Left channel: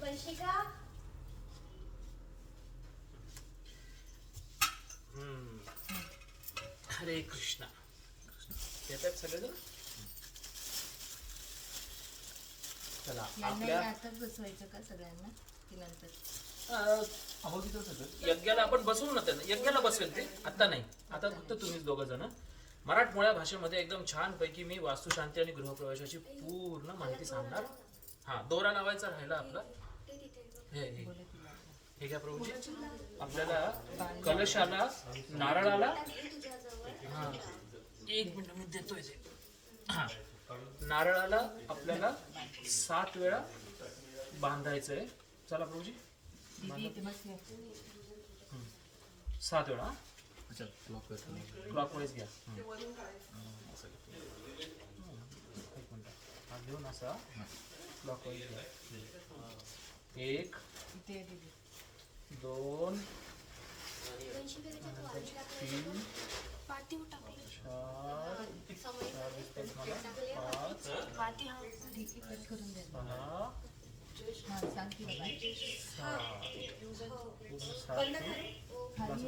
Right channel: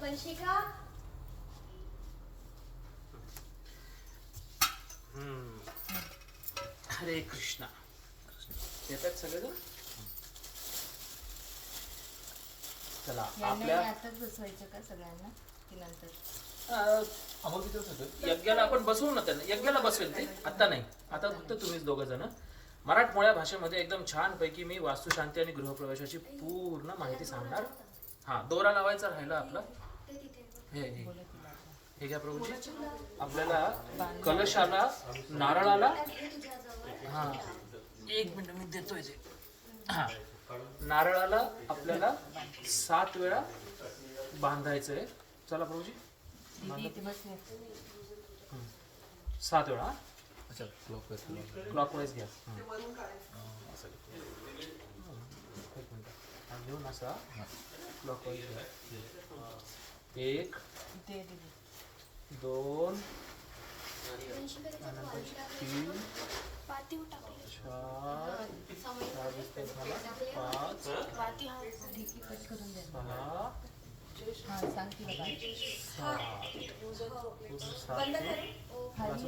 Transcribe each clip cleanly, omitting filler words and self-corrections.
वंशिका हरे कृष्णा. येतात सगळेजण. चला आपल्या आताच बसवायचं का सगळ्यांना की नंतर? यज्ञाला आपण बसवू ना, त्यांना यज्ञाला बसवेल ते, आता नाही. आता फक्त तुम्हीच दोघं जण. मराठमोळ्या भाषेमध्ये एकदम छान पैकी मी वास्तुशांती आणि गृहप्रवेशाची पूर्ण माहिती सांगणार. हा, दोरा लावायचा राहिला आपला. हे घ्या प्रभूजी. आपल्याला कलशाला, नारळाला, हा एक मिनिट मी देतोय ते. हा, नारळाला आपल्याला 7 वेळा बांधायचंय. चला प्रभूजी 7 वेळा. क्लॉकवाईज घ्या. एक मिनिट घेऊन असा क्लॉकवाईज घ्या. 1 2 3 4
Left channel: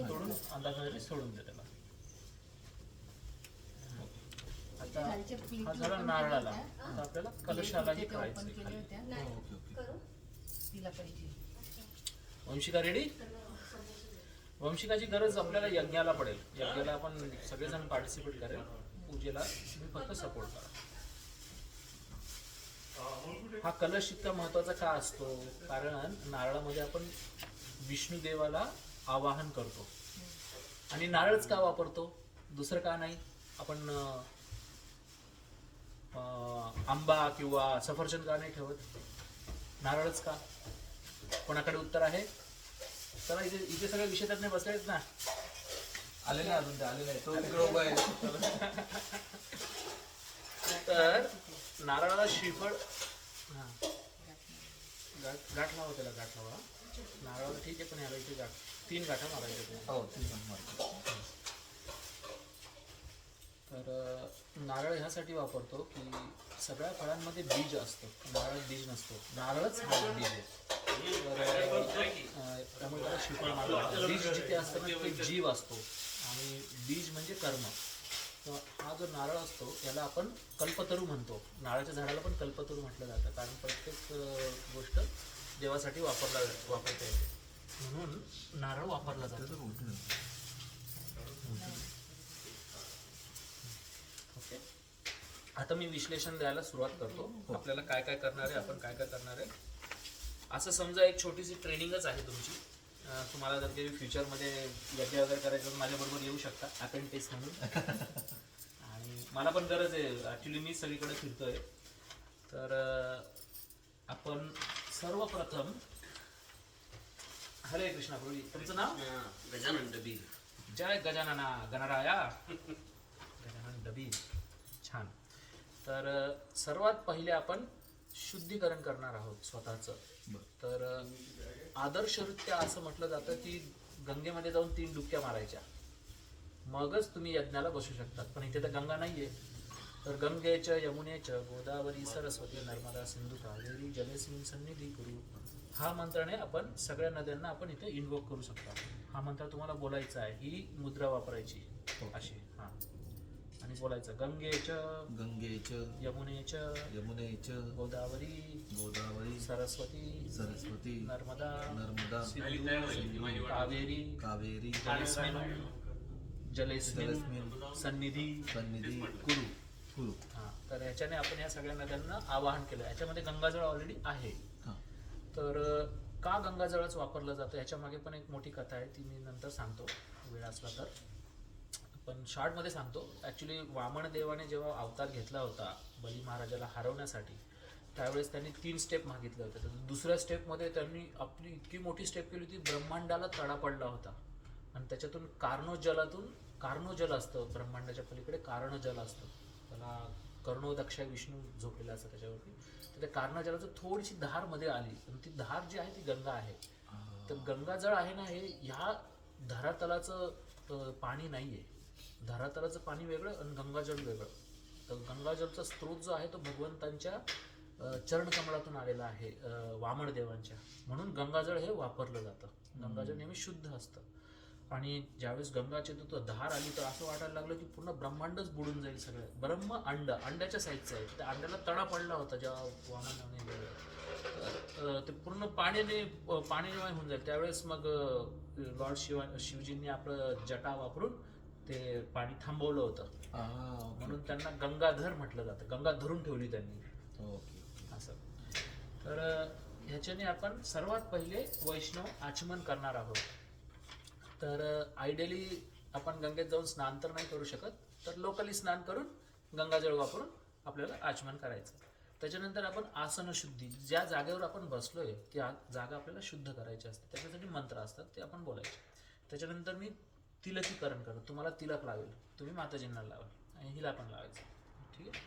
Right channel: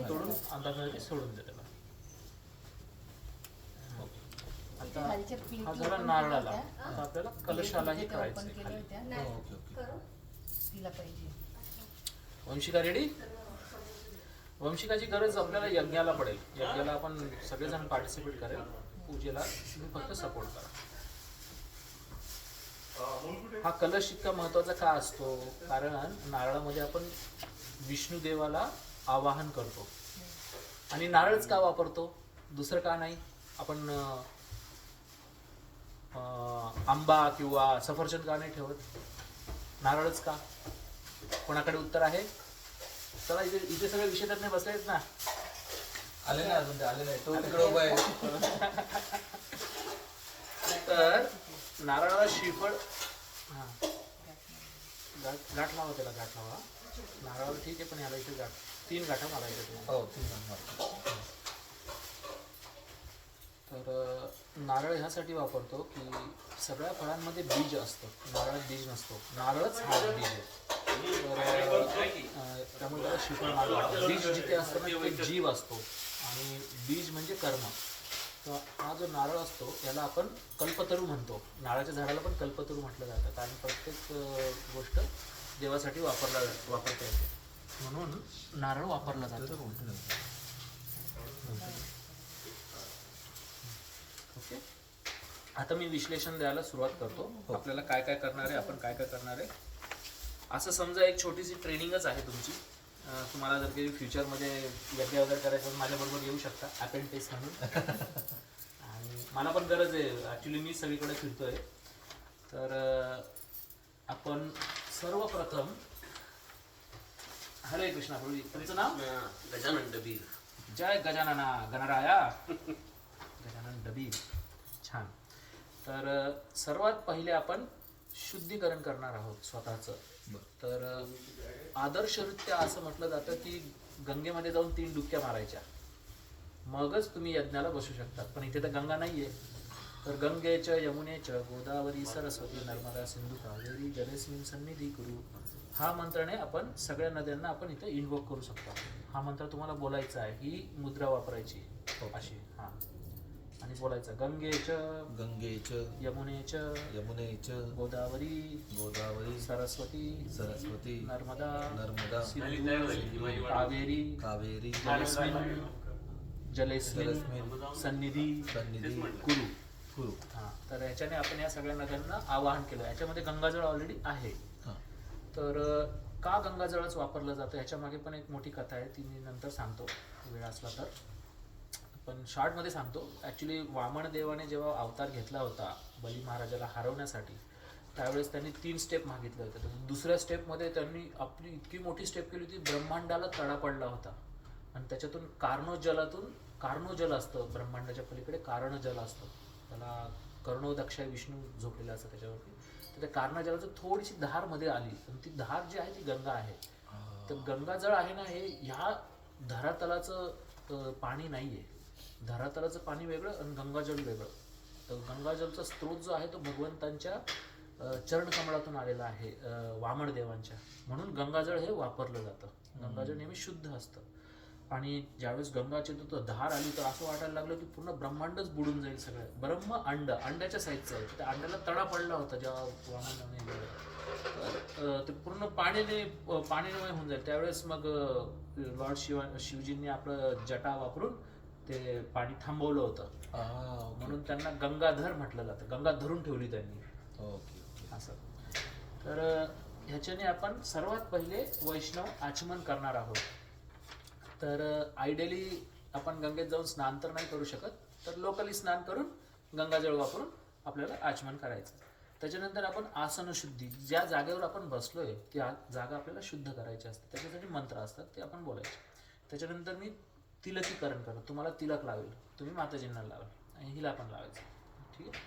तोडून अंदाजाने सोडून दे त्याला. आता हा झाला नारळाला. आता आपल्याला कलशालाही करायचं खाली. वंशिका रेडी. वंशिकाची गरज आपल्याला यज्ञाला पडेल. यज्ञाला आपण सगळेजण पार्टिसिपेट करेल. पूजेला तुम्ही फक्त सपोर्ट करा. हा कलश इतका महत्वाचा का असतो? कारण नारळामध्ये आपण विष्णुदेवाला आवाहन करतो. आणि नारळच का वापरतो? दुसरं का नाही? आपण आंबा किंवा सफरचंद का नाही ठेवत? नारळच का? कोणाकडे उत्तर आहे? चला, इथे सगळे विषय तज्ञ बसलेत ना. आले ना अजून, ते आलेला आहे तो तिकडे उभा आहे. तर नारळाला श्रीफळ, हा गाठ लावा त्याला, गाठ लावा. नारळाला ठीक आहे, पण याला इथे गाठ 3 गाठा मारायच्या. हो 3 मारतो. तर नारळ ह्यासाठी वापरतो की सगळ्या फळांमध्ये बीज असतं, नारळात बीज नसतो. नारळच हा बीज आहे. तर त्यामुळे त्याला श्रीफळ मारलं. बीज जिथे असतं ना तिथे जीव असतो, आणि बीज म्हणजे कर्म. तर हा जो नारळ असतो याला आपण कल्पतरू म्हणतो. नारळाच्या झाडाला पण कल्पतरू म्हटलं जातं, कारण प्रत्येक गोष्ट देवासाठी वापरता येते, म्हणून नारळ वापरला जातो. ओके, आता मी विश्लेषण द्यायला सुरुवात करतो. आपल्याला काय काय करणार आहे, आपण काय काय करणार आहे. असं समजा एक छोटीशी ट्रेनिंगच आहे तुमची. तुम्हाला जर काही फ्युचरमध्ये यज्ञ वगैरे करायचं माझ्याबरोबर येऊ शकता अपेंडिक्स म्हणून. आणि मला पण गरज आहे, ॲक्च्युली मी सगळीकडे फिरतोय. तर आपण सर्वप्रथम, हरे कृष्णा प्रभू. तुमचं नाव? गजानन डबीर. जय गजानना गणराया. गजानन डबीर, छान. तर सर्वात पहिले आपण शुद्धीकरण करणार आहोत स्वतःचं. तर आदर्शरित्या असं म्हटलं जातं की गंगेमध्ये जाऊन 3 डुबक्या मारायच्या, मगच तुम्ही यज्ञाला बसू शकता. पण इथे तर गंगा नाहीये. तर गंगेच यमुनेच गोदावरी सरस्वती नर्मदा सिंधू कावेरी जलेस्मिन् सन्निधी कुरु, हा मंत्राने आपण सगळ्या नद्यांना आपण इथे इन्व्होक करू शकतो. हा मंत्र तुम्हाला बोलायचा आहे, ही मुद्रा वापरायची अशी. हा, आणि बोलायचं गंगेच यमुनेच गोदावरी सरस्वती नर्मदा सिंधू कावेरी जलेस्मिन् सन्निधी कुरु. हा, तर ह्याच्याने आपण या सगळ्या नद्यांना आवाहन केलं. याच्यामध्ये गंगाजळ ऑलरेडी आहे. तर का गंगाजळच वापरलं जातं ह्याच्या मागे पण एक मोठी कथा आहे, ती मी नंतर सांगतो वेळ असला तर. पण शॉर्टमध्ये सांगतो. ॲक्च्युली वामन देवाने जेव्हा अवतार घेतला होता बली महाराजाला हरवण्यासाठी, त्यावेळेस त्यांनी 3 स्टेप मागितले होते. तर दुसऱ्या स्टेपमध्ये त्यांनी आपली इतकी मोठी स्टेप केली होती, ब्रह्मांडाला तडा पडला होता. आणि त्याच्यातून कार्णोजल असतं, ब्रह्मांडाच्या पलीकडे कारणजल असतं, त्याला कर्णोदक्ष विष्णू झोपलेला असतं त्याच्यावरती. तर त्या कार्णजलाचं थोडीशी धार मध्ये आली, आणि ती धार जी आहे ती गंगा आहे. तर गंगाजळ आहे ना, हे ह्या धरातलाचं पाणी नाही आहे. धरातलाचं पाणी वेगळं आणि गंगाजल वेगळं. तर गंगाजलचा स्रोत जो आहे तो भगवंतांच्या चरणकमळातून आलेला आहे, वामन देवांच्या. म्हणून गंगाजळ हे वापरलं जातं. गंगाजळ नेहमी शुद्ध असतं. आणि ज्यावेळेस गंगाची तो धार आली तर असं वाटायला लागलं की पूर्ण ब्रह्मांडच बुडून जाईल सगळं. ब्रह्म अंड्याच्या साईजचं आहे. त्या अंड्याला तडा पडला होता जेव्हा वामनाने गेलं. ते पूर्ण पाण्याने होऊन जाईल. त्यावेळेस मग लॉर्ड शिवजींनी आपलं जटा वापरून ते पाणी थांबवलं होतं. म्हणून त्यांना गंगाधर म्हटलं जातं. गंगा धरून ठेवली त्यांनी. असं. तर ह्याच्याने आपण सर्वात पहिले वैष्णव आचमन करणार आहोत. तर आयडियली आपण गंगेत जाऊन स्नान तर नाही करू शकत, तर लोकली स्नान करून गंगाजळ वापरून आपल्याला आचमन करायचं. त्याच्यानंतर आपण आसन शुद्धी, ज्या जागेवर आपण बसलोय त्या जागा आपल्याला शुद्ध करायची असते. त्याच्यासाठी मंत्र असतात, ते आपण बोलायचे. त्याच्यानंतर मी तिलकीकरण करतो. तुम्हाला तिलक लावेल, तुम्ही माताजींना लावाल आणि हिला पण लावायचं. ठीक आहे.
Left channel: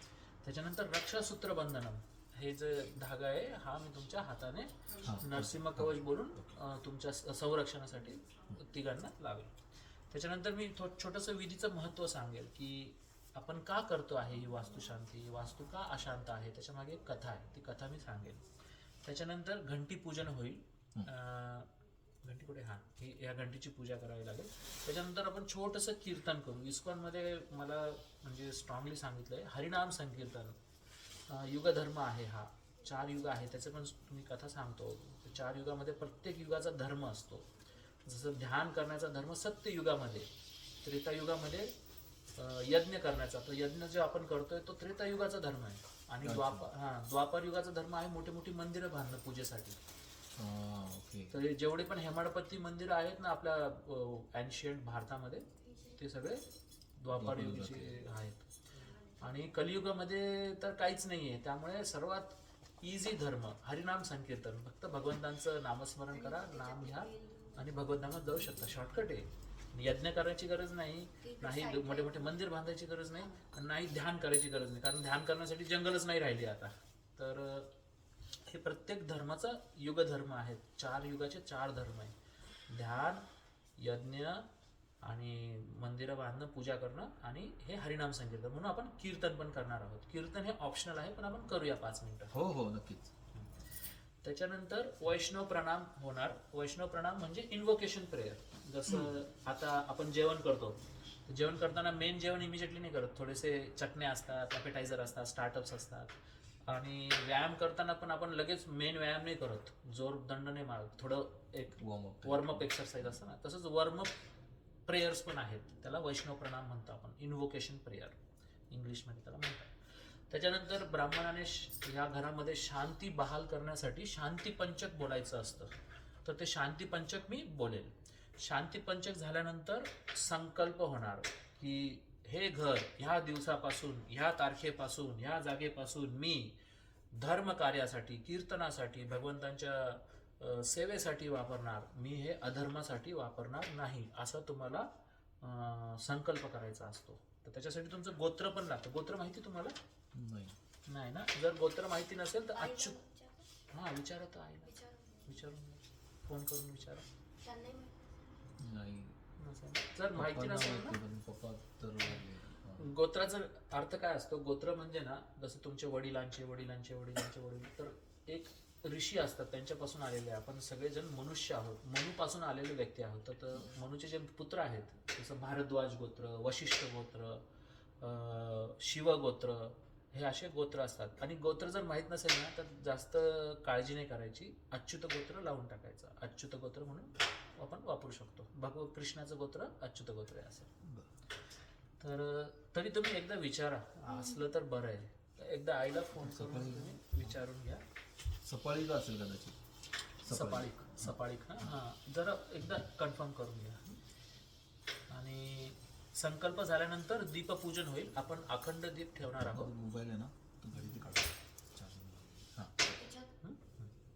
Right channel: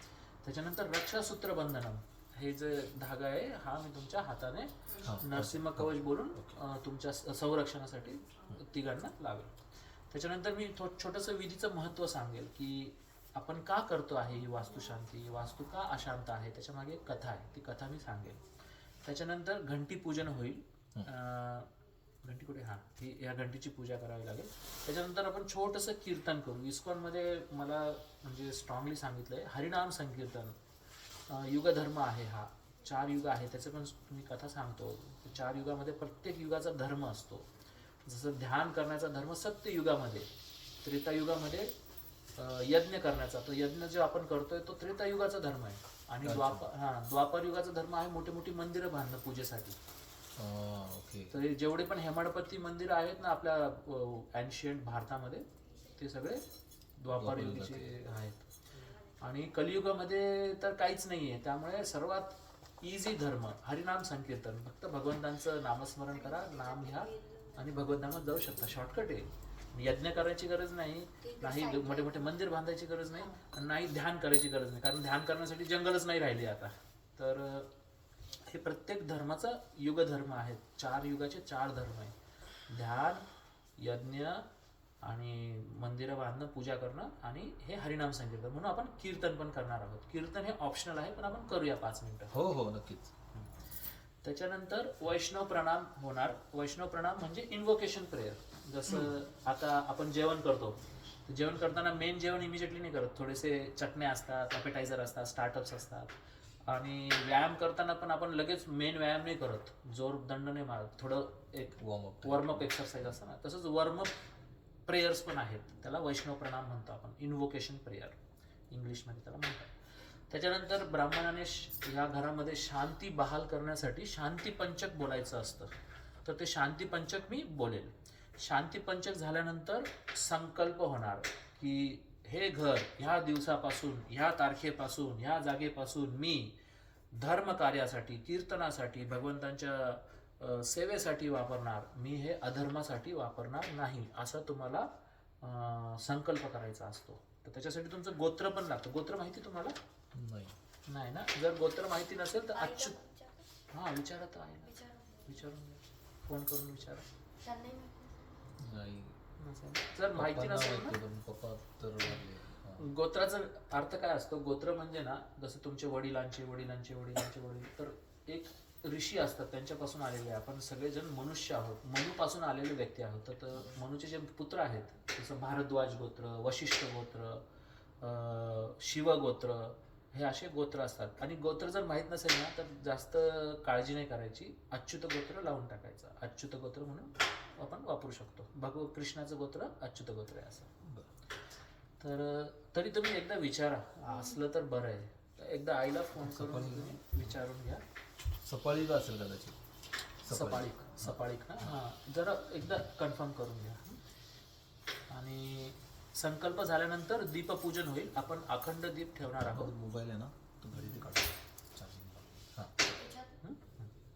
त्याच्यानंतर रक्षासूत्र बंधनम, हे जे धागा आहे हा मी तुमच्या हाताने नरसिंह कवच बोलून तुमच्या संरक्षणासाठी तिघांना लावेल. त्याच्यानंतर मी छोटंसं विधीचं महत्त्व सांगेल की आपण का करतो आहे ही वास्तुशांती, वास्तू का अशांत आहे, त्याच्या मागे एक कथा आहे, ती कथा मी सांगेल. त्याच्यानंतर घंटी पूजन होईल. घंटी कुठे, ही या घंटीची पूजा करावी लागेल. त्याच्यानंतर आपण छोटंसं कीर्तन करू. इस्कॉनमध्ये मला म्हणजे स्ट्रॉंगली सांगितलंय हरिनाम संकीर्तन. युगधर्म आहे हा, 4 युग आहे, त्याचं पण तुम्ही कथा सांगतो. 4 युगामध्ये प्रत्येक युगाचा धर्म असतो. जसं ध्यान करण्याचा धर्म सत्य युगामध्ये, त्रेतायुगामध्ये यज्ञ करण्याचा, तो यज्ञ जो आपण करतोय तो त्रेतायुगाचा धर्म आहे. आणि द्वापर युगाचा धर्म आहे मोठी मोठी मंदिरं बांधणं पूजेसाठी. तर जेवढे पण हेमाडपंथी मंदिरं आहेत ना आपल्या एन्शियंट भारतामध्ये, ते सगळे द्वापर युगाचे आहेत. आणि कलियुगामध्ये तर काहीच नाहीये. त्यामुळे सर्वात इझी धर्म हरिनाम संकीर्तन. फक्त भगवंतांचं नामस्मरण करा, नाम घ्या आणि भगवंतांना जाऊ शकता. शॉर्टकट आहे. यज्ञ करायची गरज नाही, नाही मोठे मोठे मंदिर बांधायची गरज नाही, नाही ध्यान करायची गरज नाही. कारण ध्यान करण्यासाठी जंगलच नाही राहिली आता. तर हे प्रत्येक धर्माचा युगधर्म आहेत. 4 युगाचे 4 धर्म आहे. ध्यान, यज्ञ आणि मंदिरं बांधणं, पूजा करणं आणि हे हरिनाम संकीर्तन. म्हणून आपण कीर्तन पण करणार आहोत. कीर्तन हे ऑप्शनल आहे, पण आपण करूया 5 मिनिटं. हो नक्कीच. त्याच्यानंतर वैष्णव प्रणाम होणार. वैष्णव प्रणाम म्हणजे इन्व्होकेशन प्रेयर. जसं आता आपण जेवण करतो, जेवण करताना मेन जेवण इमिजिएटली नाही करत. थोडेसे चटण्या असतात, ॲपेटायझर असतात, स्टार्टअप्स असतात. आणि व्यायाम करताना पण आपण लगेच मेन व्यायाम नाही करत, जोर दंड नाही मारत. थोडं एक वॉर्मअप एक्सरसाइज असतं ना, तसंच वॉर्मअप प्रेयर्स पण आहेत. त्याला वैष्णव प्रणाम म्हणतो आपण, इन्व्होकेशन प्रेयर इंग्लिशमध्ये त्याला म्हणतात. त्याच्यानंतर ब्राह्मणाने या घरामध्ये शांती बहाल करण्यासाठी शांती पंचक बोलायचं असतं. तर ते शांती पंचक मी बोलेल. शांती पंचक झाल्यानंतर संकल्प होणार की हे घर ह्या दिवसापासून, ह्या तारखेपासून, ह्या जागेपासून मी धर्म कार्यासाठी, कीर्तनासाठी, भगवंतांच्या सेवेसाठी वापरणार, मी हे अधर्मासाठी वापरणार नाही, असं तुम्हाला संकल्प करायचा असतो. तर त्याच्यासाठी तुमचं गोत्र पण लागतं. गोत्र माहिती तुम्हाला? नाही ना. जर गोत्र माहिती नसेल तर विचारा तर आहे ना, विचारून फोन करून विचारा. जर माहिती नसेल गोत्राचा अर्थ काय असतो. गोत्र म्हणजे ना, जसं तुमचे वडिलांचे वडिलांचे वडिलांचे वडील, तर एक ऋषी असतात, त्यांच्यापासून आलेले. आपण सगळेजण मनुष्य आहोत, मनुपासून आलेले व्यक्ती आहोत. तर मनुचे जे पुत्र आहेत, जसं भारद्वाज गोत्र, वशिष्ठ गोत्र, शिवगोत्र, हे असे गोत्र असतात. आणि गोत्र जर माहीत नसेल ना तर जास्त काळजी नाही करायची, अच्युत गोत्र लावून टाकायचं. अच्युत गोत्र म्हणून आपण वापरू शकतो. कृष्णाचं गोत्र अच्युत गोत्र आहे असं. तर तरी तुम्ही एकदा विचारा, असलं तर बरं आहे. तर एकदा आईला फोन करून तुम्ही विचारून घ्या. सपाळीला असेल कदाचित. सपाळीक ना, जरा एकदा कन्फर्म करून घ्या. आणि संकल्प झाल्यानंतर दीपपूजन होईल. आपण अखंड दीप ठेवणार आहोत. मोबाईल आहे ना, तो घडी काढू, चार्जिंग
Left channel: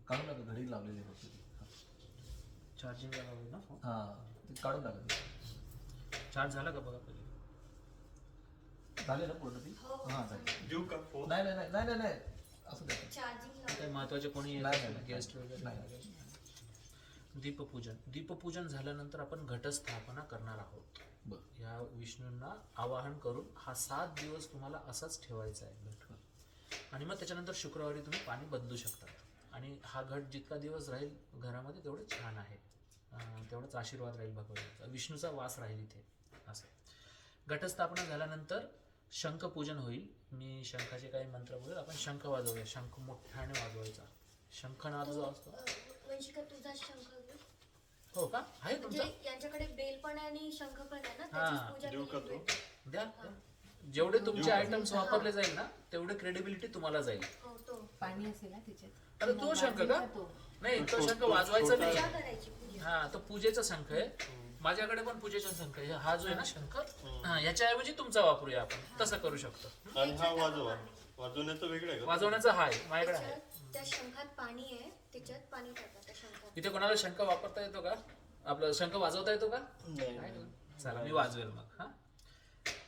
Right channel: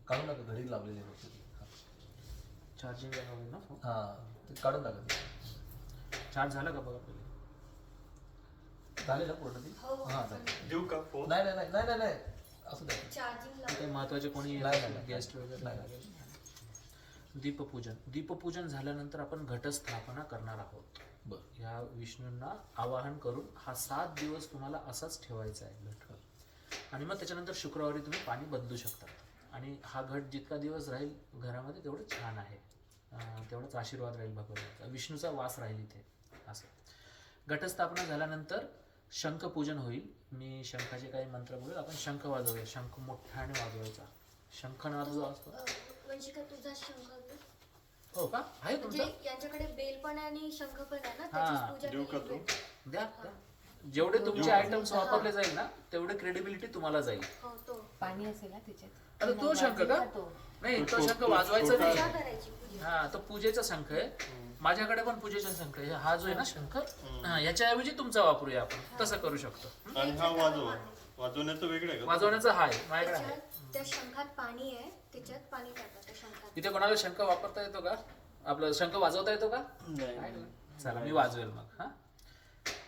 काढून टाका. घडी लावलेली आहे चार्जिंग ना. ते काढून टाका. चार्ज झाला का बघा पहिले. झाले ना पूर्ण ती? देऊ का फोन? नाही असं द्या. काही महत्वाचे कोणी गेस्ट वगैरे. दीपपूजन झाल्यानंतर आपण घटस्थापना करणार आहोत. बरं. या विष्णूंना आवाहन करून हा 7 दिवस तुम्हाला असाच ठेवायचा आहे घट. आणि मग त्याच्यानंतर शुक्रवारी तुम्ही पाणी बदलू शकता. आणि हा घट जितका दिवस राहील घरामध्ये तेवढं छान आहे, तेवढाच आशीर्वाद राहील भगवंताचा, विष्णूचा वास राहील इथे. असं घटस्थापना झाल्यानंतर शंखपूजन होईल. मी शंखाचे काही मंत्र बोलेल. आपण शंख वाजवूया. शंख मोठ्याने वाजवायचा. शंखनाद जो असतो. म्हणजे का तुझा शंख घेऊ? हो का? आहे म्हणजे तुमचा? यांच्याकडे बेल पण आहे आणि शंख पण आहे ना, हा. त्याचीच पूजा देऊ का केली तो? जाईल. द्या द्या. जेवढे तुमचे देऊ. आयटम्स वापरले जाईल ना तेवढे क्रेडिबिलिटी तुम्हाला जाईल. हो, तो पाणी असेल ना त्याच्यात. अरे तो शंख का? तो नाही, तो तो- शंख तो- वाजवायचा तो- पूजा नाही. करायची पूजा. हा, तो पूजेचा शंख आहे. माझ्याकडे पण पूजेचा शंख आहे. हा जो आहे ना शंख, हा, याच्याऐवजी तुमचा वापरूया आपण. तसं करू शकतो. आणि हा वाजवण्याचं वेगळं आहे का? वाजवण्याचा हा आहे माझ्याकडे आहे. त्याच्यात त्या शंखात पाणी आहे, त्याच्यात पाणी टाका त्या शंखात. इथे कोणाला शंख वापरता येतो का? आपलं शंख वाजवता येतो का? चला मी वाजवेल मग. हा,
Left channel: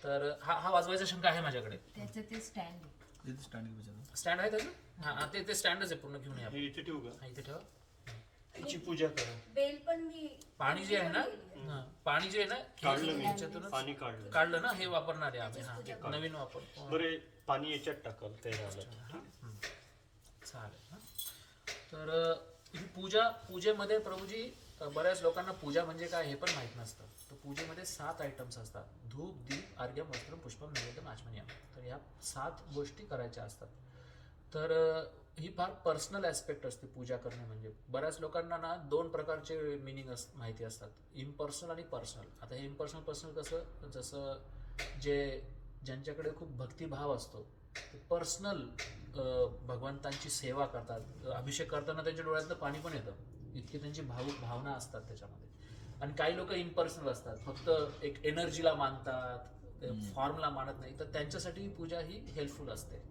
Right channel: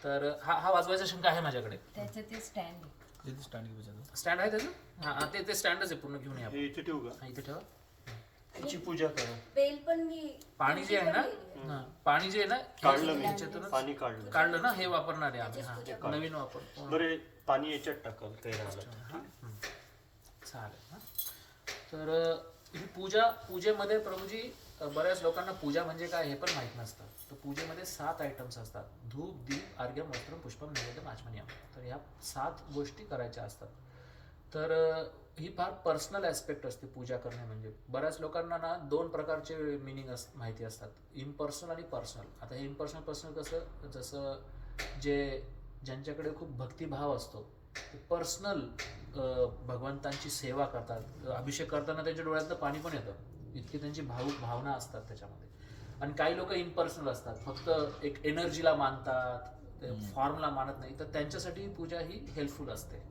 तर हा वाजवायचा शंख आहे माझ्याकडे. त्याचं ते स्टँड आहे. तिथे स्टँडिंग विचारलं. स्टँड आहे त्याचं? हा, ते स्टँडच आहे पूर्ण. घेऊन या. हे इथे ठेवू का? हा, इथे ठेवा. त्याची पूजा करू. बेल पण मी पाणी जे आहे ना, हा, पाणी जे आहे ना, काढलं मी. ह्याच्यातूनच पाणी काढलं. काढलं ना, हे वापरणार आहे आम्ही. त्याचीच पूजा हा, नवीन वापर. बरे पाणी याच्यात टाकाल ते राहिलं. चालेल. हा. तर ही पूजेमध्ये प्रभूजी, बऱ्याच लोकांना पूजा म्हणजे काय हे पण माहित नसतं. तर पूजेमध्ये 7 आयटम्स असतात. धूप, दीप, अर्घ्यम, वस्त्रम, पुष्पम, नैवेद्यम, आचमनीयम. तर ह्या 7 गोष्टी करायच्या असतात. तर ही फार पर्सनल ॲस्पेक्ट असते पूजा करणे म्हणजे. बऱ्याच लोकांना ना 2 प्रकारचे मिनिंग माहिती असतात, इम्पर्सनल आणि पर्सनल. आता हे पर्सनल कसं, जसं ज्यांच्याकडे खूप भक्तिभाव असतो ते पर्सनल भगवंतांची सेवा करतात. अभिषेक करताना त्यांच्या डोळ्यातनं पाणी पण येतं, इतकी त्यांची भावना असतात त्याच्यामध्ये. आणि काही लोक इम्पर्सनल असतात, फक्त एक एनर्जीला मानतात, फॉर्मला मानत नाही. तर त्यांच्यासाठी पूजा ही हेल्पफुल असते.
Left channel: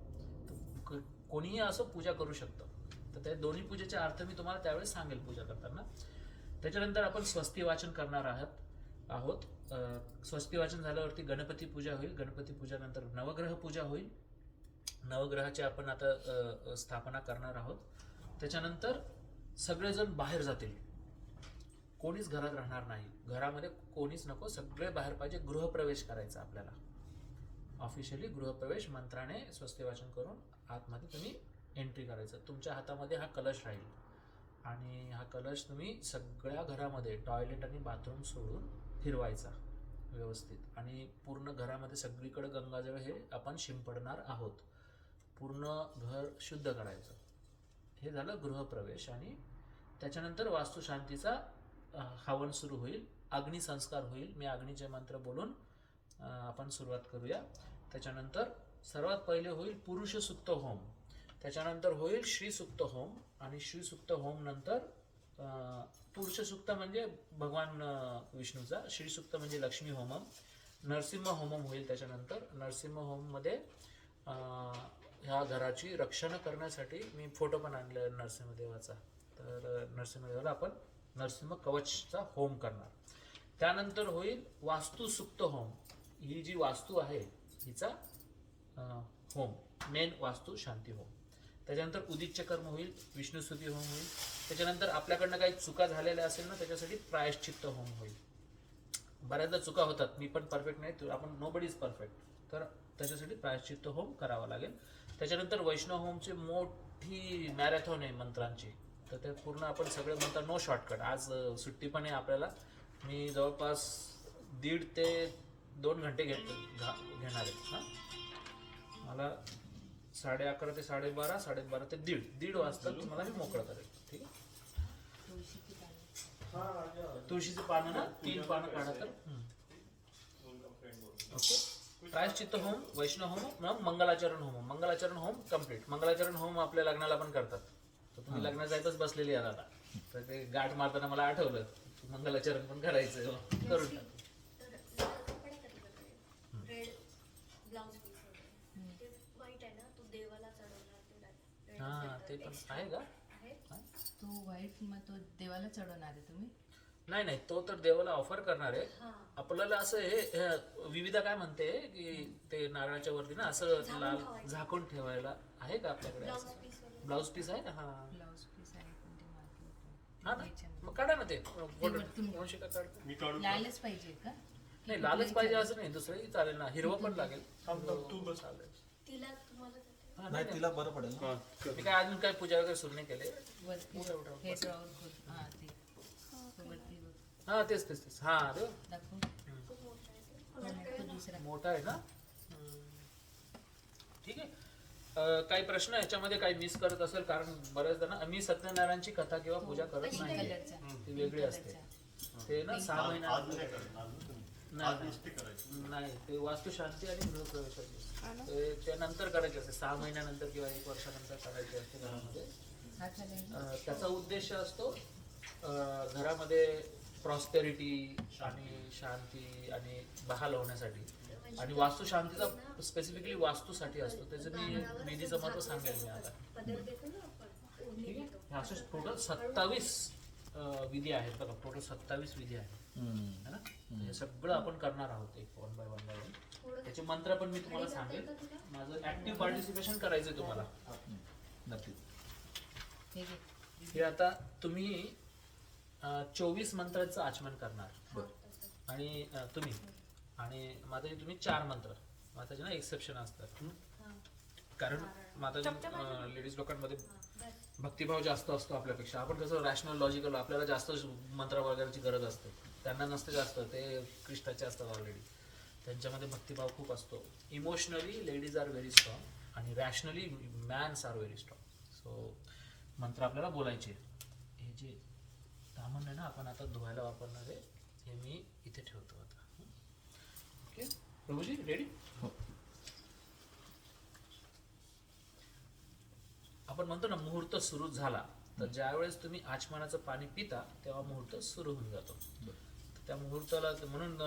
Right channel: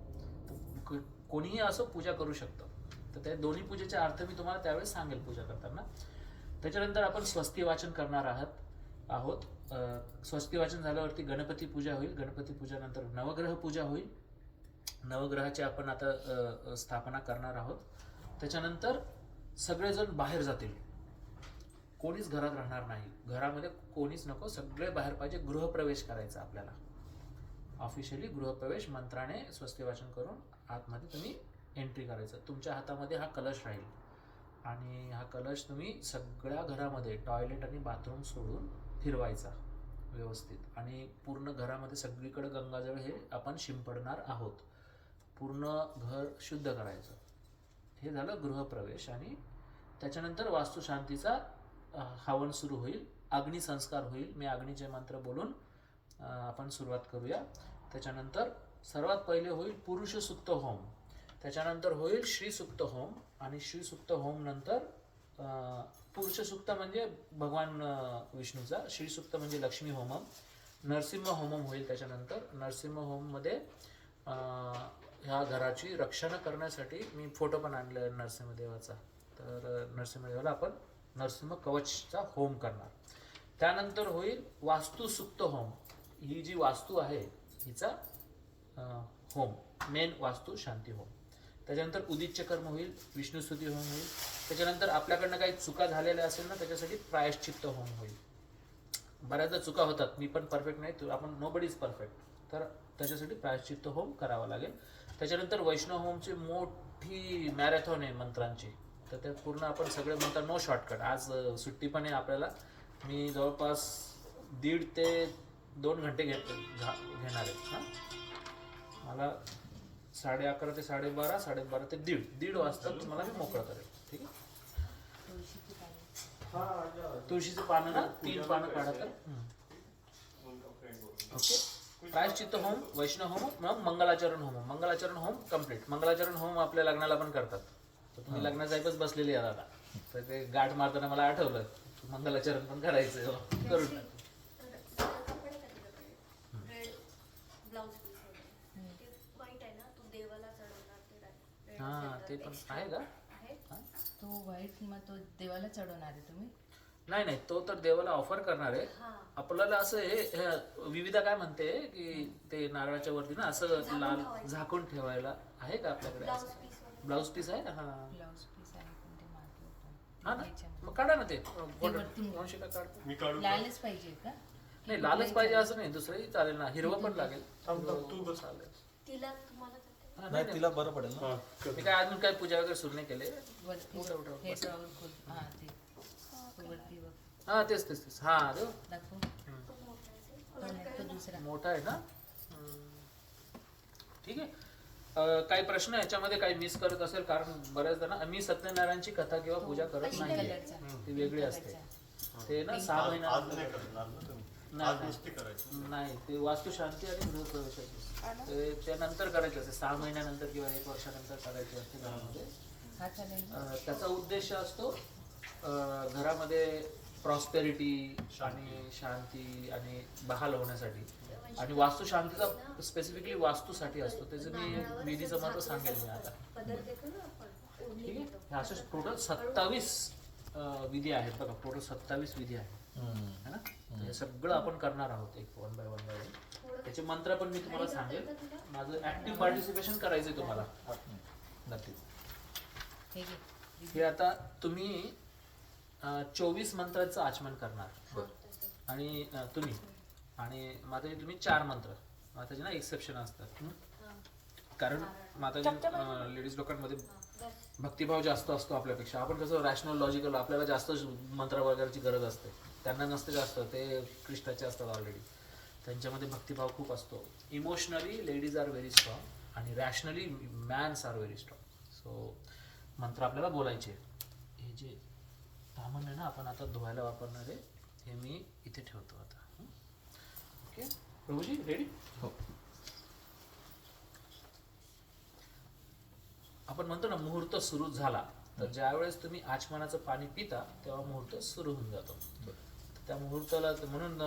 कोणीही असं पूजा करू शकतं. तर त्या दोन्ही पूजेचे अर्थ मी तुम्हाला त्यावेळेस सांगेल पूजा करताना. त्याच्यानंतर आपण स्वस्ती वाचन करणार आहोत. स्वस्ती वाचन झाल्यावरती गणपती पूजा होईल. गणपती पूजानंतर नवग्रह पूजा होईल. नवग्रहाची आपण आता स्थापना करणार आहोत. त्याच्यानंतर सगळेजण बाहेर जातील, कोणीच घरात राहणार नाही. घरामध्ये कोणीच नको, सगळे बाहेर पाहिजे. गृहप्रवेश करायचा आपल्याला, ऑफिशियली गृहप्रवेश मंत्राने स्वस्ती वाचन करून आतमध्ये तुम्ही एंट्री करायचं. तुमच्या हातामध्ये हा कलश राहील आणि हा कलश तुम्ही सगळ्या घरामध्ये टॉयलेट आणि बाथरूम सोडून फिरवायचा व्यवस्थित. आणि पूर्ण घरामध्ये सगळीकडे गंगाजळ हे आपण शिंपडणार आहोत. पूर्ण घर शुद्ध करायचं. हे झालं गृहप्रवेश. आणि त्याच्यानंतर वास्तुशांतीचा हवन सुरू होईल. अग्निसंस्कार होईल. मी अग्नीचे मंत्र बोलून आपण सुरुवात करूया. त्याच्यानंतर सर्वात पहिले होईल पुरुष सुक्त होम. त्याच्यानंतर होईल श्री सुक्त होम. आणि श्री सुक्त होम नंतर पुरुष सुक्त म्हणजे भगवान विष्णूचा, श्री सुक्त म्हणजे लक्ष्मी होमम, नरसिंह होमम होईल. त्याच्यानंतर नरसिंह होममध्ये ह्या घराची रक्षण करण्यासाठी मी फोटो पण आणले नरसिंहदेवाचा. तर नरसिंहदेवाला आपण नरसिंह कवचचा होम करणार. त्यानंतर होईल वास्तुसुक्त होम. ही जी वास्तू आहे हिचा होम, मेन वास्तू शांती होम. त्याच्यानंतर उदिच्य कर्म होईल, विष्णुस्तुती होम होईल. त्याच्यानंतर आपल्याकडनं काही चुका झालेल्या असेल ना त्याच्यासाठी प्रायश्चित्त होम होईल. बऱ्याचदा चुका होतात, मी पण परफेक्ट नाही, आपण नोबडी इज परफेक्ट. तर त्याच्यासाठी प्रायश्चित्त होम करावा लागेल. त्याच्यानंतर वैष्णव होमची मोठी मॅरेथॉन आहे मंत्रांची. तर ते पूर्ण आपण सगळे मंत्र, नो शॉर्टकट. आज सुट्टी पण आहे आपल्याला. मी जवळपास 1.5 ते 2 घंटे घेणार आहे. हां, मला 11:30 ते 12:30, 12:30 ते 1:30 वाजता तुम्हाला मी मोकळं करेल. ठीक आहे. तुळशीची पानं. तुळशीची पानं ना 3 पानं काढा. ओके. प्रायश्चित्त होम, वैष्णव होम, मग मंगलाचरण होम. मंगलाचरण होम कम्प्लीट. मंगलाचरण होम आपल्या लग्नाला पण करतात. तर तुम्ही लग्नासाहेबच बसलेली आहात आता. तर ते गाठ मारताना मला आठवलं मंगलाचरण पण करायचं. करून टाक. कपडे कधी करते? रेड ब्लाउज पीस वगैरे. ते व्हाईट आहे ना, तो देवाला चढवणार ते red हां, ते पण extra आहे का? आहे. तो व्हाईट मग तो देवाला चढवणार आहे तुम्ही? नाही, तो तर देवाला ऑफर करणार आहे. हां. आपल्याला असं हे विविधा काय म्हणते की ते नारळाच्या वरती ना असं लाल झाकून ठेवायला आहे का आपल्याकडे? ब्लाउज पीस वगैरे. ब्लाउज पीस आहे ना. हा, ब्लाऊज पीस आहे पण ते मागे हा ना याच्यामध्ये. मग काढा ना ते वरतून. वंशिका काढतो. मी काढू का? लालच पाहिजे का? नाही लालच पाहिजे असं नाही, दुसरंही चालेल ना, हिरवं पण लागेल. थांब थांब, तू बस. चालेल. तिला तुम्हाला करते. हा, नाही तिला बरं पडेल ना. हा, मी काय अजून काय पूजा वगैरे सुरू नाही केले. वरती उठा, उठा, हे बस. ड्रॉवर खोल. हा ते वरती बघ. हा तेच तेच तेच हा देव दाखव. तो मोठा आहे ते. तो नाही, तो दुसरा. मोठा आहे ना. ठीक आहे. काही प्रश्न याच्यामध्ये काही मिस करत असेल, कारण बऱ्याचदा ना मी सत्यनारायणची कथा किंवा पूजा करत कशी नाही, कलरचा. ती वेगळी असते. ते ना 6 आज महिना आज नाही करणार ना तुम्ही? नाही, आज नाही. नुसती करायची. नाही, ते वास्तुशांती आणि गृहप्रवेशाची त्यानंतर करायचे असते, 6 महिन्यानंतर किंवा 1 वर्षानंतर करायची असते घरामध्ये. हा चालेल ना? त्याचा उद्देश असतो घरामध्ये प्रॉस्पेरिटी आणि शांती आणि बहाल होण्यासाठी, आणि वास्तुशांतीचा स्पेसिफिकली वास्तूसाठी असतो. त्याचं मी विधीचं महत्व सांगेल मी आता. पदर देतो ना आपण. ओढणी ठीक आहे. देतो. हे असे टोटल 27 विधी आहेत बघा, टोटल 27 विधी आहेत है ना. हे सगळं आपण करणार आहोत एक वन बाय वन. त्याचे मंत्र पण मी तुम्हाला सांगेल. माझं ऍक्टिव्ह पार्टिसिपेशन करायचंय तुम्हाला. नक्की. हे घे. हे आता तुम्ही 24 मंत्रांचं आचमन करणार आणि तुम्ही आणि माताजी तुम्ही 4 मंत्र. माताजी ना एक्सेप्शन असतात, कारण माताजी लेडीज लोकांमध्ये भक्तिभाव जास्त असतो आपल्यापेक्षा. आपण कसं रॅशनल लॉजिकल, आपल्याला जास्त मंत्र वगैरेची गरज असते, त्यांना नसते जास्त, ते कृष्णाचे असतात ऑलरेडी. त्यांच्यामध्ये भक्तिभाव खूप असतो. Emotionally ladies are very strong आणि rationally mans are very strong. So मंत्र आपल्याला बोलायचे. हे जे तामण आहे ना आपण आता धुवायला वापरणार आहे, हे मी इथे ठेवतो आता. Okay Prabhuji ready? हो. आपण म्हणतो ना मुहूर्त सुरू झाला, तर ज्या वेळेस तुम्ही आचमनाचं पाणी पिता तेव्हा मुहूर्त सुरू होऊन जातो. त्या मुहूर्ताला म्हणून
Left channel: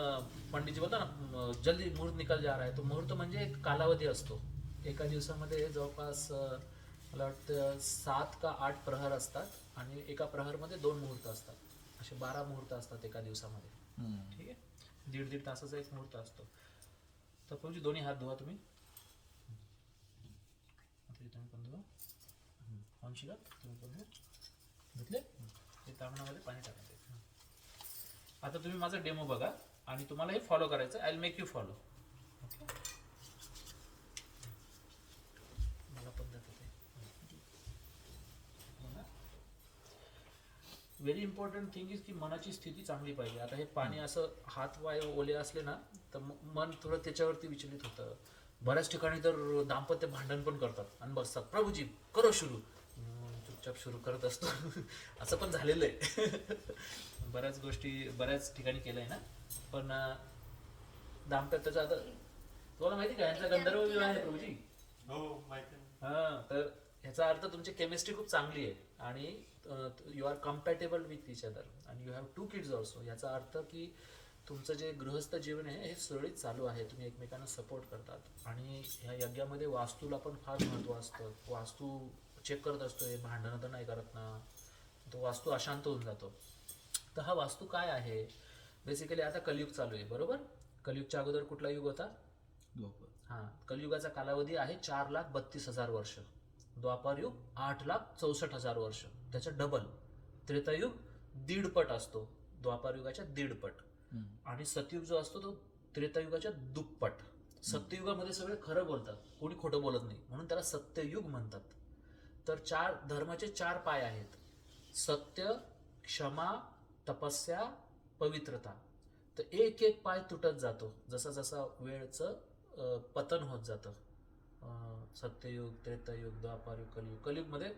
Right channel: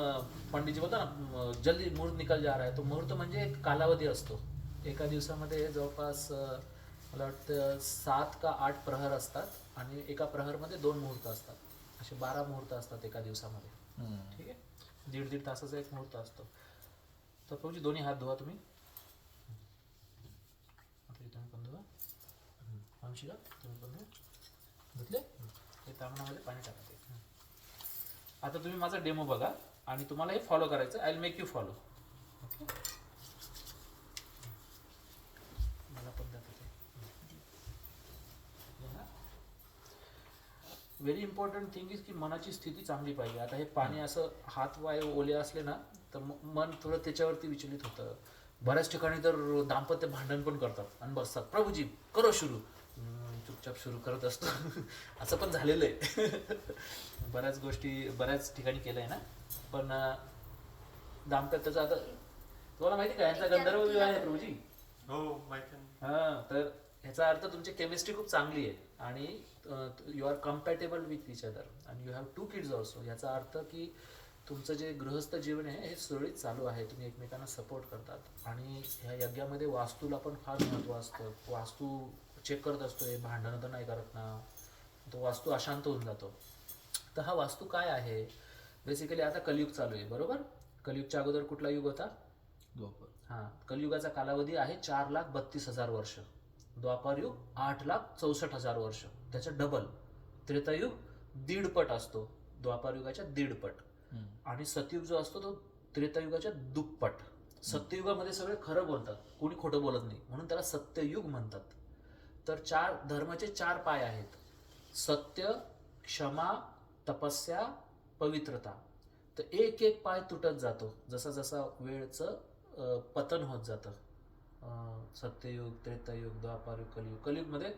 पंडितजी बोलता ना जल्दी मुहूर्त निकाल जा रहा है. तो मुहूर्त म्हणजे एक कालावधी असतो. एका दिवसामध्ये जवळपास मला वाटतं 7 का 8 प्रहर असतात आणि एका प्रहरमध्ये 2 मुहूर्त असतात. असे 12 मुहूर्त असतात एका दिवसामध्ये. ठीक आहे. 1.5 तासाचा एक मुहूर्त असतो. तर प्रभूजी दोन्ही हात धुवा तुम्ही. तुम्ही पण धुवा. वंशिका तुम्ही पण धुवा. धुतले? हे तामणामध्ये पाणी टाका ते. आता तुम्ही माझा डेमो बघा आणि तुम्हाला हे फॉलो करायचं. I will make you follow. Okay. मला पण द्या ते. व्हेरी इम्पॉर्टंट थिंग इज की मनाची स्थिती चांगली पाहिजे. आता हे पाणी असं हात वाय ओले असले ना तर मन थोडं त्याच्यावरती विचलित होतं. बऱ्याच ठिकाणी तर दाम्पत्य भांडण पण करतात आणि बसतात, प्रभूजी करो सुरू. चुपचाप सुरू करत असतो. असं पण झालेलं आहे. बऱ्याच गोष्टी बऱ्याच ठिकाणी केलंय ना. पण दाम्पत्याचा आता तुम्हाला माहिती का यांचा गंधर्व विवाह आहे प्रभूजी. हो माहिती आहे. हा, तर ह्याचा अर्थ तुमची केमिस्ट्री खूप चांगली आहे आणि you are compatible with each other आणि यू हॅव 2 किड्स ऑल्सो. याचा अर्थ की तुमचं जे गृहस्थ जीवन आहे हे सुरळीत चालू आहे. तुम्ही एकमेकांना सपोर्ट करतात आणि ह्या यज्ञामध्ये वास्तूला पण फार महत्त्व असतं. वास्तू चेक करत असतो, हे भांडणं तर नाही करत ना, तो वास्तू अशांत होऊन जातो. तर हा वास्तू काय आहे बेसिकली. आता कलियुग चालू आहे बरोबर. कलियुगच्या अगोदर कुठला युग होता? द्वापर. हा, कलियुगाचा कालावधी आहे 4,32,000 वर्ष. द्वापारयुग 8,64,000 वर्ष, त्याच्या डबल. त्रेतायुग 1.5 पट असतो, द्वापारयुगाच्या 1.5 पट. आणि सतयुग जो असतो तो त्रेतायुगाच्या दुप्पट. सत्ययुगामध्ये सगळे खरं बोलतात, कोणी खोटं बोलत नाही, म्हणून त्याला सत्ययुग म्हणतात. तर धर्माचे 4 पाय आहेत: सत्य, क्षमा, तपस्या, पवित्रता. तर एक एक पाय तुटत जातो जसा जसा वेळचं पतन होत जातं. सत्ययुग, त्रेतायुग, द्वापारयुग, कलियुग. कलियुगमध्ये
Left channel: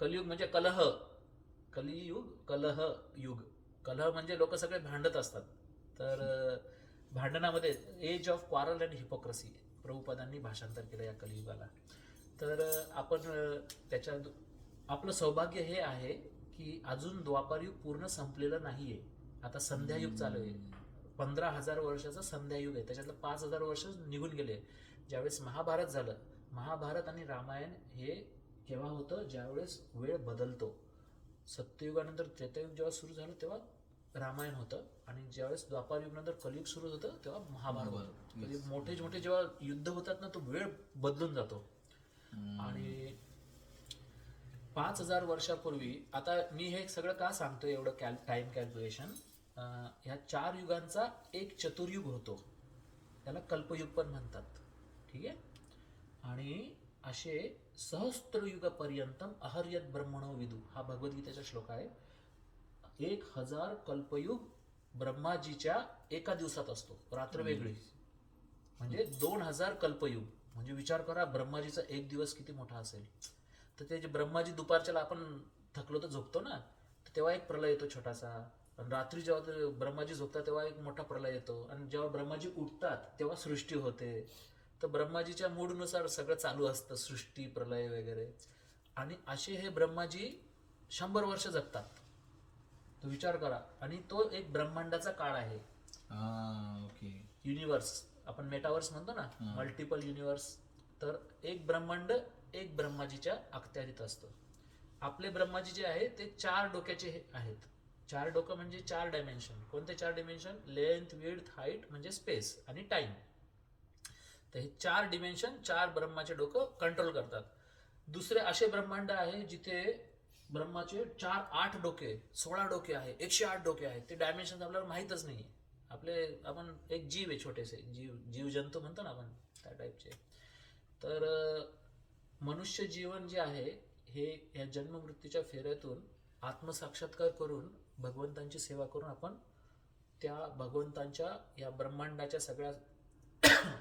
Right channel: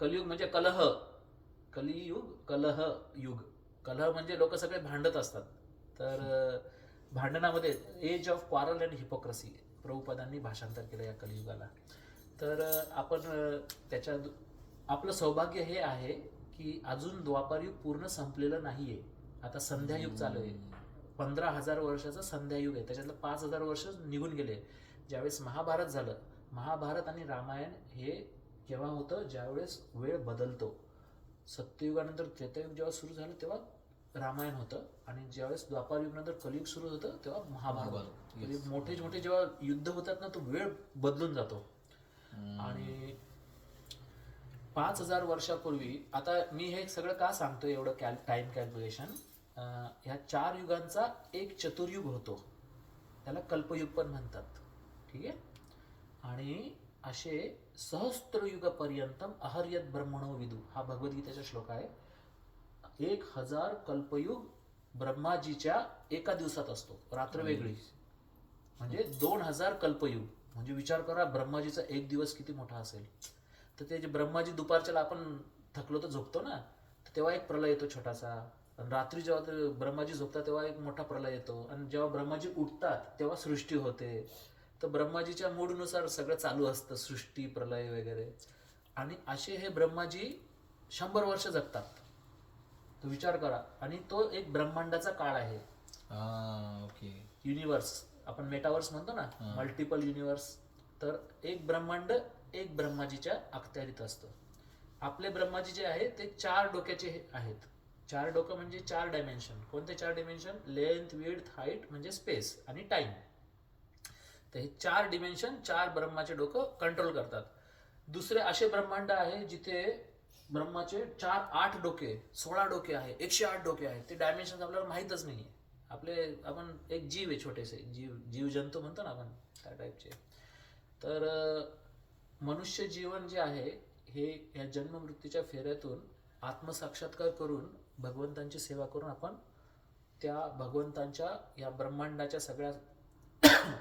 कलियुग म्हणजे कलह. कलियुग कलह युग. कलह म्हणजे लोक सगळे भांडत असतात. तर भांडणामध्ये age of quarrel and hypocrisy प्रभुपादांनी भाषांतर केलं या कलियुगाला. तर आपण आपलं सौभाग्य हे आहे की अजून द्वापारयुग पूर्ण संपलेलं नाहीये. आता संध्यायुग चालू आहे. 15,000 वर्षाचं संध्यायुग आहे. त्याच्यातलं 5,000 वर्ष निघून गेले. ज्यावेळेस महाभारत झालं, महाभारत आणि रामायण हे केव्हा होतं? ज्यावेळेस वेळ बदलतो. सत्ययुगानंतर त्रेतायुग जेव्हा सुरू झालं तेव्हा रामायण होतं आणि ज्यावेळेस द्वापारयुग नंतर कलियुग सुरू होतं तेव्हा महाभारत होतं. म्हणजे मोठे मोठे जेव्हा युद्ध होतात ना तो वेळ बदलून जातो. आणि 5,000 वर्षापूर्वी, आता मी हे सगळं का सांगतोय एवढं टाइम कॅल्क्युलेशन, ह्या 4 युगांचा एक चतुर्युग होतो, त्याला कल्पयुग पण म्हणतात. ठीक आहे. आणि असे सहस्त्रयुगपर्यंतम अहर्यत ब्रह्मणो विदु, हा भगवद्गीतेचा श्लोक आहे. 1000 कल्पयुग ब्रह्माजीच्या एका दिवसात असतो, रात्र वेगळी, म्हणजे 2000 कल्पयुग. म्हणजे विचार करा ब्रह्माजीचा एक दिवस किती मोठा असेल. तर ते जे ब्रह्माजी दुपारच्याला आपण थकलो तर झोपतो ना, तर तेव्हा एक प्रलय येतो छोटासा. आणि रात्री जेव्हा ते ब्रह्माजी झोपतात तेव्हा एक मोठा प्रलय येतो. आणि जेव्हा ब्रह्माजी उठतात तेव्हा सृष्टी होते. तर ब्रह्माजीच्या मूडनुसार सगळं चालू असतं, सृष्टी, प्रलय वगैरे. आणि असे हे ब्रह्माजी 100 वर्ष जगतात. तो विचार करा. आणि तो एक ब्रह्मांडाचा काळ आहे. ओके. युनिवर्स, आपण मेटावर्स म्हणतो ना, मल्टिपल युनिवर्स. तर एक ब्रह्मांड एक ब्रह्माजीच्या अखत्यारीत असतं. आपले ब्रह्माजी जे आहे ते 4 डोक्याचे आहेत. 4 डोकं म्हणजे 4 डायमेन्शन. कोणते 4 डायमेन्शन? लेंथ, विड्थ, हाईट म्हणजे स्पेस आणि टाइम. तर हे 4 डिमेन्शन 4 ब्रह्माचे डोकं कंट्रोल करतात. दुसरे असे ब्रह्मांड आहे जिथे ब्रह्माचे 8 डोके, 16 डोके आहे, 108 डोके आहेत. ते डायमेन्शन आपल्याला माहीतच नाही. आपण एक जीव आहे, छोटेसे जीव जंतू म्हणतो ना आपण, त्या टाईपचे. तर मनुष्य जीवन जे आहे हे या जन्ममृत्यूच्या फेऱ्यातून आत्मसाक्षात्कार करून भगवंतांची सेवा करून आपण त्या भगवंतांच्या या ब्रह्मांडाच्या सगळ्या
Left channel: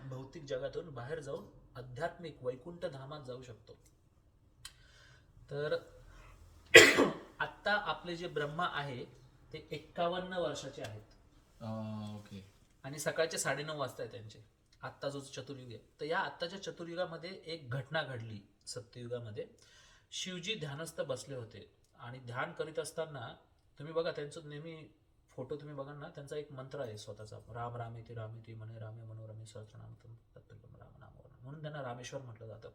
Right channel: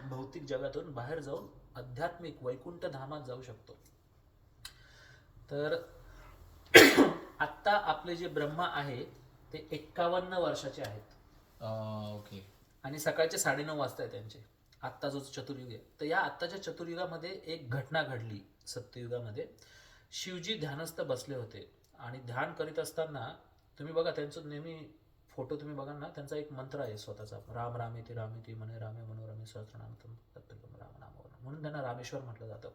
भौतिक जगातून बाहेर जाऊन आध्यात्मिक वैकुंठ धामात जाऊ शकतो. तर आत्ता आपले जे ब्रह्मा आहे ते 51 वर्षाचे आहेत. ओके. आणि सकाळचे 9:30 वाजता आहे त्यांचे. आत्ता जो चतुर्युग आहे, तर या आत्ताच्या चतुर्युगामध्ये एक घटना घडली. सत्ययुगामध्ये शिवजी ध्यानस्थ बसले होते आणि ध्यान करीत असताना तुम्ही बघा त्यांचं नेहमी फोटो तुम्ही बघा ना, त्यांचा एक मंत्र आहे स्वतःचा, राम रामेति रामेति म्हणे रामे मनोरमे सहस्रनाम तत्तुल्यं राम नाम, म्हणून त्यांना रामेश्वर म्हटलं जातं,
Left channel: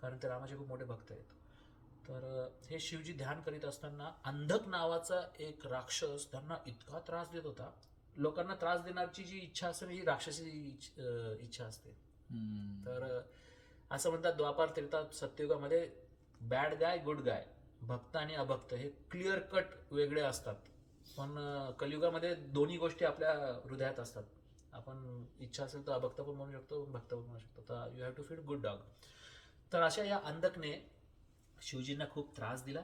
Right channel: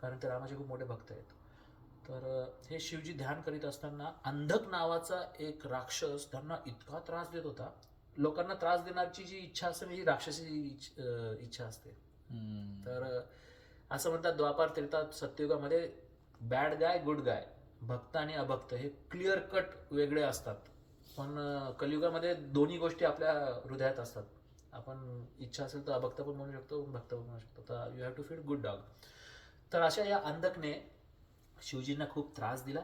कारण ते रामाचे खूप मोठे भक्त आहेत. तर हे शिवजी ध्यान करीत असताना अंधक नावाचा एक राक्षस त्यांना इतका त्रास देत होता. लोकांना त्रास देण्याची जी इच्छा असते ही राक्षसी इच्छा असते. तर असं म्हणतात द्वापार त्रेता सत्ययुगामध्ये बॅड गाय गुड गाय, भक्त आणि अभक्त हे क्लिअर कट वेगळे असतात. पण कलियुगामध्ये दोन्ही गोष्टी आपल्या हृदयात असतात. आपण इच्छा असेल तर अभक्त पण म्हणू शकतो, भक्त पण म्हणू शकतो. तर you have to feed good dog. तर अशा या अंधकने शिवजींना खूप त्रास दिला.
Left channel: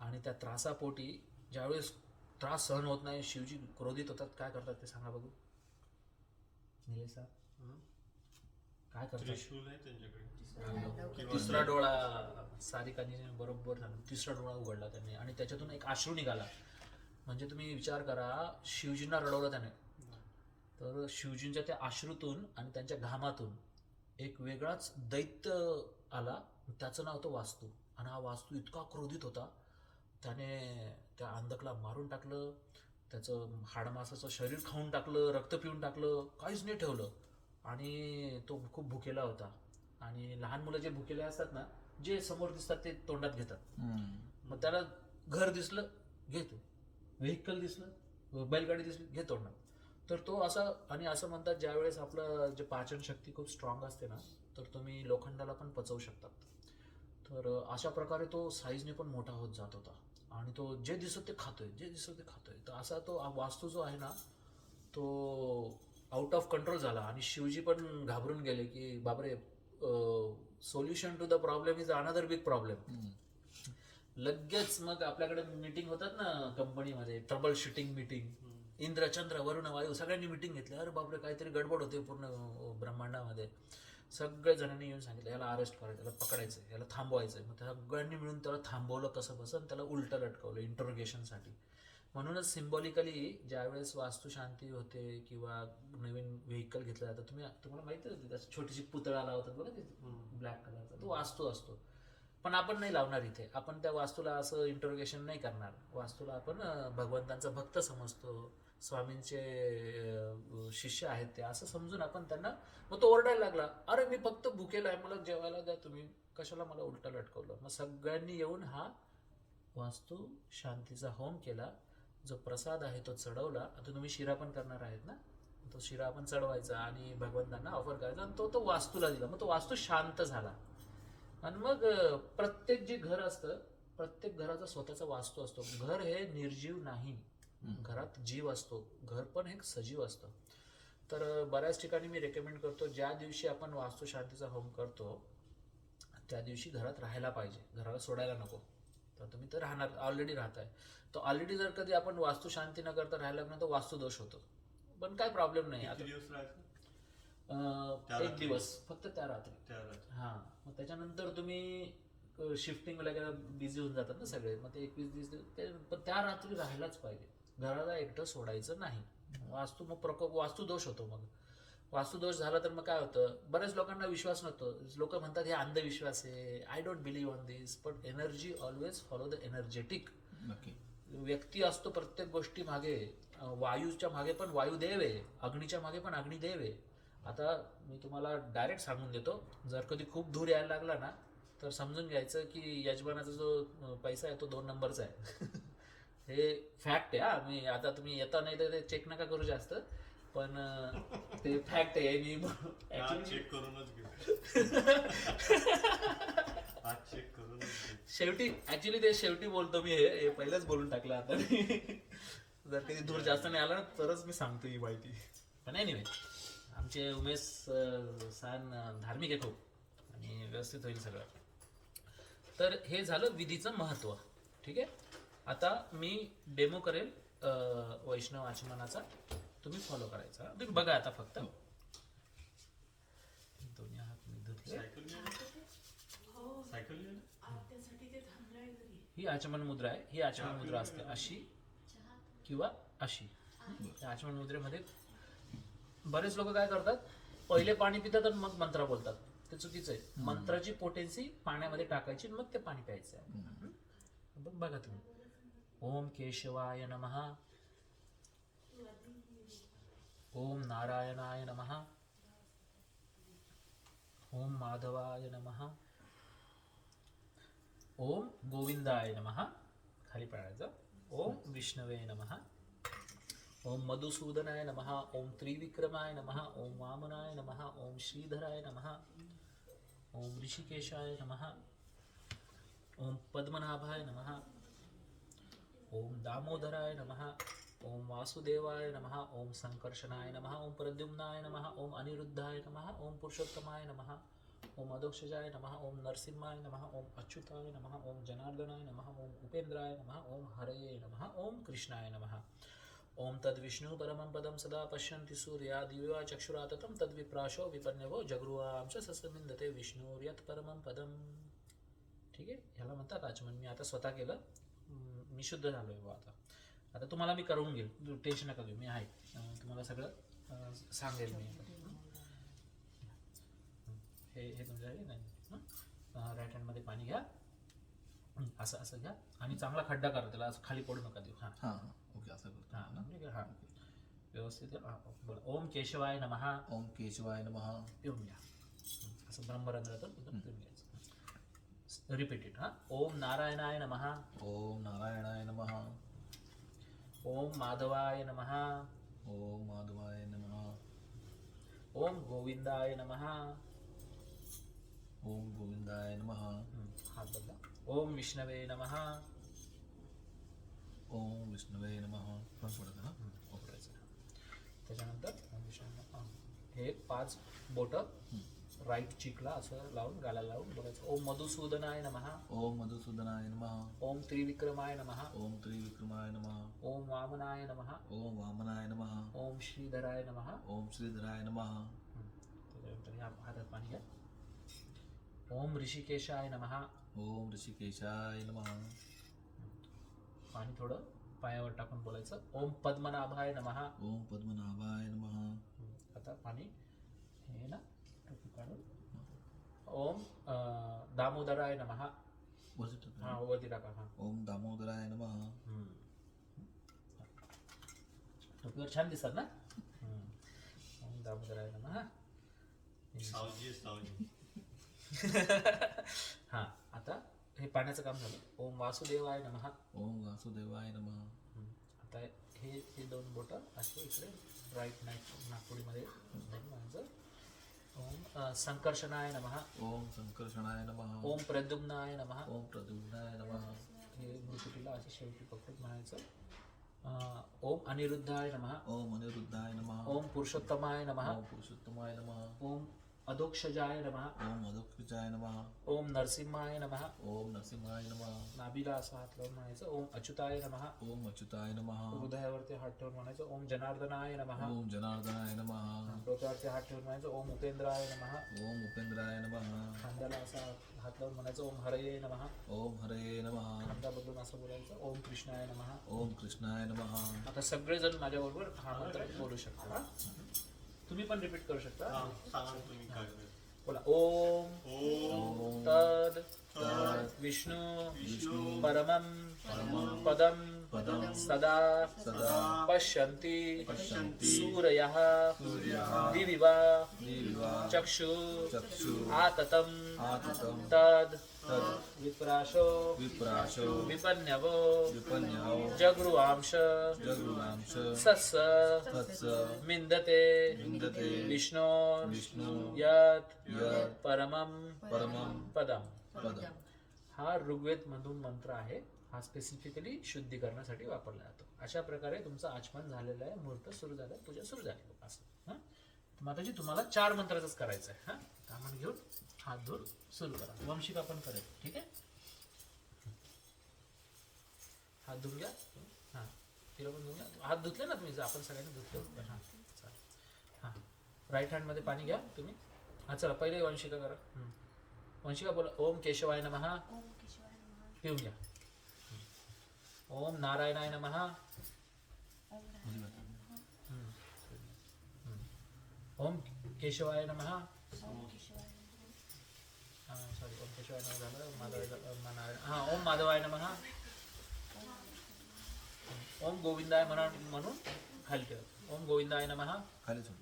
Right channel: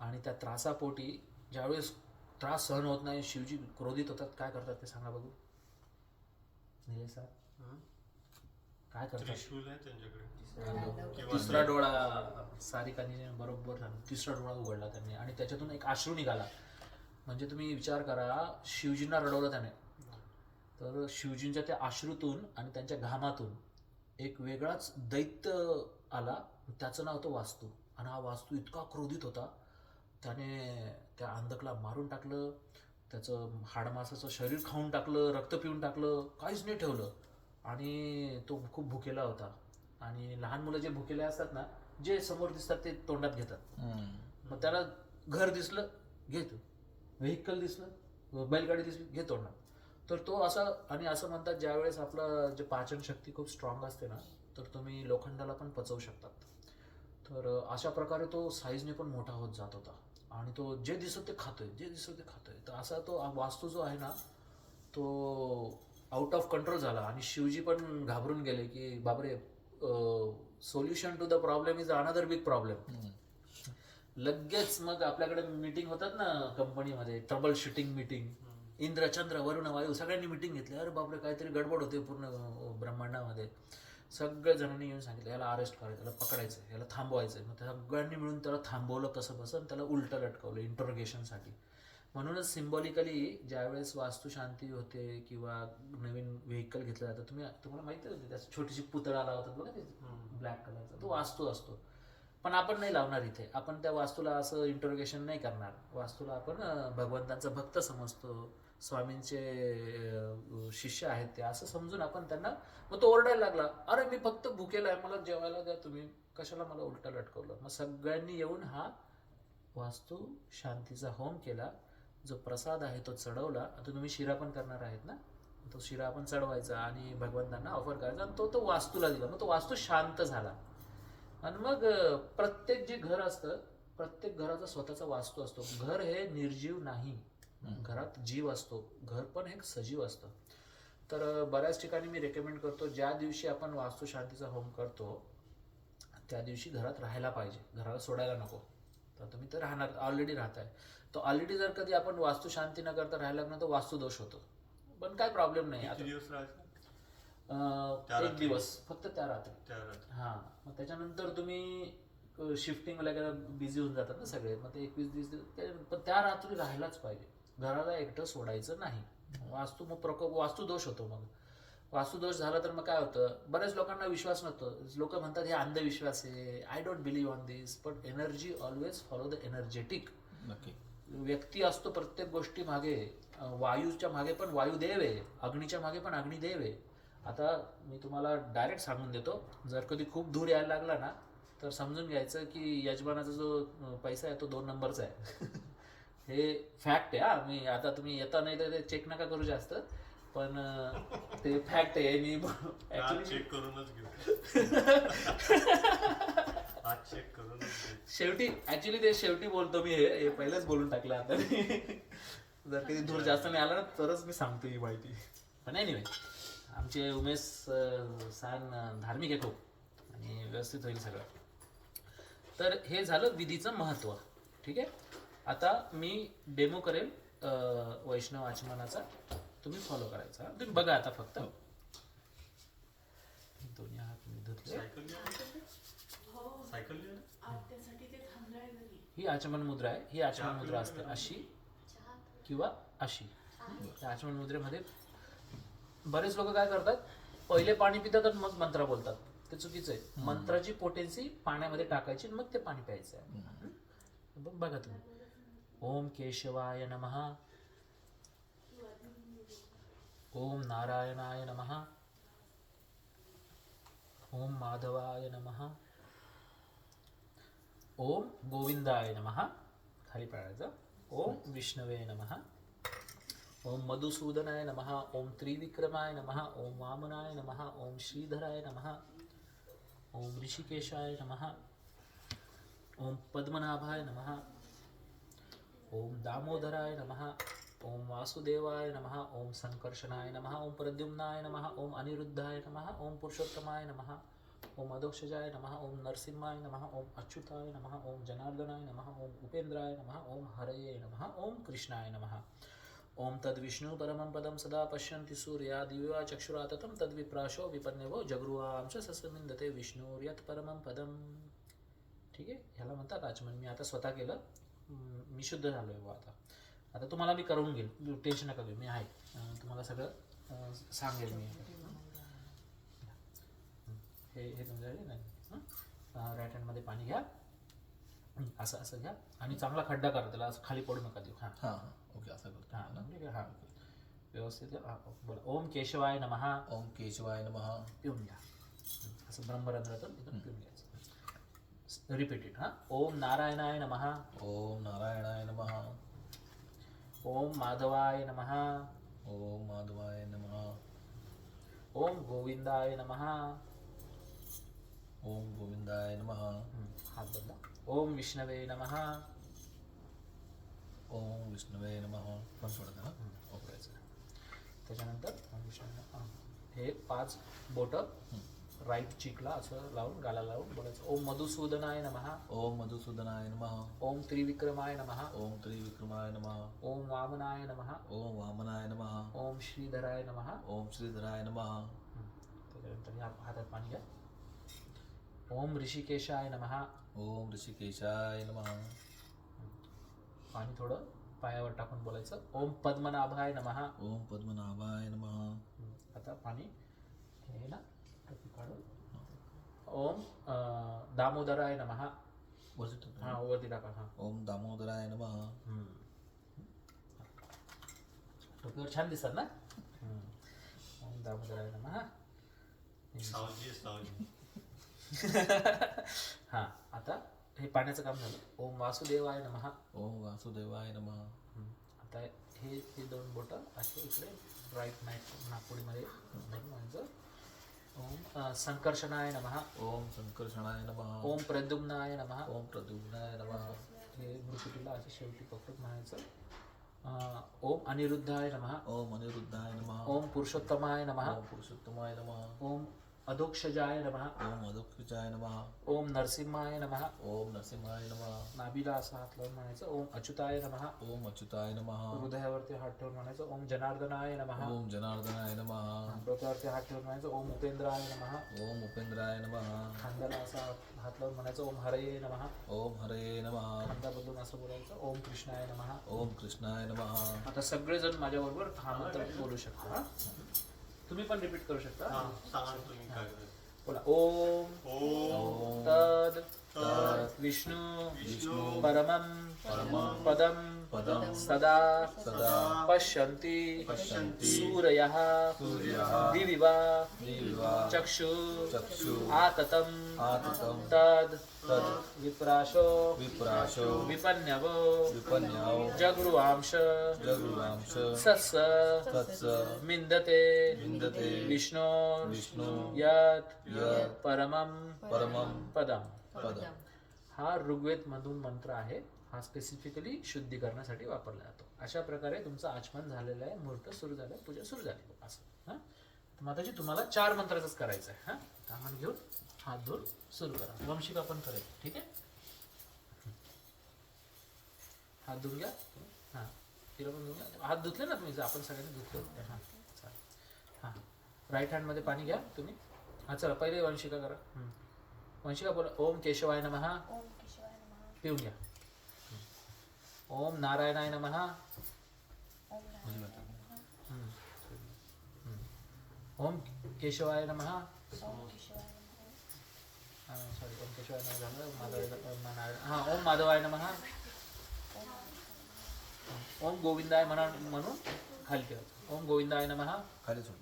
आणि त्या त्रासापोटी ज्यावेळेस त्रास सहन होत नाही, शिवजी क्रोधित होतात. काय करतात ते सांगा बघू निलेश सर, काय करतात? त्रिशूल आहे त्यांच्याकडे. किंवा तिसरा डोळा सारिकाने बरोबर सांगितलं. तिसरा डोळा उघडला त्याने आणि त्याच्यातून एक अश्रू निघाला. म्हणजे तुम्ही विचार करा, शिवजींना रडवलं त्याने. तर शिवजींच्या त्या अश्रूतून आणि त्यांच्या घामातून एक वेगळाच दैत्य आला. त्याचं नाव होतं वास्तू. आणि हा वास्तू इतका क्रोधित होता, त्याने त्या अंधकला मारून टाकलं, त्याचं हाडमासाचं शरीर खाऊन टाकलं, रक्त पिऊन टाकलं, काहीच नाही ठेवलं. आणि तो खूप भुकेला होता. आणि लहान मुलं जे भुकेले असतात ना, जे समोर दिसतात ते तोंडात घेतात. मग त्याला घर दिसलं घेतो, व्हेकल दिसलं, बैलगाडी दिसली घे तोंडात. तर तो असा, आणि असं म्हणतात ज्यावेळेस आपलं जे पाचन शक्ती खूप स्ट्रॉंग असते ना, तर तुम्ही लोखंडाला पण पचवू शकतात. तर अशा प्रकारे तो साईजने पण मोठा होत जात होता. आणि तो जे दिसत ते खातोय, जे दिसत ते खातोय. तर असा तो वास्तू जो आहे ना, तो आउट ऑफ कंट्रोल झाला. आणि शिवजी पण घाबरून गेले की बापरे, solution to the problem is another big problem. लगेच मग आपल्याकडे मीटिंग होतात ना कंपनीमध्ये, troubleshooting meeting. Indra, Chandra, Varun, Vayu सगळ्यांनी मीटिंग घेतली. अरे बापरे, काहीतरी गडबड होते पूर्ण ब्रह्मांडामध्ये. सगळ्या जणांनी येऊन सांगितलं याला अरेस्ट करायचं, याला पकडायचं, याला थांबवायचं. मग सगळ्यांनी मिळून त्याला थांबवलं कसं बसं, त्याला उलटं लटकवलं इंटरोगेशनसाठी. म्हणूनच सिम्बॉलिकली ज्यावेळेस वास्तुशांती होते किंवा नवीन व्हेकल घेतलं जातं, तुम्हाला माहिती होती त्याची छोटीशी पुतळा लावतात बघा ते ब्लॅक कलरचा, तो वास्तू असतो. पण आपण नाही लावणार इथे. आपण त्या वास्तूला असं इंटरोगेशन नाही करणार. वास्तूला आपण भगवंतांचा भक्त समजतो, स्वामींचे शिष्य आहेत ते, असं समजून आपण त्यांना. मग तो ओरडायला लागला, अरे मी फक्त भुकेला आहे, मला जेवायला द्या, तुम्ही कशाला मला उलटं लटकवलं. मग सगळ्यांनी येऊन हा वास्तू शांतीचा होम केला. जो प्रसाद आहे तो चढवला. आता तुम्ही शिरा पण करणार आहेत ना, तो शिरा आपण चढवायचा आणि भगवंतांना ऑफर करायचा. आणि तो वास्तूला दिला. मग तो वास्तू शांत झाला. आणि मग प्रत्येक जे घर असतं प्रत्येक घराचा स्वतःचा वास्तू असतो. घर हे निर्जीव नाही, घरात जीव असतो. घर पण एक सजीव असतं. तर बऱ्याच ठिकाणी मी रेकमेंड करतो, ज्या दिवशी आपण वास्तुशांतीचा होम करतो त्या दिवशी घरात राहायला पाहिजे, घराला सोडायला नको. तर तुम्ही तर राहणार, ऑलरेडी राहताय. तर ऑलरेडी जर कधी आपण वास्तुशांती न करता राहायला लागलो तर वास्तुदोष होतो. पण काय प्रॉब्लेम नाही. किती आता दिवस राहायचं? त्या एक रात्री? दिवस फक्त त्या रात्री. त्या रात्री. हां, मग त्याच्यानंतर तुम्ही शिफ्टिंग वगैरे बिझी होऊन जातात ना सगळे, मग ते 21-20 दिवस पण त्या रात्री राहायलाच पाहिजे. घराला एकटं सोडायचं नाही. वास्तू मग प्रकोप, वास्तुदोष होतो. मग वास्तुदोष झाला तर मग काय होतं, बऱ्याच लोकांना विश्वास नसतो. लोक म्हणतात हे अंधविश्वास आहे, I don't believe on this. But energy always follow the energetic. नक्की. व्यक्ती असतो प्रत्येक गोष्टी मागे. वायूच्या मागे पण वायुदेव आहे, अग्नीच्या मागे पण अग्निदेव आहे. आता मी तुम्हाला डायरेक्ट सांगून देतो, जर कधी खूप दूर यायला लागला ना तर समजून घ्यायचं की यजमानाचा जो पैसा आहे तो 2 नंबरचा आहे. हे फॅक्ट आहे. हा, मी आता तुम्ही येता नाही तर ते चेक नका करू जास्त, पण ते फॅक्ट आहे. आज चेक करूनच घेऊ. आज चेक करूनच घेऊ. शेवटी ऍक्च्युली ते शेवटी बोलतो मी, हे पहिलेच बोलून टाकलं आता. जर कधी दूर जास्त नाही आला ना तरच मी सांगतो ही माहिती. पण एनिवे, आमचे उमेश सान धार्मिक आहे खूप आणि व्यवस्थित होईल सगळं. तर हे झालं विधीचं महत्त्व. ठीक आहे. आता मी डेमो करेल वैष्णव आचमनाचा, तुम्ही फॉलो करायचा. तुम्ही बघा आता फक्त. दोन्ही हात मी धुतले. सायकल लिहा. सायकल लिहा. ही आचमन मुद्रा आहे. ही आचमन मुद्रा असते अशी किंवा अशी. त्या आचमन मुद्रेमध्ये बरेच लोक काय करतात, पहिले पाणी पितात आणि मग मंत्र बोलतात. ते चुकीचं आहे. मंत्राची पोटेन्सी पाण्यामध्ये टाकायची आणि मग ते पाणी प्यायचं आहे. बघा तुम्ही. ओम केशवाय नमः. ओम नारायणाय नमः. ओम माधवाय नमः. ओम गोविंदाय नमः. खाली पाडायचं. ओम विष्णवे नमः. ओम मधुसूदनाय नमः. ओम त्रिविक्रमाय नमः. ओम वामनाय नमः. ओम श्रीधराय नमः. ओम ऋषिकेशाय नमः. ओम पद्मनाभाय नमः. ओम दामोदराय नमः. ओम वासुदेवाय नमः. ओम संकर्षणाय नमः. ओम प्रद्युम्नाय नमः. ओम अनिरुद्धाय नमः. ओम पुरुषोत्तमाय नमः. ओम अधोक्षजाय नमः. ओम नरसिंहाय नमः. ओम अच्युताय नमः. ओम जनार्दनाय नमः. ओम उपेंद्राय नमः. ओम हरये नमः. ओम कृष्णाय नमः. ओम तद्विष्णु परमं पदं सदा पश्यन्ति सूर्या दिव्या चक्षुराततं तद्विप्राशो विपन्यवो जगृवांश सस्मिन्दते विष्णुर्यत् परमं पदम. ठीक आहे. ह्याला म्हणतात आचमन. मी आता स्वतः केलं, मी शुद्ध झालोय बुवा आता. आता तुम्हाला मी करून घेईल, टेन्शन नका घेऊ, मी आहे. तुम्हाला सगळं सांगेल मी. हे तुमच्या नाही. राईट हँडमध्ये पाणी घ्या, असं असं घ्या आणि चांगला खड्डा करा त्याला, असं खाली पडू नका देऊ. हां हां हां. ओके, असं करतो. हां ठीक आहे. हां व्यवस्थित. हां बोला. ओम केशवाय नमः. ओम केशवाय नमः. पिऊन घ्या असं ब्रह्मरंध्रातून इथून पिऊन घ्यायचं. Repeat it. हां. ओम नारायणाय नमः. ओम नारायणाय नमः. ओम माधवाय नमः. ओम माधवाय नमः. ओम गोविंदाय नमः. ओम गोविंदाय नमः. हात बदला. ओम विष्णवे नमः. ओम विष्णवे नमः. पण सोडा ना. वापरायचं. त्याच्यानंतर ओम विष्णवे नमः. हे 5 बोटं राईट चिकला असं लावून, गाला लावून बोलायचं. ओम मधुसूदनाय नमः. ओम मधुसूदनाय नमः. ओम त्रिविक्रमाय नमः. ओम त्रिविक्रमाय नमः. ओम वामनाय नमः. ओम वामनाय नमः. ओम श्रीधराय नमः. ओम श्रीधराय नमः. त्याच्यानंतर ह्या हातात पाणी घ्या. ओम ऋषिकेशाय नमः. ओम ऋषिकेशाय नमः. पाणी थोडं पायावर टाकून बोलायचं. ओम पद्मनाभाय नमः. ओम पद्मनाभाय नमः. आता पाणी हे ना टोपी काढून. ओम दामोदराय नमः. हां वरती टाका. हां. ओम दामोदराय नमः. टोपीवर छान दिसतात ना. ओम दामोदराय नमः. सावजी सावजी. हां आता हे पाण्याचं काम झालं. ओम वासुदेवाय नमः. ओम वासुदेवाय नमः. आता हे 2 बोटं असे इकडे राईट नाईट नागपुडीमध्ये धरून व्हायचं. ओम संकर्षणाय नमः. ओम संकर्षणाय नमः. ओम प्रद्युम्नाय नमः. ओम प्रद्युम्नाय नमः. हे मृत्यूला असं शेवटी पकडून म्हणायचं. ओम अनिरुद्धाय नमः. ओम अनिरुद्धाय नमः. ओम पुरुषोत्तमाय नमः. ओम पुरुषोत्तमाय नमः. ओम अधोक्षजाय नमः. ओम अदोक्षजाय नमः. ओम नरसिंहाय नमः. ओम नरसिंहाय नमः. नाभीला असं हात लावून म्हणायचं. ओम अच्युताय नमः. ओम अच्युताय नमः. हृदयावरती हात ठेवून म्हणायचं. ओम जनार्दनाय नमः. ओम जनार्दनाय नमः. डोक्यावरती हात ठेवून म्हणायचं. ओम उपेंद्राय नमः. ओम उपेंद्राय नमः. खांद्याला असा हात लावून म्हणायचं. ओम हरये नमः. ओम हरे नमः. खांदा बदलून असं बोलायचं. ओम कृष्णाय नमः. ओम कृष्णाय नमः. आता सगळेजण माझ्याबरोबर हा मंत्र बोलू शकता. हा? तुम्ही पण रिपीट करू शकता. हा सांगा तुम्ही काय करायचं. बोला. ओम ओम तद तद विष्णू विष्णू परमं परमं पदं पदं सदा सदा पश्यन्ति पश्यन्ति सूरयः सूर्यः दिवि वा दिवा चक्षु चक्षु आततं आततं तद तद् विप्राशो विप्राशो विपन्यवो विपन्याओ जगृवांश जगृवांश सस्स तत्स मिन्दते विन्दते विष्णो विष्णु यत् यत् परमं परमं पदम. पदम्. हा ऋग्वेद मधून मंत्र आहे. हा स्पेसिफिकली शुद्धीकरणासाठी वापरला जातो. अशा प्रकारे तुमचं आचमन झालेलं आहे. मुहूर्त सुरू झालं, पूजा सुरू झाली असं. हां माताजी तुम्हाला 4 मंत्राचंच करायचं आहे. हां कामण घेऊन हात धुवून सुरू करा. वंशिका पण करेल. ठीक आहे. हात धुवून घ्या. हां तिला पण धुवून घ्या. हात धुतले ना तुम्ही. आपण सगळ्यांनी धुतले होते. हां चालेल. हां राईट हँडमध्ये पाणी घ्या तुम्ही. हां चला पहिले वंशिका करा. वंशिका बोला. ओम केशवाय नमः. ओम केशवाय नमः. पिऊन घ्या. ओम नारायणाय नमः. ओम नारायणाय नमः. ओम केशवाय नमः. ओम केशवाय नमः. सॉरी ओम केशवाय नमः झालं. नारायण. हां ओम माधवाय नमः. ओम गोविंदाय म्हणून खाली ठेवा. ओम गोविंदाय नमः. खाली सोडायचे.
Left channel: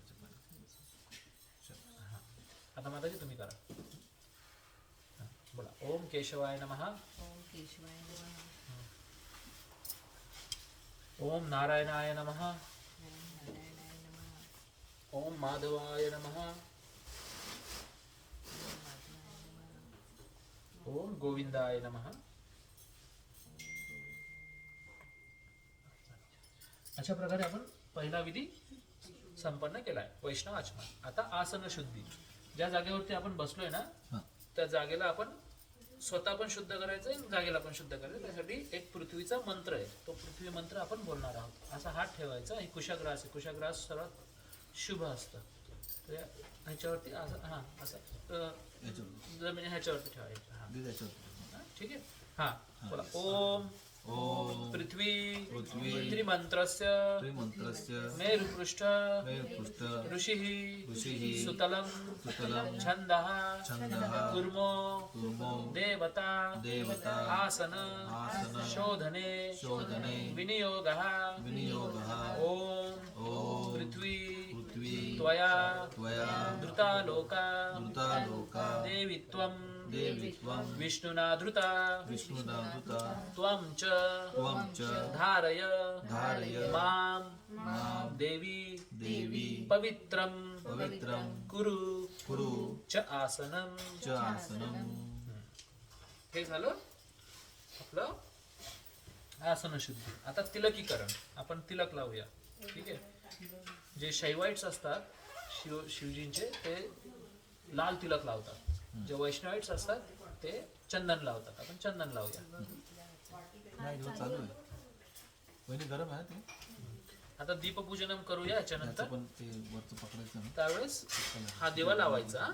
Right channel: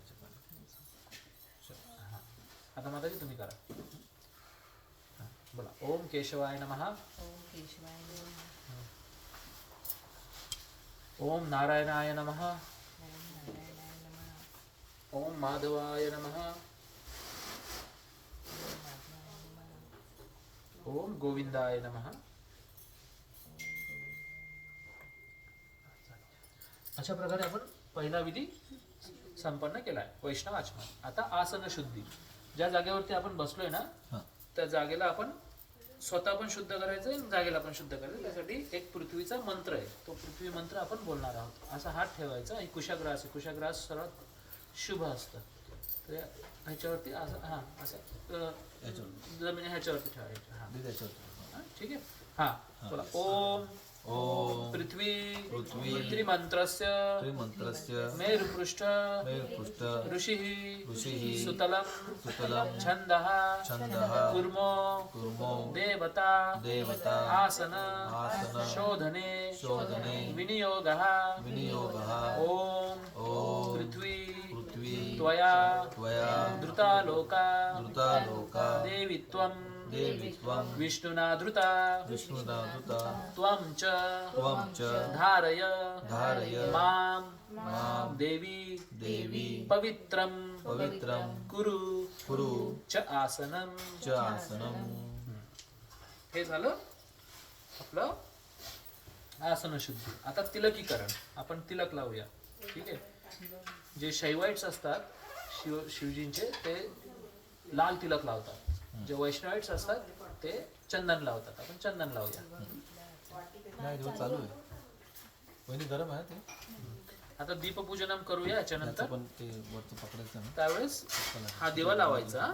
आता माताजी तुम्ही करा. बोला. ओम केशवाय नमः. ओम केशवाय नमः. ओम नारायणाय नमः. ओम नारायणाय नमः. ओम माधवाय नमः. ओम माधवाय नमः. ओम गोविंदाय नमः. अशा प्रकारे आपण पहिला विधी संपन्न केलाय. वैष्णव आचमन. आता आसन शुद्धी. ज्या जागेवरती आपण बसलोय ना हां. त्या जागेला आपण स्वतः पण शुद्ध करायचं आणि जागेला पण शुद्ध करायचं. त्यासाठी एक पृथ्वीचा मंत्र आहे. तो पृथ्वी मंत्र आपण बोलणार आहोत. असा हात ठेवायचा. ही कुशाग्रास आहे. कुशाग्रास सर्वात शुभ असतं. तर ह्याच्यावरती असं हां असं याच्यावर जमीन ह्याच्यावरती ठेवायचं. हां याच्यावर. हां, ठीक आहे. हां बोला. ओम ओम पृथ्वी पृथ्वी त्रिमंत्रस्य त्रिमंत्रस्य मेरुपृष्ठ मेरुपृष्ठ ऋषिः ऋषिः सुतलं सुतलं छन्दः छन्दः कुर्मो कुर्मो देवता देवता आसन आसन शोधने शोधने विनियोगः विनियोगः ओम ओम पृथ्वी पृथ्वी त्वया त्वया धृतालोका धृतालोका देवी त्वं देवी त्वं विष्णुना धृता विष्णुदानुता त्वं च त्वं च धारय धारय मां मां देवी देवी पवित्रं पवित्रं कुरु कुरु च आसनं. च आसनं. हे झालं आपलं आसन शुद्धी. आता तिलकीकरण. आपण तिलक लावूया. ठीक आहे. जे शैवाइट्स असतात शिवजींचे ते लाल तिलक लावतात. जे वैष्णवाइट्स असतात ते चंदन लावतात. आपण चंदन लावूया. नाही दिवस चालू आहे. पहिली गरम आहे ते. आता दीपपूजनम करूया याच्यानंतर. पण ते वरचं पकडायचं ना. त्यावेळेस हा दिवा लावायचा.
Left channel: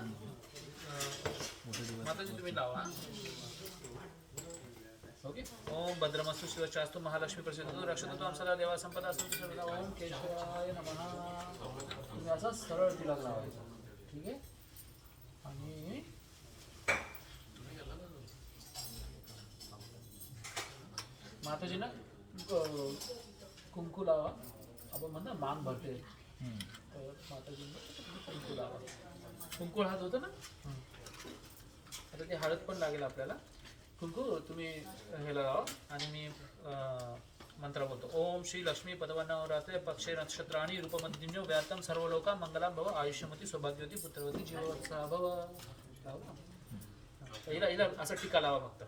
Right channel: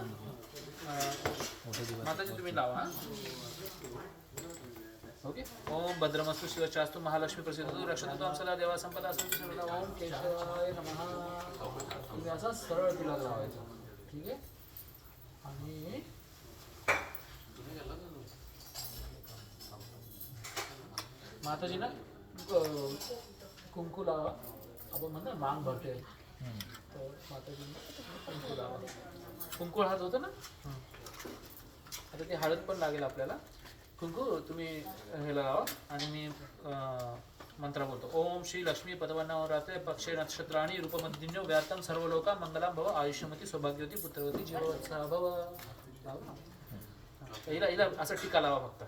मोठे दिवस. माताजी तुम्ही लावा. ओके. ओम भद्रमस्तु शिवचास्तु महालक्ष्मी प्रसिद्ध रक्षतु त्वं सदा देवा संपदा संतु सर्वदा. ओम केशवाय नमः. तुम्ही असा सरळ तिलक लावायचा. ठीक आहे. आणि माताजी ना कुंकू लावा. आपण म्हणतो मांग भरते. तर माताजींना कुंकू लावा. कुंकू हात होतं ना. आता ते हळद पण लागेल आपल्याला. कुंकू तुम्ही हे लावा आणि मी मंत्र बोलतो. ओम श्री लक्ष्मी पदवन्नवरात्रे पक्षे नक्षत्राणि रूपमधिन्यो व्याप्तं सर्वलोका मंगलम भव आयुष्यमती सौभाग्यवती पुत्रवती जीववत्सः भव. हिला असं टीका लावा फक्त.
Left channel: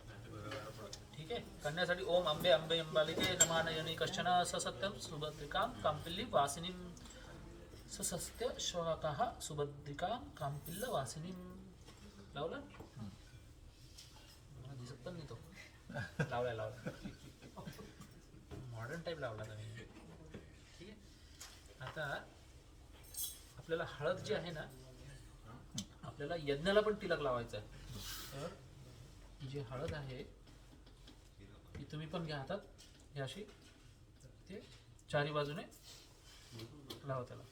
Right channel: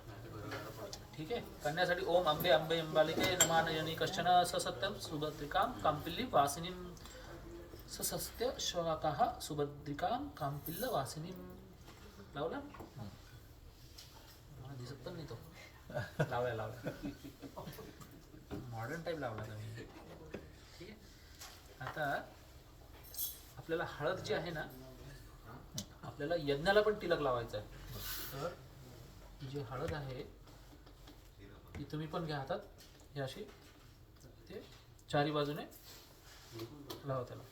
ठीक आहे. कन्यासाठी ओम अंबे अंबे अंबालिके नमानयनी कश्चन ससत्यम सुभद्रिकां कांपिल्ली वासिनीं ससत्य शवाकाः सुभद्रिकां कांपिल्ल वासिनीं. लावला मला दिसत पण नाही तो. लावला मॉडर्न टाईप लावला तुम्ही. ठीक आहे. आता आपल्याला हळद जी आहे ना, आपल्याला यज्ञाला पण तिलक लावायचं आहे. तर जी हळद आहे ती तुम्ही पण घ्या हातात. ही अशी ते चारी बाजूने लावा त्याला.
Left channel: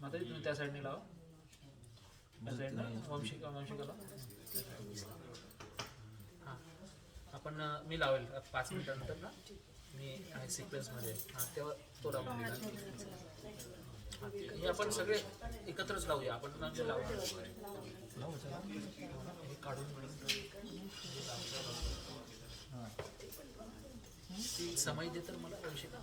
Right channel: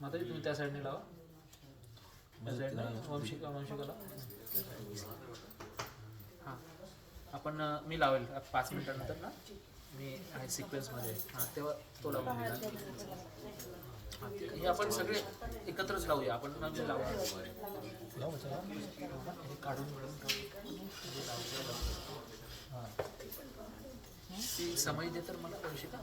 माताजी तुम्ही त्या साईडने लावा. त्या साईडने वंशिकाला. हां आपण मी लावेल 5 मिनिटानंतर ना. मी आहे सिक्वेन्समध्ये. हां तेव्हा तो लावून हे आपण सगळे एकत्रच लावूया. आपण म्हणजे लावू हे काढून ती समय दे तर मला वंशिका.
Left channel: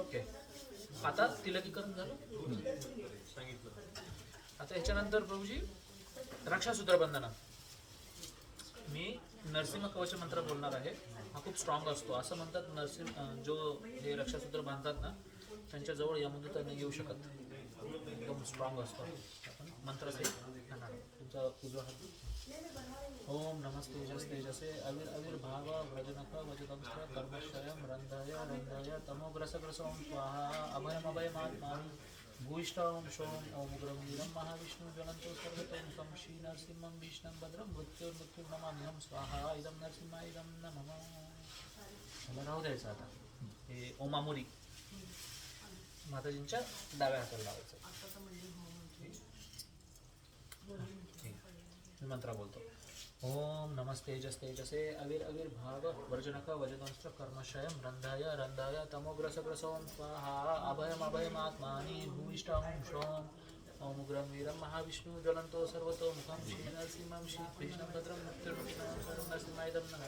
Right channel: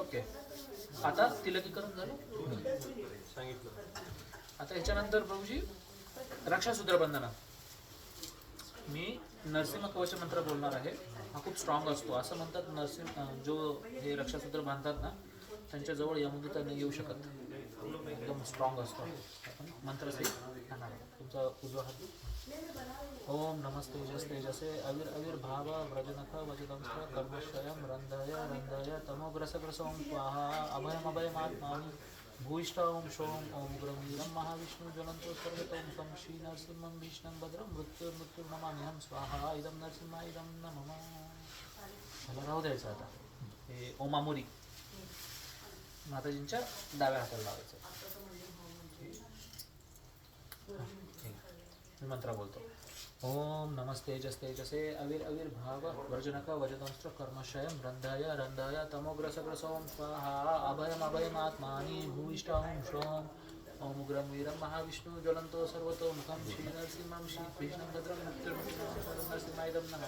ओके. आता तिलकीकरण झालं. सांगितलं. आता ह्याच्यानंतर प्रभूजी रक्षासूत्र बंधना. मी नरसिंह कवच मंत्र बोलणार आहे. हा खूप स्ट्रॉंग असतो. असं म्हणतात नरसिंह जो हे रक्षासूत्र बांधतात ना, त्यांच्याजवळ यमदूत नाही येऊ शकत. एकदम स्ट्रॉंग असतो. आपण मंत्रासहित खाणार. तुमचा उजवा हात. ओम नमस्ते तेजसे अविर्भाव व्रजनख वजदंश कर्मश्रयं रंधाय रंधाय तमोग्रसग्रसों स्वाहा अभयमभयमात्मानि भूयिष्ठ ओम शोम ओम ग्रंवीरं महाविष्णु ज्वलंतो सर्वतों सं श्री नरसिंहं विष्णुं भद्रं मृत्युर्नमाम्यहं स्वाहा इदं नरसिंहाय इदं नमः. मला राहू द्यायचं आता. हे ओमामुरी माताजींच्या डाव्या हाताला लावायचं. मी मंत्र बोलतो. ओम नमस्तेजस्तेजसे अविर्भाव वर्जनक वजदंस्त्र कर्मशयं रंधाय रंधाय तमोग्रसग्रसों स्वाहा अभयमभयमात्मानि भूयिष्ठ ओम श्रोम ओम उग्रं वीरं महाविष्णु ज्वलंतो सर्वतो मुखं श्री नरसिंहं श्री कृष्णं भद्रं मृत्युर्मुखं नरसिंहायदं नमः.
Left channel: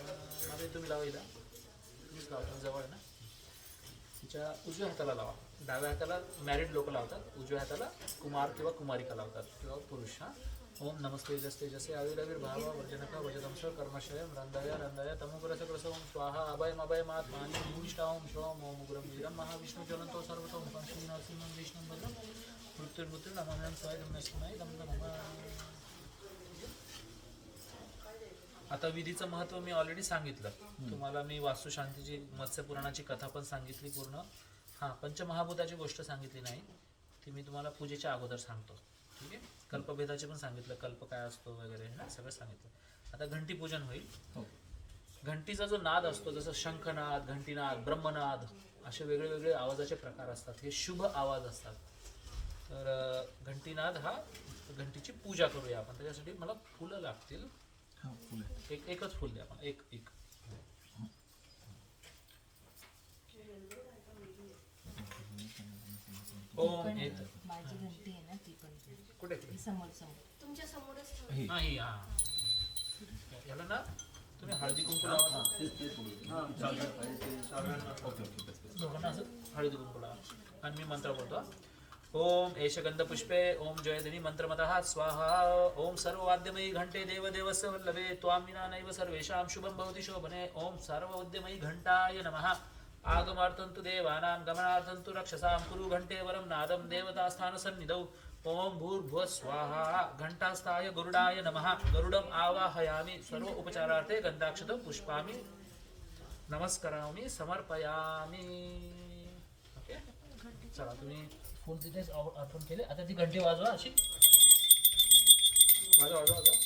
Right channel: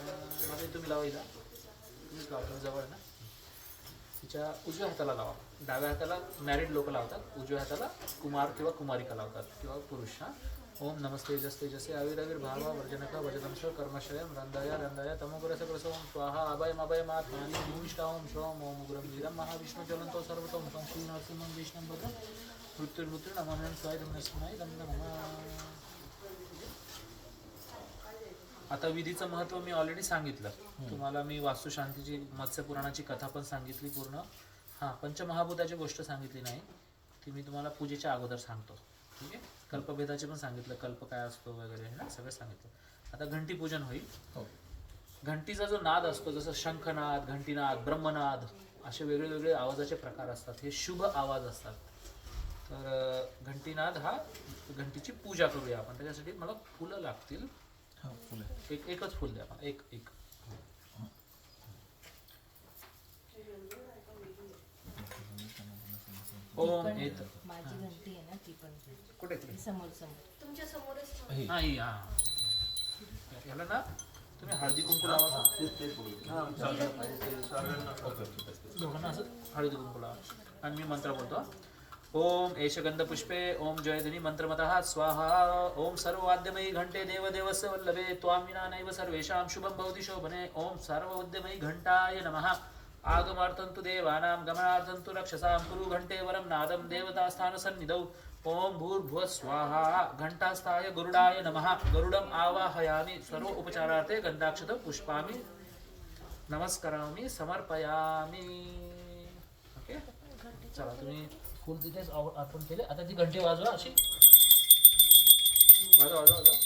तुम्ही लावा. इथं तुम्हीच लावा. तुम्ही जवळ ना. तिच्या उजव्या हाताला लावा. डाव्या हाताला मॅरिड लोक लावतात. उजव्या हाताला कुमार किंवा कुमारिका लावतात किंवा पुरुष. हां. ओम नमस्तेजस्तेजसे अविर्भाव वर्जनक वजदंश कर्मशयं रंधाय रंधाय तमोग्रसग्रसों स्वाहा अभयमभयमात्मानि भूयिष्ठ ओम श्रोम ओम उग्रं वीरं महाविष्णु ज्वलंतो सर्वतो मुखं श्री नरसिंहं विष्णुं भद्रं मृत्युर्नमाम्यहं स्वाहा नरसिंहाय नमः. आता विधीचं महत्त्व मी ऑलरेडी सांगितलं तुम्हाला. मी वास्तुशांतीची मत्स्यपुराणाची कथा पण सांगितली पूर्ण. हां पंचमहाभूताची गोष्ट सांगितली नाही. ती मी तुम्हाला पूजेच्या अगोदर सांगतो. ठीक आहे. कल्पभेदाचे पण सांगितलं. कल्प काय असतो वगैरे हे ना सगळं सांगितलं. आता घंटी पूजन होईल. घंटीचा जो नाद असतो जसं शंखनाद घंटीनाद ब्रह्मनाद असे वेगळे वेगळे आवाजाचे प्रकार असतात. हे शुभ आवाज असतात. तर घंटीनाद हा घंटीची पूजा करूया आपण. त्याच्यासाठी मला फुलं लागतील. एकच फुल द्या आपण. एक ओम येत. माझी घंटी आहे ना ती पण कुठे समोर तुमच्या समोरच हा ही हा याला ना तुम्ही हळदी कुंकू लावा. दोघांना असं हळदी कुंकू लावा. आणि मी मंत्र बोलतो. ओम एषगंधपुष्पे ओम जयधनी मंत्रमतः स्वाहा. ओम सर्ववाद्यमयी घंटे देवदेवस्य वल्लभे त्वां विना नैव सर्वेषां शुभं भवति शोभने. ओम सर्ववाद्यमयी घंटाय नमः. आगमार्थं तु देवानां गमनार्थं तु रक्षसां कुरु घंटे वरं नादं देवतास्थानसन्निधौ. ओम भूर्भुवः स्वाहा. घंटास्थाय गरुडाय नमः. गरुडम् आवाहयामि. सर्व उपचारार्थे गंधाक्षतं पुष्पामि नमस्करामि समर्पयामि. ओके. चला तुम्ही फुल तिथेच अर्पण केले. आता ती घंटी वाजवा अशी. वाजवा.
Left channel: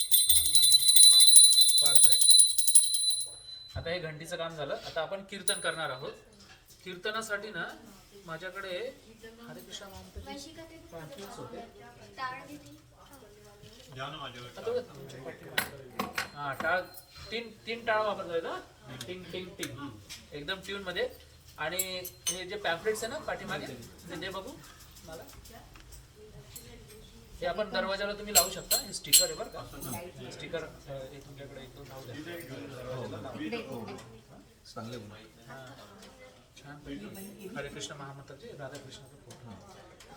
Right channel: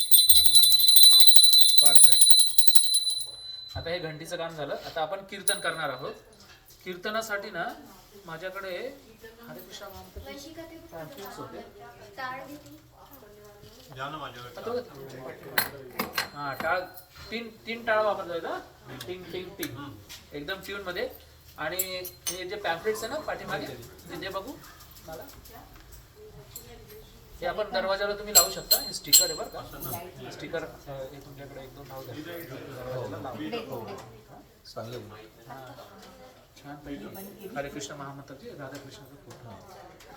परफेक्ट. आता हे घंटीचं काम झालं. आता आपण कीर्तन करणार आहोत. कीर्तनासाठी ना माझ्याकडे हरे कृष्ण होते. हा टाळ तीन टाळ वापरता येतं. टिंग टिंग टिंग एकदम ट्यून मध्ये. आणि हे जे पॅम्पलेट्स आहे ना पाठीमागे ते दे बघू मला. हे आपण दरवाजाला तुम्ही लावू शकता. हे स्टिकर आहे बरं का. स्टिकर हे तुमच्याकडे 1-2 लावू द्या दरवाजाला लावू. चांगलं छान पैकी हरे कृष्ण महामंत्राचे राधाकृष्णाचा फोटो.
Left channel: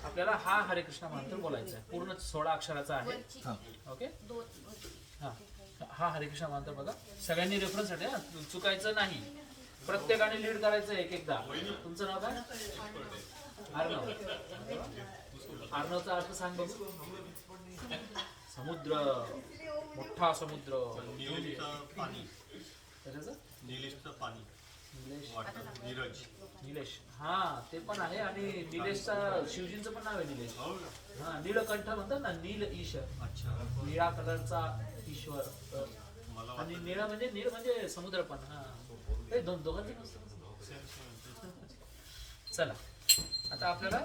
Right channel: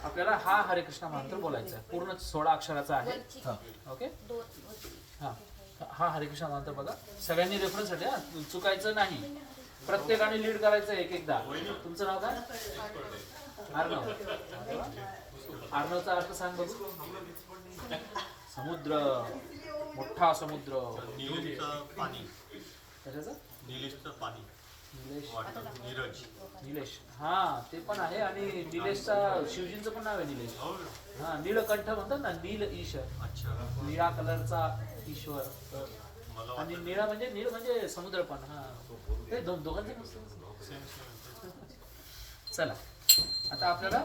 आपल्याला हा हरे कृष्ण महामंत्र बोलायचा आहे. पूर्ण 16 अक्षराचा आहे. ओके. हा हा हरे कृष्ण महामंत्र बघा. सगळ्यांनी रेफरन्स साठी हा, चुकायचं नाही. प्रत्येकाने लीड करायचं एक एकदा. तुमचं नाव काय? अर्णव. अर्णवचा अर्थ सांग बघू. समुद्र, मोठा समुद्र. निलेशचं पाणी. कशाचं? निलेशचं पाणी. निलेश. वाटर. नीरज. निलेश. हा ते पण आहे. आणि निलेशचा शिवजींचं पण नाव आहे निलेश. हो. हा नीलकंठ म्हणतात ना. नील ईश. अच्छा. निळा कलरचा ईश्वर. मला आणि निळा म्हणजे नीळ म्हणजे समुद्र पण. हा ते दोघांचे चला आता आपल्याला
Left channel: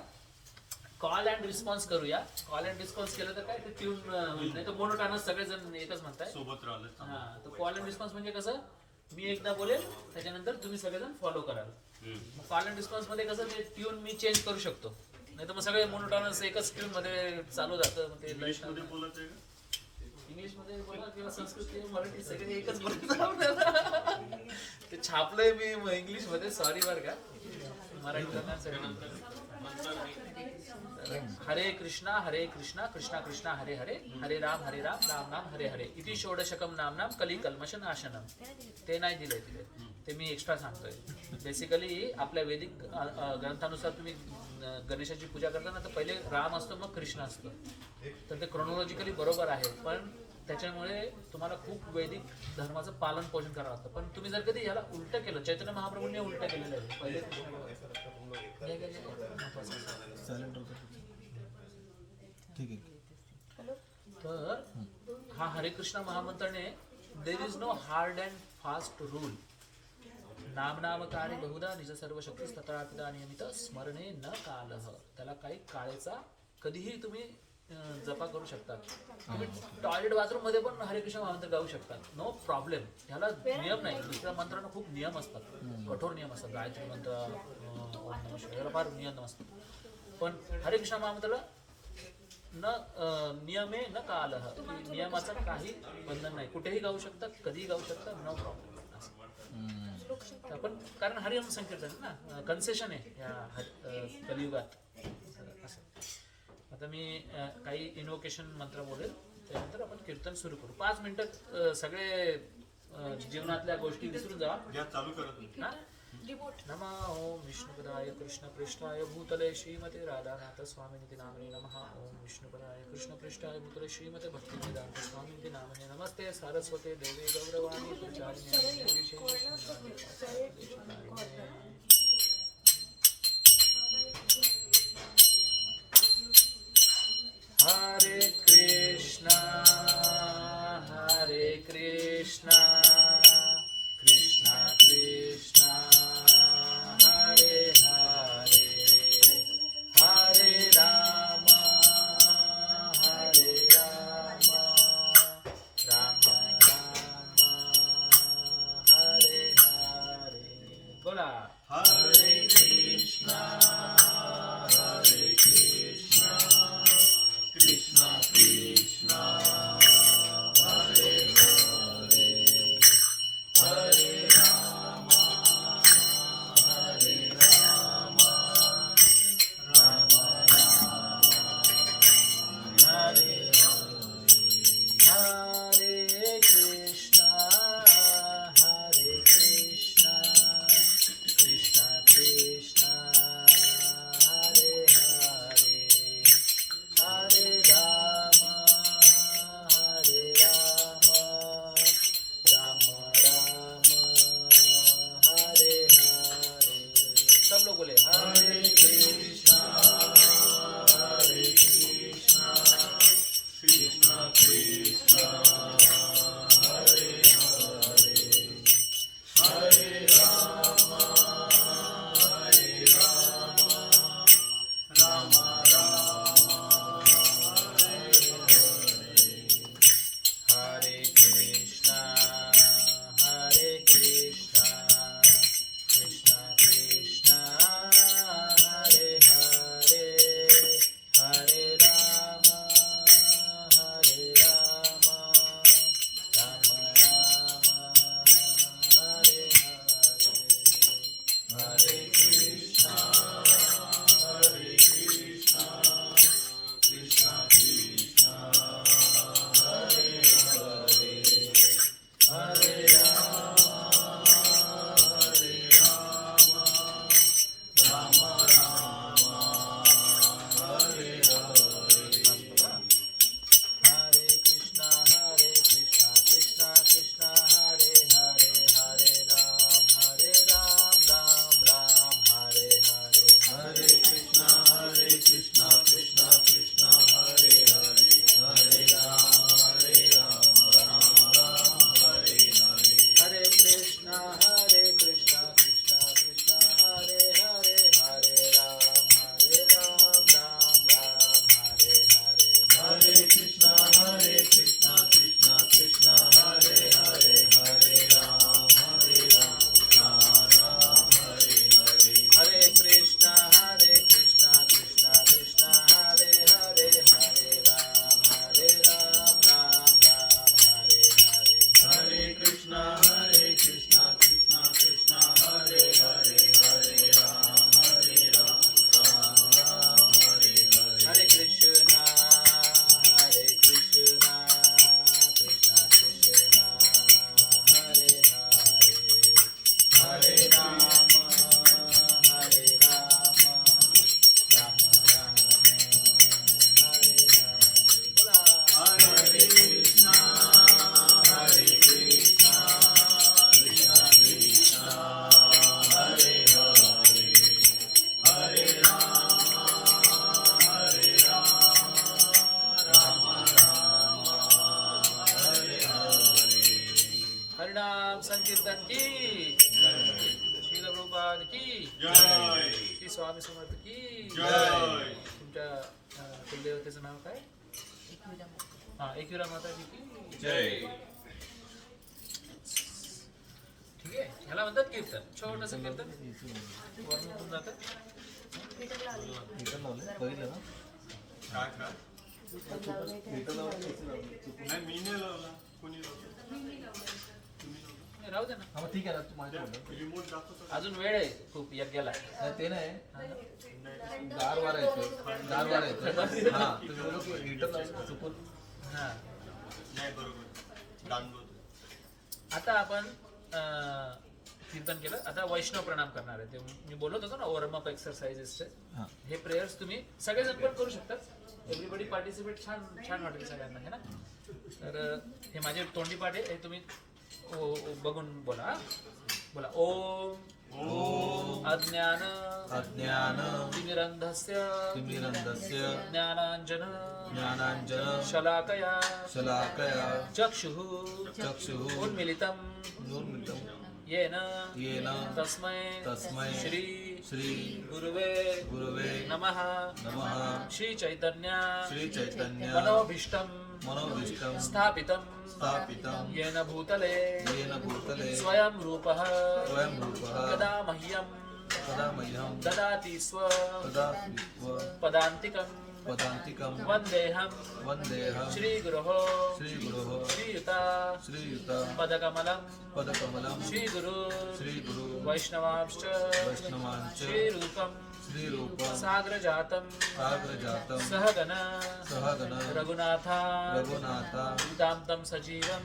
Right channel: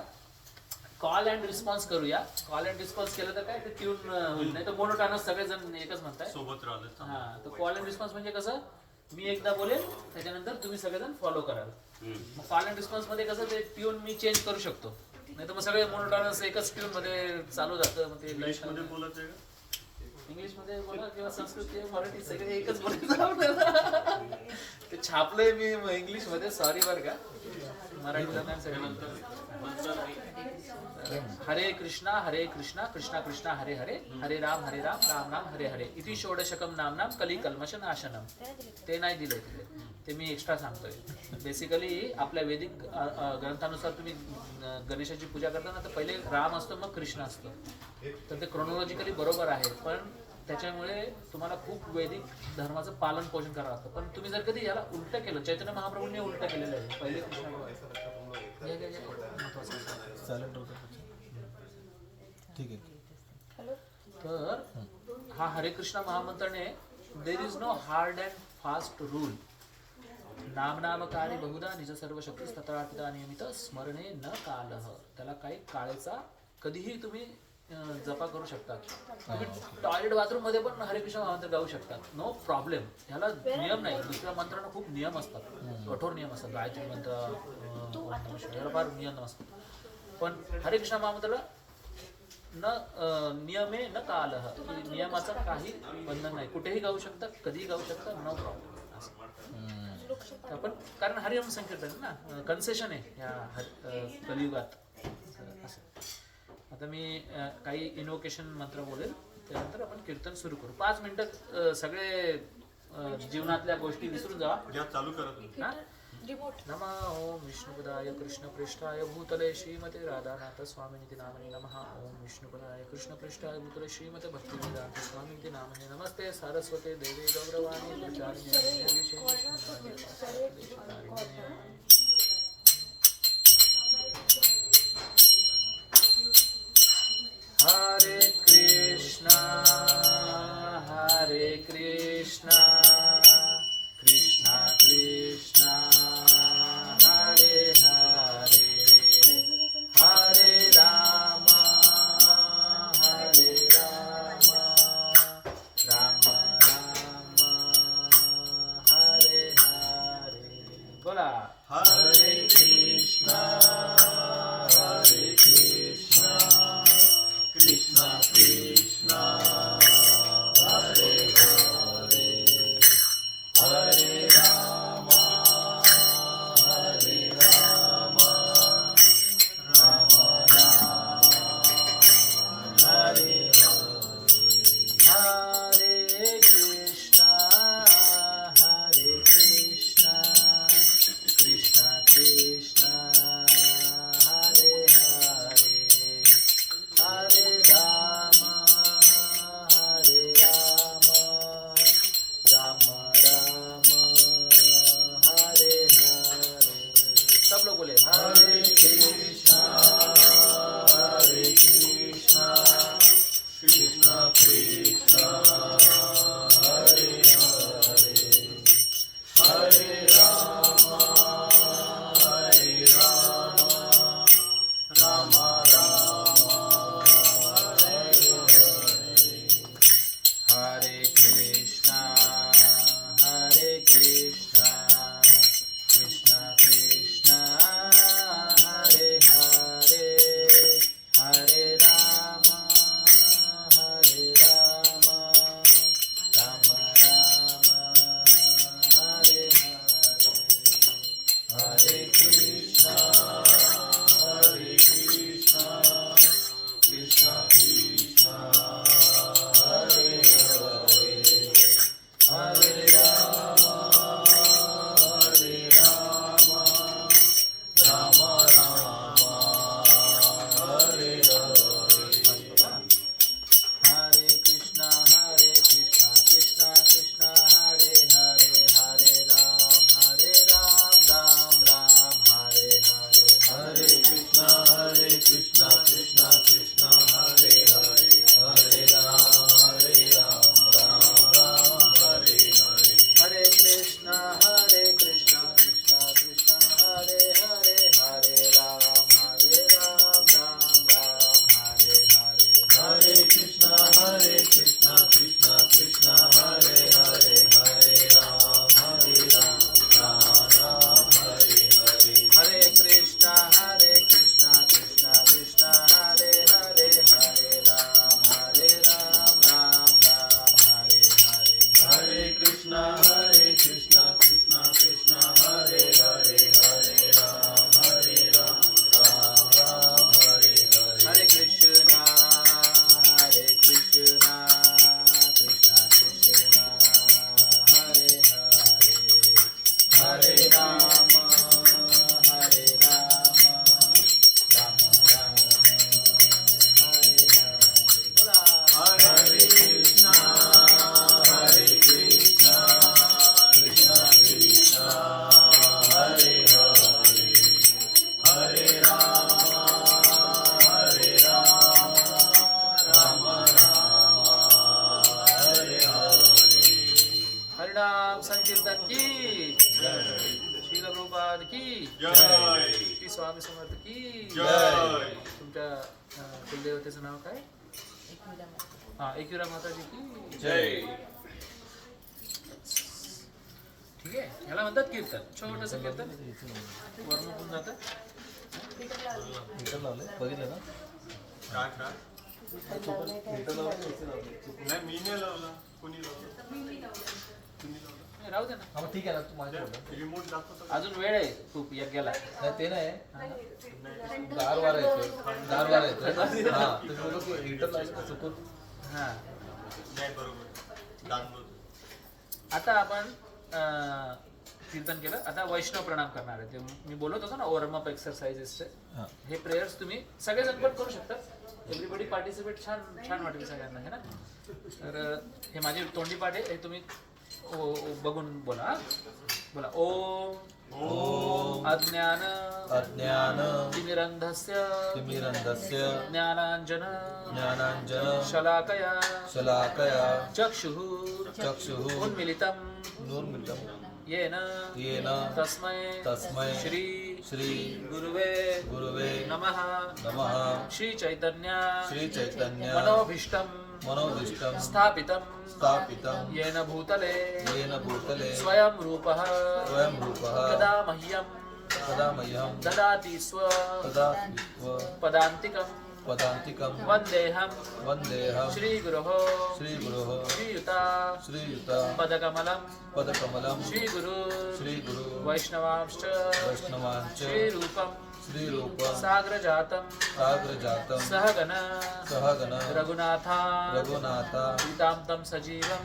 कॉल अँड रिस्पॉन्स करूया. कॉल अँड रिस्पॉन्स केलं तर काय ते ट्यून होईल. नाही तर मोनोटोनस सगळेजण एकच म्हणताय. सोबत राहिलं. हा तर कॉल अँड रिस्पॉन्स म्हणजे कसं मी एकदा बोलेल त्याच्यानंतर तुम्ही सगळेजण फॉलो कराल. मग कॉल अँड रिस्पॉन्स मध्ये कसं ते ट्यून मी चेंज करू शकतो. नाही तर मग सगळे मोनोटोनस एकच ट्यून मध्ये चालू जातं. मग ते इंग्लिशमध्ये बोलत आहे का? इंग्लिशमध्ये बोला किंवा संस्कृत किंवा मराठी सगळे एकच बोलायचं. ते छापलंय मी इंग्लिश मध्ये. सॉरी बरं का. मराठी हरे कृष्णा कृष्णा कृष्णा हरे हरे हरे राम राम राम हरे हरे इति षोडशकम नामनाम कली कल्मश नाशनम. ते नाही दिलंय तिथे. ते मी एक्स्ट्रा सांगतोय. बेसिकली आपल्या वैदिक ग्रंथानुसार तुम्ही गणेशाची पूजा करताना तर पहिले राम असतो मग कृष्ण असतो. तर ते क्रोनॉलॉजिकली बरोबर आहे. पण त्याच्यामुळे तुम्हाला खूप वैदिक धर्माचं पालन पोषण करावं लागतं. पण तुम्ही जर कधी याला उलट केलं, चैतन्य महाप्रभूंनी उलट केलेलं आहे. पहिले ठीक आहे. तर हा हरे कृष्ण महामंत्राने there is no hard and fast rule. नामनामकारी बहुधा निज सर्व शक्ती तथापिता नियमित स्मरणे न कालह. त्याला काही काळेचा कधीही तुम्ही जपा करू शकता. तुम्ही टॉयलेट बाथरूम मध्ये पण हरे कृष्ण महामंत्र गाऊ शकता. No problem. ह्याला नियम नाही. दुसऱ्या मंत्रांना खूप नियम असतात. कठोर नियम असतात. गायत्री मंत्र याला फार नियम असतात. पण हरे कृष्ण महामंत्राला न नियमे न कालह. नियमाचं काही बंधन नाही. कुठेही गाऊ शकता, कधीही गाऊ शकता. No problem. पण कारण हरिनाम संकीर्तन ना कन्सेशन आहे या कलियुगात. आता मी काही इन्व्होकेशन मंत्र बोलेल. त्यानंतर आपण कीर्तन सुरू करू. 5 मिनिटं सगळे जीवनातल्या गोष्टी विसरून जा. चालू करत. नमः ओम विष्णुपदाय कृष्णपृष्ठाय भूतले श्रीमते राधानाथ स्वामिनिति नामने नमः. ओम विष्णुपदाय कृष्णपृष्ठाय भूतले श्रीमते भक्तिवेदांत स्वामिनिति नामने नमस्ते. सारस्वते देवी गौरवाणी प्रचारिणे हरे कृष्णा कृष्णा कृष्णा हरे हरे हरे राम राम राम हरे हरे. बोला हरे कृष्णा कृष्णा कृष्णा हरे हरे हरे राम राम राम हरे हरे. हरे कृष्णा कृष्णा कृष्णा जय. श्री स्वामी समर्थ की जय. तुमच्या कुलदेवतेचं नाव काय? एकविरा माता. हा एकविरा माताजी की जय. ठीक आहे. ह्याला म्हणतात कीर्तन. छोटंसं कीर्तन वर्ण होऊन जातं. मीटर लावले बघितलं ना काय काय मीटर लावले नाही मी नाही लावला कोणी लावला नाही, राहू दे ना. हा मग ठीक आहे ना तू माझ्या बोलला रिमोट दाखवतो अजून वेळ आहे खूप यज्ञाला. नाही ते नाही गार वारा येतोय गार वारा येतोय हा तू बोलू की मीटर लावलं का चुकून हा नाही बरोबर दान बोलतो. आता आपण कीर्तन केलं. आता वैष्णव प्रणाम करणार आहे. ते मी बोलत होतो ना वॉर्म अप एक्सरसाइजेसचे. हा हे प्रेयर्स तुम्ही सगळेजण पण करू शकतात. Everybody participate. छान छान वाटेल सगळ्यांना है ना. तर हे माझे तोंडी पाठ आहे. हे तुम्ही बघून बोला हा. बोला ओम ओम अज्ञान अज्ञान तिमिरंधस्य तिमिरंधस्य ज्ञानांजन ज्ञानांजन शलाकया शलाकया चक्षुः चक्षुः उन्मिलितं नूर्मितं येन येन तस्मै श्री श्री गुरुवे गुरुवे नमः. नमः श्री चैतन्य श्री चैतन्य मनोभीष्टं मनोभीष्टं स्थापितं स्थापितं येन भूतले येन भूतले स्वयं रूपः स्वयं रूपः कदा मह्यं कदा मह्यं ददाति स्व तदा विश्व पदान्तिकं पदान्तिकं वन्देऽहं वन्देऽहं श्रीगुरोः श्रीगुरोः श्रीयुता श्रीयुता पदकमलं पदकमलं श्रीगुरु श्रीगुरु वैष्णवांश्च वैष्णवांच श्रीरूपं श्रीरूपं साग्रजातं साग्रजातं सहगण सहगण रघुनाथा रघुनाथा गीतां तं सजीवं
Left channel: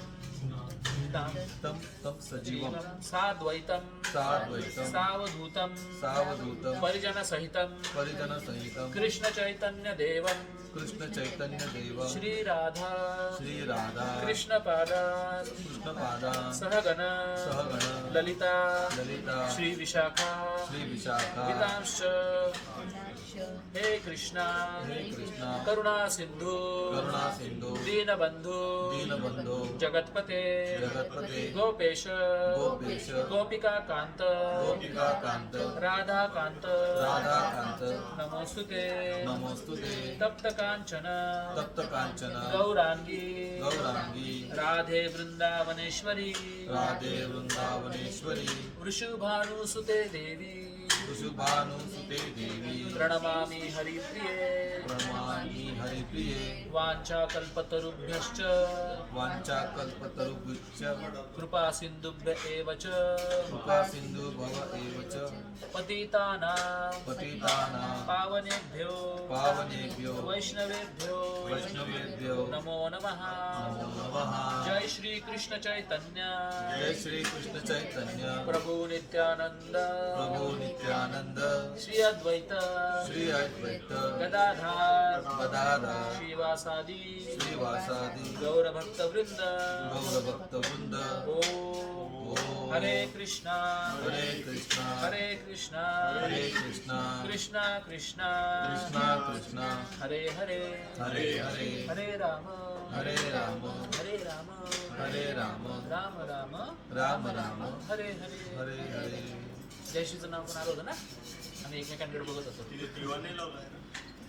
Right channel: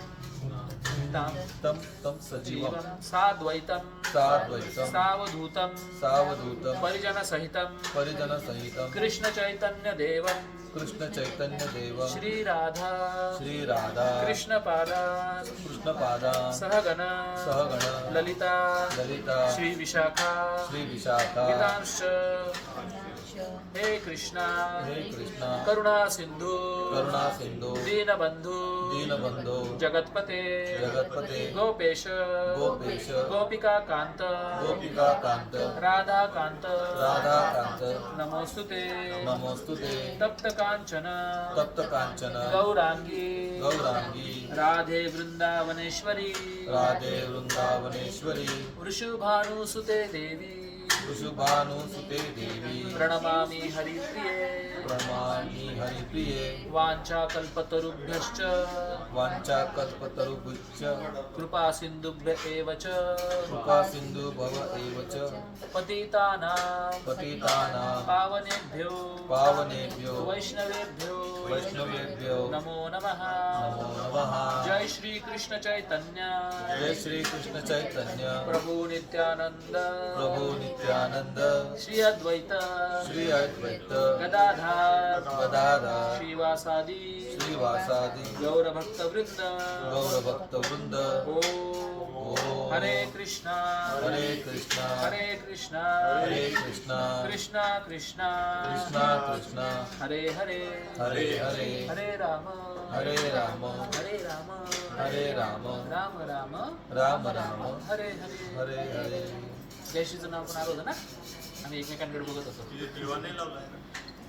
तं सजीवं जीवं साद्वैतं साद्वैतं सावधूतं सावधूतं परिजनसहितं परिजनसहितं कृष्णचैतन्यदेवं कृष्णचैतन्यदेवं श्रीराधा श्रीराधा कृष्णपादान् कृष्णपादान् सहगण सहगण ललिता ललिता श्रीविशाखा श्रीविशाखा गीतांश्च श हे कृष्णा हे कृष्ण करुणा सिंधू करुणा सिंधू दीनबंधू दीनबंधू जगतपते जगतपते गोपेश गोपेश गोपिका कांत गोपिका कांत राधा कांत राधाकांत नमोस्तुते नमोस्तुते तप्त कांचन तप्त कांचन गौरांगी गौरांगी राधे वृंदावनेश्वरी राधे वृंदावनेश्वरी वृषभानुसुते देवी वृषभानुसुते देवी प्रणमामि हरिप्रिये प्रणमामि हरिप्रिये वाञ्छाकल्पतरुभ्यश्च वाञ्छाकल्पतरुभ्यश्च कृपा सिन्धुभ्य एव च कृपा सिन्धु भव एव च पतितानां पतितानां पावनेभ्यो पावनेभ्यो वैष्णवेभ्यो वैष्णवेभ्यो नमो नमः. नमो नमः. जय श्री कृष्ण चैतन्य जय श्री कृष्ण चैतन्य प्रभु नित्यानंद प्रभु नित्यानंद श्री अद्वैत श्री अद्वैत गदाधार गदाधर श्रीवासादि श्रीवासादि गौरभक्तवृंद गौरभक्तवृंद ओम हरे कृष्णा हरे कृष्णा हरे कृष्णा हरे कृष्णा कृष्णा कृष्णा कृष्णा कृष्णा हरे हरे हरे हरे हरे राम हरे राम हरे राम हरे राम राम राम राम राम हरे हरे हरे हरे जयश्रीचं नाव पण आलं होतं ना. आम्ही एकमेकांकडे बघत होतो. तिथे दिवा नाही लावलाय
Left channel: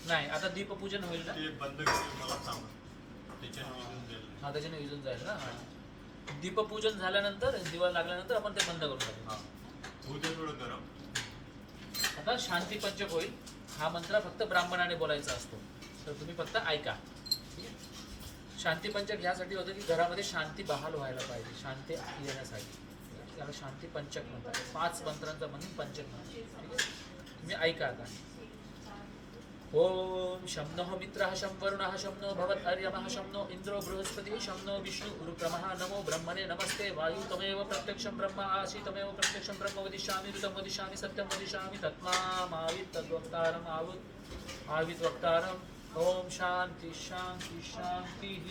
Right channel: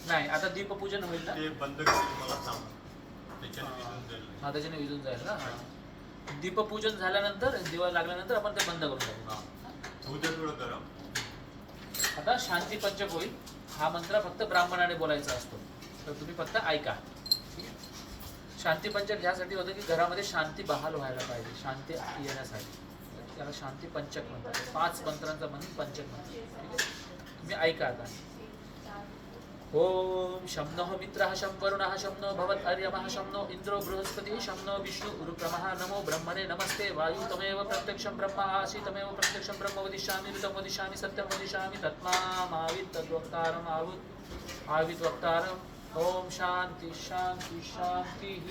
नाही आता दीपपूजन होईल ना. ते बंद करून मला सांग त्याच्याने विजून जाईल. हा त्याच्याने विजून जाईल ना. दीपपूजन झाल्यानंतर दिवा लागल्यानंतर आपण ते बंद करून टाकू. हा होऊ दे थोडं गरम. आता शांती पंचक होईल. हा मंत्र फक्त ब्राह्मणाने बोलायचा असतो, तर तुम्ही फक्त ऐका. ठीक आहे. शांती पंचक यासाठी होतं की घरामध्ये शांती बहाल व्हायला पाहिजे, शांती येण्यासाठी. त्याला शांती पंचक म्हणतात. 5 मंत्रांचा म्हणून पंचक म्हणतात. ठीक आहे. तुम्ही ऐका आता. ओम शं नः मित्रः शं वरुणः शं नो भवत्वर्यमः शं नो इन्द्रो बृहस्पतिः शं नो विष्णु उरुक्रमः नमो ब्रह्मणे नमस्ते वायु तमेव प्रत्यक्षं ब्रह्म आसि तमेव प्रत्यक्षं ब्रह्म वदिष्यामि ऋतं वदिष्यामि सत्यं वदिष्यामि तत्मामावित् तद्वक्तारम् आवित् वक्तारम्. ओम शांति शांति शांतिः.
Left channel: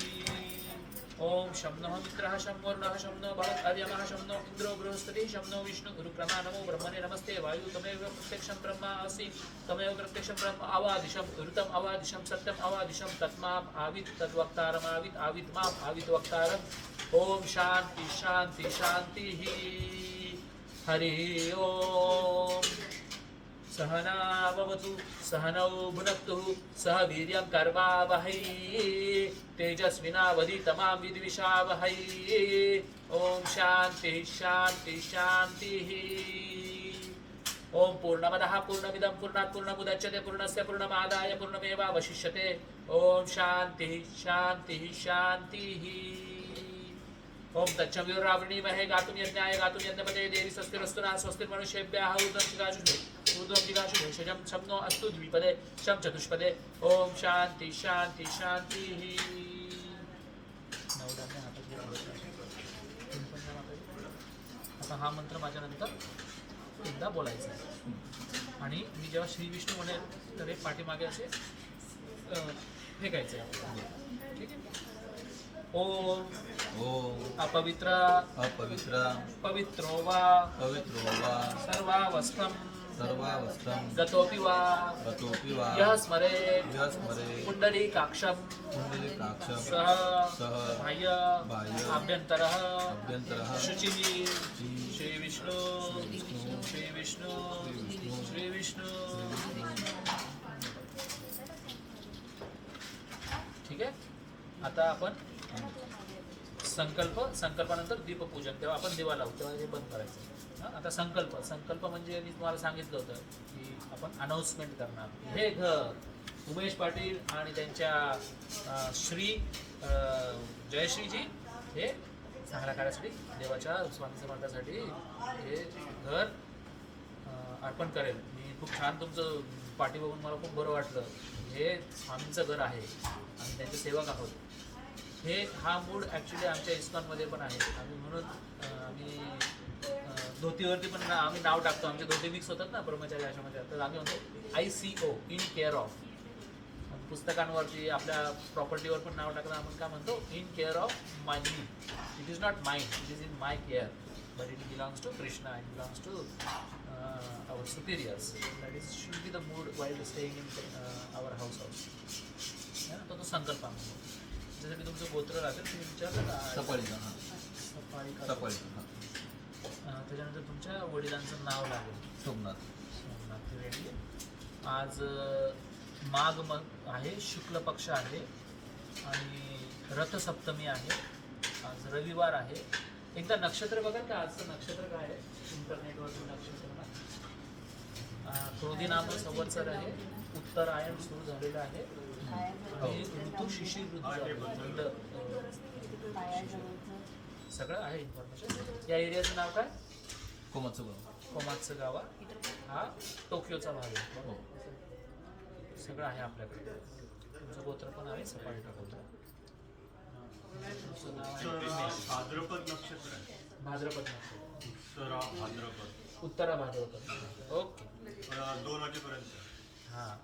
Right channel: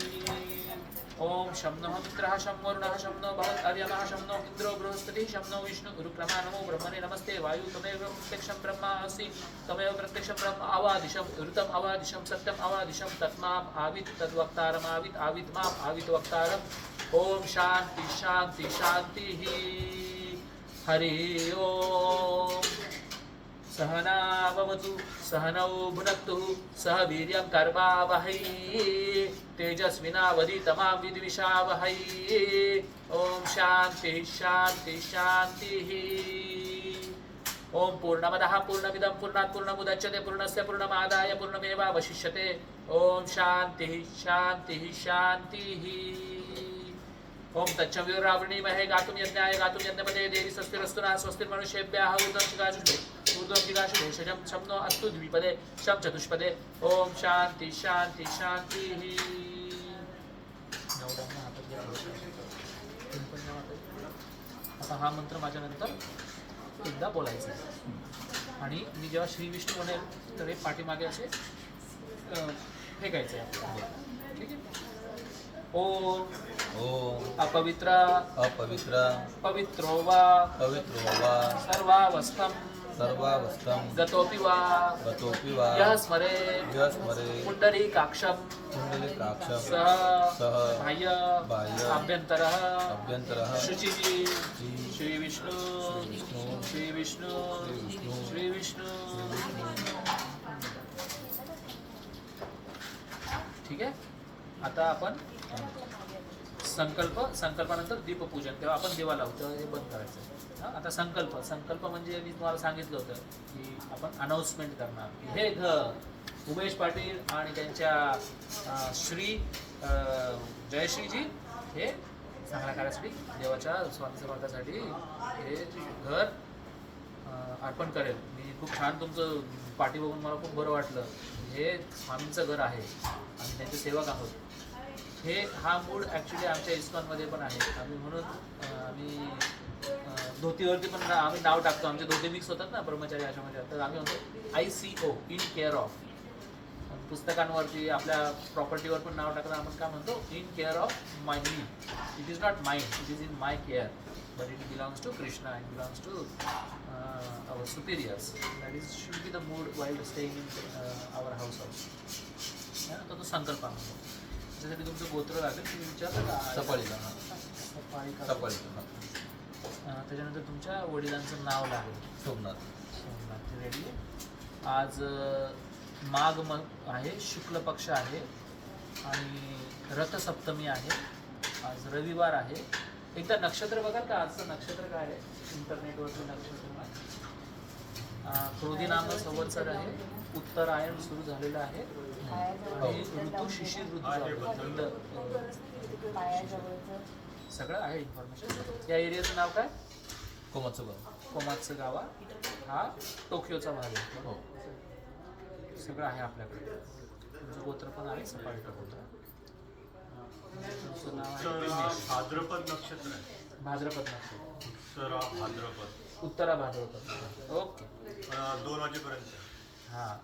ओम शं नः मित्रः शं वरुणः शं नो भवत्वर्यमः शं नो इन्द्रो बृहस्पतिः शं नो विष्णु उरुक्रमः नमो ब्रह्मणे नमस्ते वायु तमेव प्रत्यक्षं ब्रह्म आसि तमेव प्रत्यक्षं ब्रह्म अवादिशं ऋतम् अवादिशं सत्यम् अवादिशं तत्माम् आवित् तद्वक्तारमावित् आवित् माम् आवित् वक्तारम्. ओम शांति शांति शांतिः. हरि ओम. सहनावतु सहनौ भुनक्तु सह वीर्यं कर्मावहै तेजस्विनावधीतमां विद्विषावहै ओम शांति शांति शांतिः ओम पूर्णमदः पूर्णमिदं पूर्णात् पूर्णमुदच्यते पूर्णस्य पूर्णमादाय पूर्णमेवावशिष्यते ओम शांतिः शांतिः शांतिः ओम तच्चविरावणीमहे गातुं यज्ञाय गातुं यज्ञपते देवी स्वस्तिरस्तु नः स्वस्तिर्मनुष्येभ्यः ऊर्ध्वं जिगाशुषे शजं शम्नो अस्तु द्विपदे शं चतुष्पदे ओम शांति शांति शांतिः आता हा मंत्र माझ्या नंतर एकदा बोलायचा आहे आणि मी जेव्हा श्री विष्णू म्हणेल तर हे पाठीमागे असे फेकायचे आपल्याला ठीक आहे ओम ओम अपवित्र अपवित्र पवित्रो वा पवित्रो वा सर्वावस्थं सर्वावस्थं गतोपि वा गतोऽपि वा यः स्मरे यः स्मरेत् पुण्डरीकाक्षं पुण्डरीकाक्षं सह सह बाह्य बाह्य आभ्यन्तरः अभ्यन्तरः शुचिः श्री श्री विष्णु विष्णु श्री विष्णु विष्णु श्री विष्णु ठीक आहे आता आपण संकल्पानंतर दीपपूजन तेव्हा आपण देवा लावतो हे बंद करायचं हां आता संकल्प म्हणजे मी तुम्हाला सांगितलं होतं की आपण अनाऊन्समेंट करणार हे घर उमेश पाटील आणि त्यांच्या श्री जयश्रीजी हे चांगल्या कार्यासाठी देवाच्या स्वामी समर्थासाठी हे घर अर्पण करेल मी खूप छान तुमचं पाठी बघून मला खूप बरं वाटलं हे स्वामींचं घर आहे आणि त्यांचे सेवक आहोत हा मूड ॲक्च्युली आमच्या इस्कॉनमध्ये पण आहे आम्ही म्हणून आम्ही धोतीवरती पण आम्ही नाव टाकतो आमचे धोती मिक्स होतात ना ब्रह्मचारी आश्रमाच्या तर आम्ही म्हणतो ICO इन केअर ऑफ पुस्तकांवरती आपल्या प्रॉपर्टीवर पण नाव टाकलं आपण काय म्हणतो इन केअर ऑफ माय मी it is not mind it is in my care but it belongs to Krishna it belongs to our superiors that is should be the mood while staying in our house also तो संकल्प आहे त्याच्यासाठी तुमचं गोत्र लागेल तुम्ही विचारलं का सफाळीला सफाळी का सफाळीला त्याच्यानंतर तुमच्या वडिलांचं नाव लागेल सोमनाथ सोमनाथ रेडी आज माघ आहे शुक्ल पक्ष आहे आणि रथसप्तमी आहे आज रविवार आहे एकदा नक्षत्र बघा का आजचं नक्षत्र काय आहे इंटरनेटवरचं नक्षत्र क्रोधी नाम संवत्सर आहे उत्तरायण सुरू झालेलं आहे आणि ऋतू शिशिर ऋतू थंड सगळं आहे इन्फॉर्मेशन या एरियाचं नाव काय कोमात्सु गावा हा टोकियोचा भाग आहे हो सगळं आहे आपल्याकडे तुमचं गोत्र पण आहे सफाळीचं गोत्र तुमचं नाव आहे रमेश. भाद्रपद नक्षत्र आहे भाद्रपद नक्षत्र उत्तरा भाद्रपद उत्तरा भाद्रपद ओके 2 वाजेपर्यंत हां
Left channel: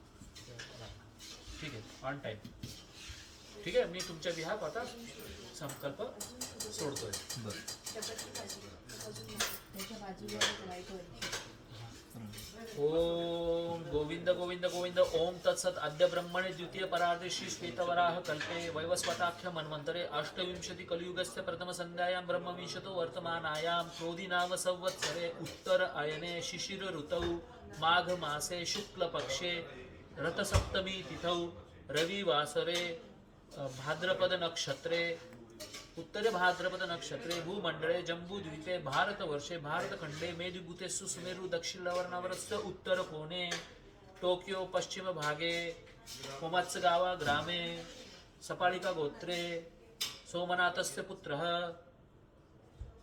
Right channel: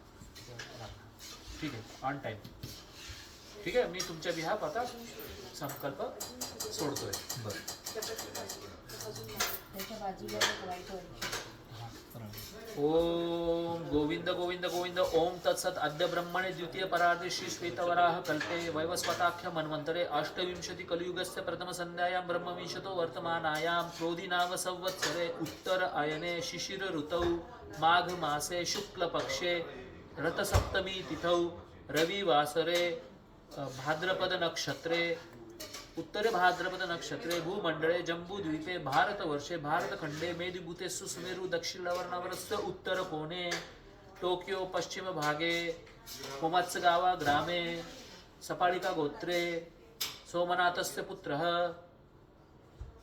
ठीक आहे ऑन टाईम ठीक आहे मी तुमच्या बिहाफ आता संकल्प सोडतोय बरं त्याच्या बाजूला एक वाईट व्हायची ओम गोविंद गोविंद गोविंद ओम तत्सत अद्य ब्रह्मणे द्वितीय परार्धे श्री श्वेतवराह कल्पे वैवस्वताख्य मन्वन्तरे अष्टविंशति कलियुगस्य प्रथम संध्यायां ब्रह्मविंशतो वर्तमानायां क्रोधी नाम संवत्सरे उत्तर अयने शिशिर ऋतौ माघ मासे शुक्ल पक्षे रथसप्तमी तिथौ रविवासरे भाद्रपद नक्षत्रे उत्तरे भाद्रपद नक्षत्रे भूमंडळे जम्बूद्वीपे भारतवर्षे भारतखंडे मेदिभूते सुमेरु दक्षिणवर्णवरस्य उत्तर कोणे टोकियो पश्चिम भागे कोमात्सगावा ग्रामे सपाळिका गोत्रे सोमनाथस्य पुत्रः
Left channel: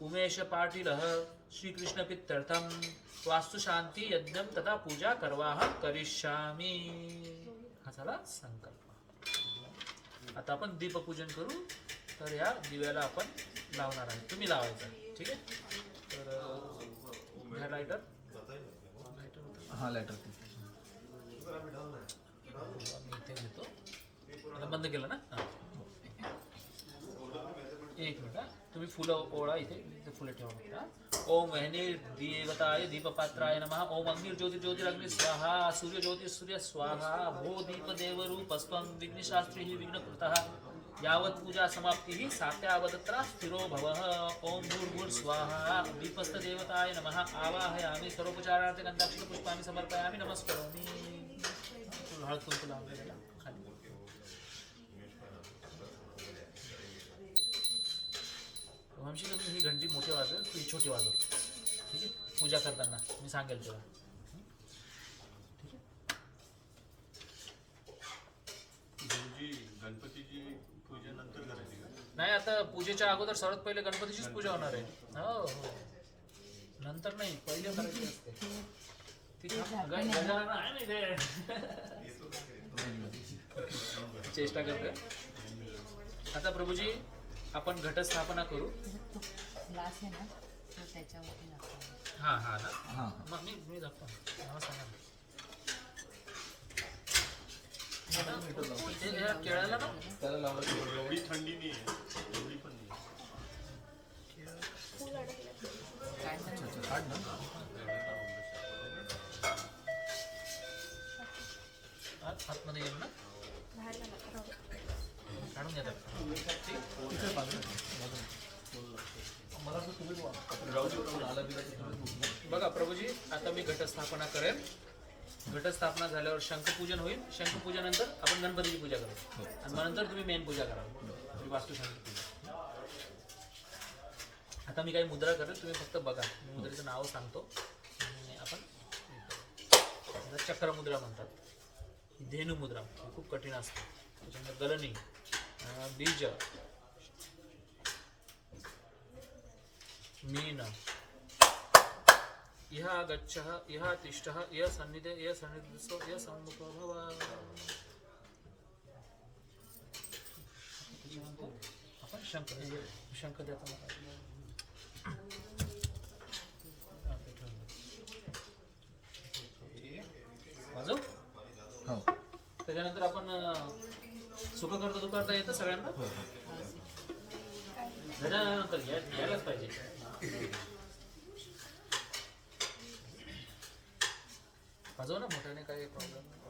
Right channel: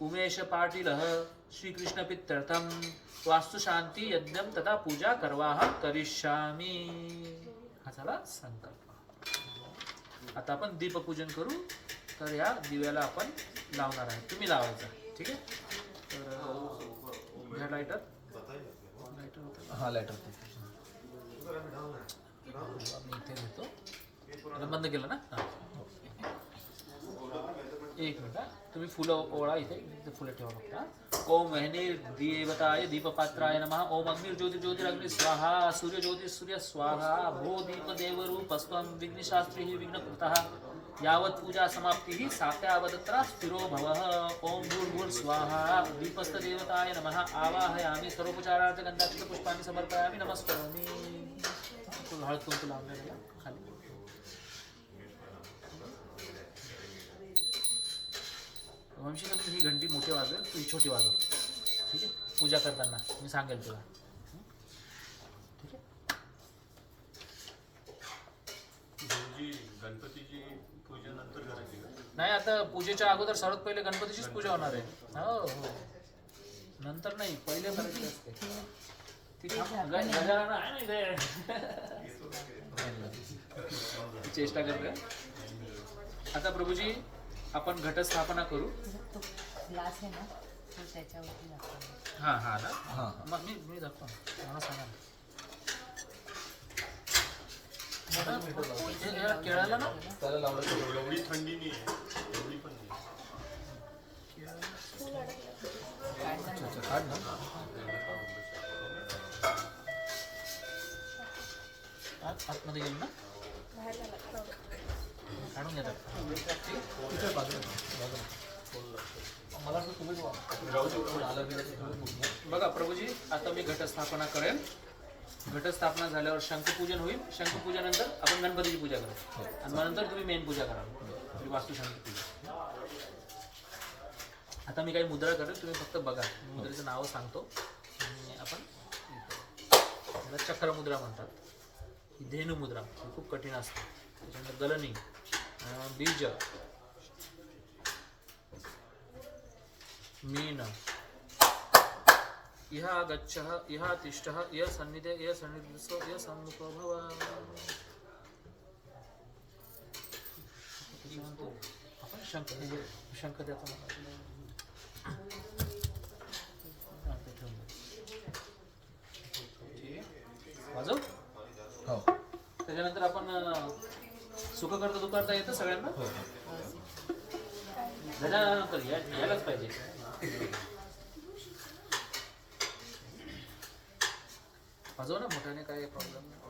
उमेश पाटीलः श्रीकृष्णपित्यर्थं वास्तुशांती यज्ञं तथा पूजा करवाह करिष्यामि हा झाला संकल्प आता आपण दीपपूजन करू तर या दिव्याला आपण लावणार आहे तुम्ही लावायचा ठीक आहे तर घ्या लायटर हा लायटर मी इथे घेतो आता बंद केलं ना हां. एक मिनिट हा. तुम्ही फुलं ओळा इथे फुलं ठेवा फक्त ओम वहनी देवताय दीपपात्राय नमः ओम अग्निर्ज्योति ज्योतिरग्नि स्वाहा सूर्य ज्योति सूर्य स्वाहा भो दीप देवरूपस्त्वं विघ्नशास्त्री विघ्नकृतः यावत पूजा समाप्ती सात्यावदत्रा स्थिरो भवः ओम भूर्भुवस्वाहा दीपस्थ देवताय नमः आवाहयामि सर्वोपचारार्थ गंधाक्षत पुष्पाणि समर्पयामि नमस्करोमि हळद कुंकू लावून द्या खाली वंशी कमी ही घंटी मोठी वाजवेल तू ही छोटी वाजव ठीक आहे पूजा करताना मी सांगेल तुला ठीक आहे गुरुजी गणपतीची पूजा नंतर करायची का? नाही आता पूजेच्या अगोदर सर्वात पहिले गणपतीचीच पूजा होणार आहे हो हो नंतर नाही पहिले करायची असते ती गजानन आहे ना इथे चेष्टा करते आता प्रभूजी आपण घटस्थापना करू तो ग्लास आहे ना तो त्याच्यावरती लागतो. हा हा ना हा मग मी दाखतो मला सांगा ना. आता केळाला ना त्याला लावलं एवढी थंडी नाही आहे एवढी पण नाही काढ ना आतमध्ये येईल ना काढून घेतात मला असं तुम्ही आलं बिलं बघा प्रभूजी आता मी घटस्थापना करेन घटस्थापना झाल्यावर शंखपूजन होईल शंखपूजनानंतर आपण गणपतीची पूजा करू आणि मग नंतर तुम्ही मेन पूजा करा वास्तुशांती पूजा आता मी काही मुद्रा करेल तुम्ही फक्त बघा मी मुद्रेचं नाव सांगतो आणि आपण त्याला चक्रमुद्रा म्हणतात ही धेनु मुद्रा ही खूप कठीण असते त्याच्यानंतर गलनी बीज मीन इह गच्छः इह तिष्ठः इह सन्निधे इह सन्निधस्व इह सम्मुखो भव आपण शंख देतो वाजव हो त्याच्यानंतर आपण सुख करता दुकारता येतं सगळ्यांना हो गजानंतर यायलाच पाहिजे वाजव ना मोठ्याने काही प्रॉब्लेम नाही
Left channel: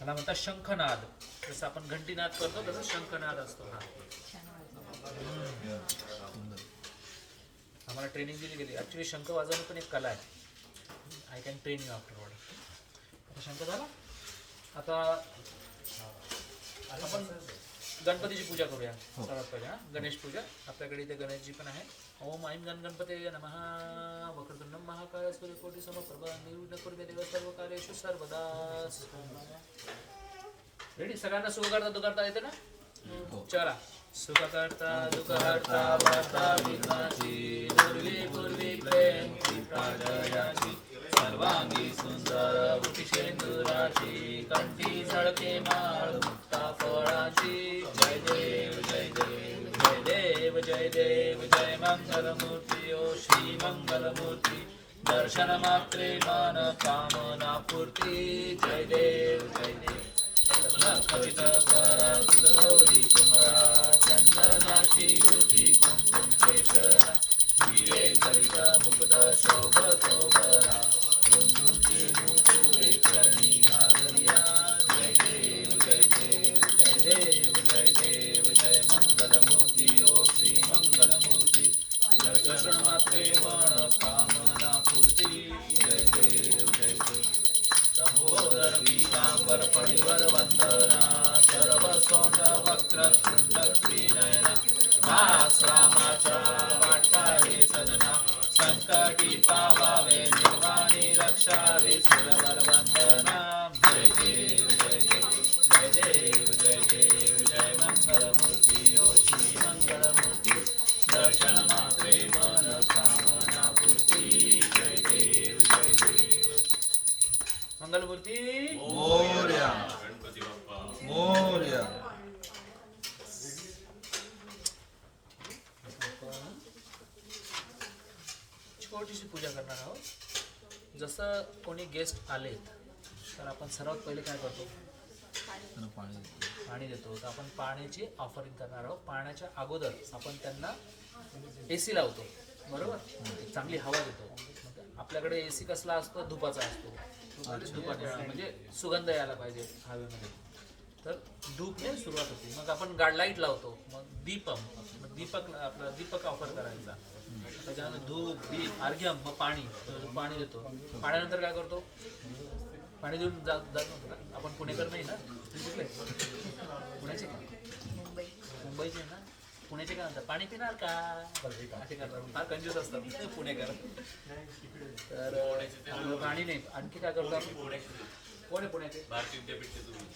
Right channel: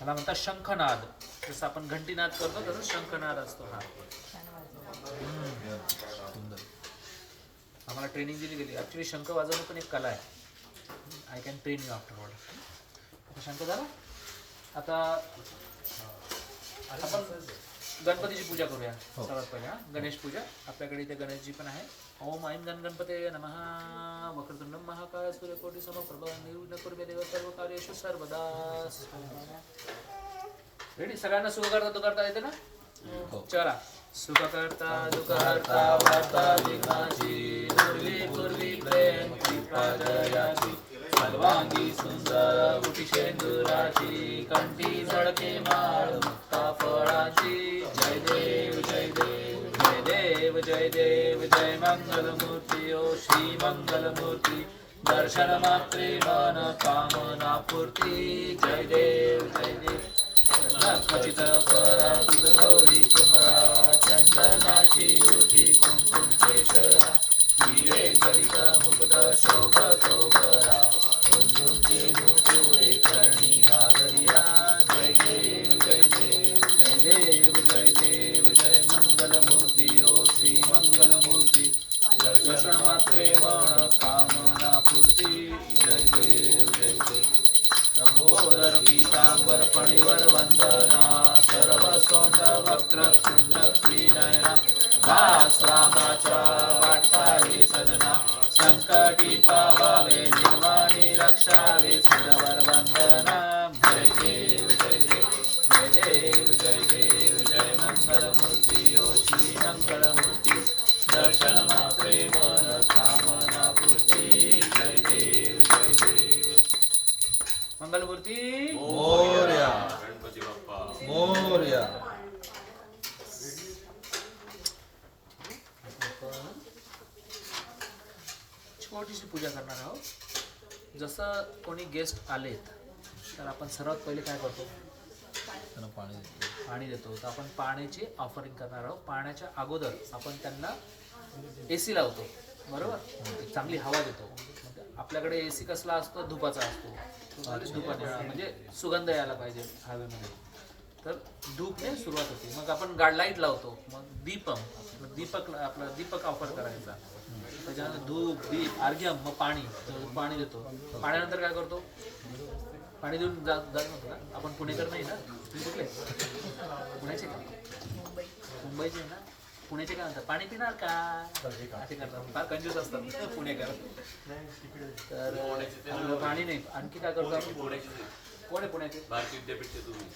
मला म्हणतात शंखनाद जसं आपण घंटीनाद करतो तसं शंखनाद असतो हा सुंदर आम्हाला ट्रेनिंग दिली गेली ऍक्च्युली शंख वाजवणं पण एक कला आहे I can train you afterward आता शंख झाला आता आपण गणपतीची पूजा करूया सर्वात पहिले गणेश पूजा आपल्याकडे इथे गणेशजी पण आहे ओम ऐं गण गणपते नमः वक्रतुंडं महाकाय सूर्यकोटि समप्रभ निर्विघ्नं कुरु मे देव सर्व कार्येषु सर्वदा रेडी सगळ्यांना सुख करता दुकारता येते ना चला सुख करता दुःखहर्ता वार्ता विघ्नाची दुर्वी पूर्वी प्रेम कृपा जयाची सर्वांगी सुंदर उटिशेंदुराची कंठी झळके माळ मुक्ता फळाची जय देव जय देव जय देव जय देव जय मंगलमूर्ती ओ श्री मंगलमूर्ती दर्शन मात्रे मन कामना पूर्ती जय देव जय देव खचित करा तुझ गौरी कुमरा चंदनाची उठी कुंकुम केशरा हिरे जडित मुक्त शोभतो बरा कुंजुंची नुपुरे करणी नागरिया जय देव जय देव जय देव जय देव जय मंगलमूर्ती ओ श्री मंगलमूर्ती दर्शन मात्रे मन कामना पूर्ती जय देव जय देव प्रभोदर पीतांबर फणीवर वंदना सर्व सोंड वक्रतुंड त्रिनयना दास रामाच्या वाटकारे सजना संकटी पावावे निर्वाणी रक्षावे सुरवर वंदना जय देव जय देव जय देव जय देव जय मंगलमूर्ती ओ श्री मंगलमूर्ती दर्शन मात्रे मन कामना पूर्ती जय देव जय देव मंगलमूर्ती मोरया गणपती बाप्पा मोरया छोटीशी पूजा करणार आहोत. जसं कोणी गेस्ट आलेत तर आपण सर्वात पहिले काय करतो, त्यांना पाणी देतो. तर आपण पाण्याची ऑफरिंग करणार आहोत. पाण्याच्या अगोदर आपण त्यांना AC लावतो, बरोबर, चांगली हवा देतो. आपल्याकडे AC कसला असतो, धुपाचा असतो. धुपाने म्हणजे सुगंध यायला पाहिजे हवेमध्ये, तर धूपने सुरुवात होते. मग आपण लाईट लावतो, मग आपला दीपक ऑफर करायचा. त्याच्यानंतर धूप, दीप, अर्घ्यम, मग पाणी देतो. पाण्यानंतर काय करतो, पाणी देऊन जात नव्हतं ना आपण, पुणेकर नाही ना, तुम्ही कुठले, पुण्याचे का, मुंबईचे ना, पुण्याचे काय म्हणतात, पाणी पिणार का असे करतात, फार कंजूस असतात पुणेकर. तर आपलं पाणी नाही, आणखी काय करतो आपण, कोण आहे पुण्याचे, भारतीय विद्यापीठचे तुम्ही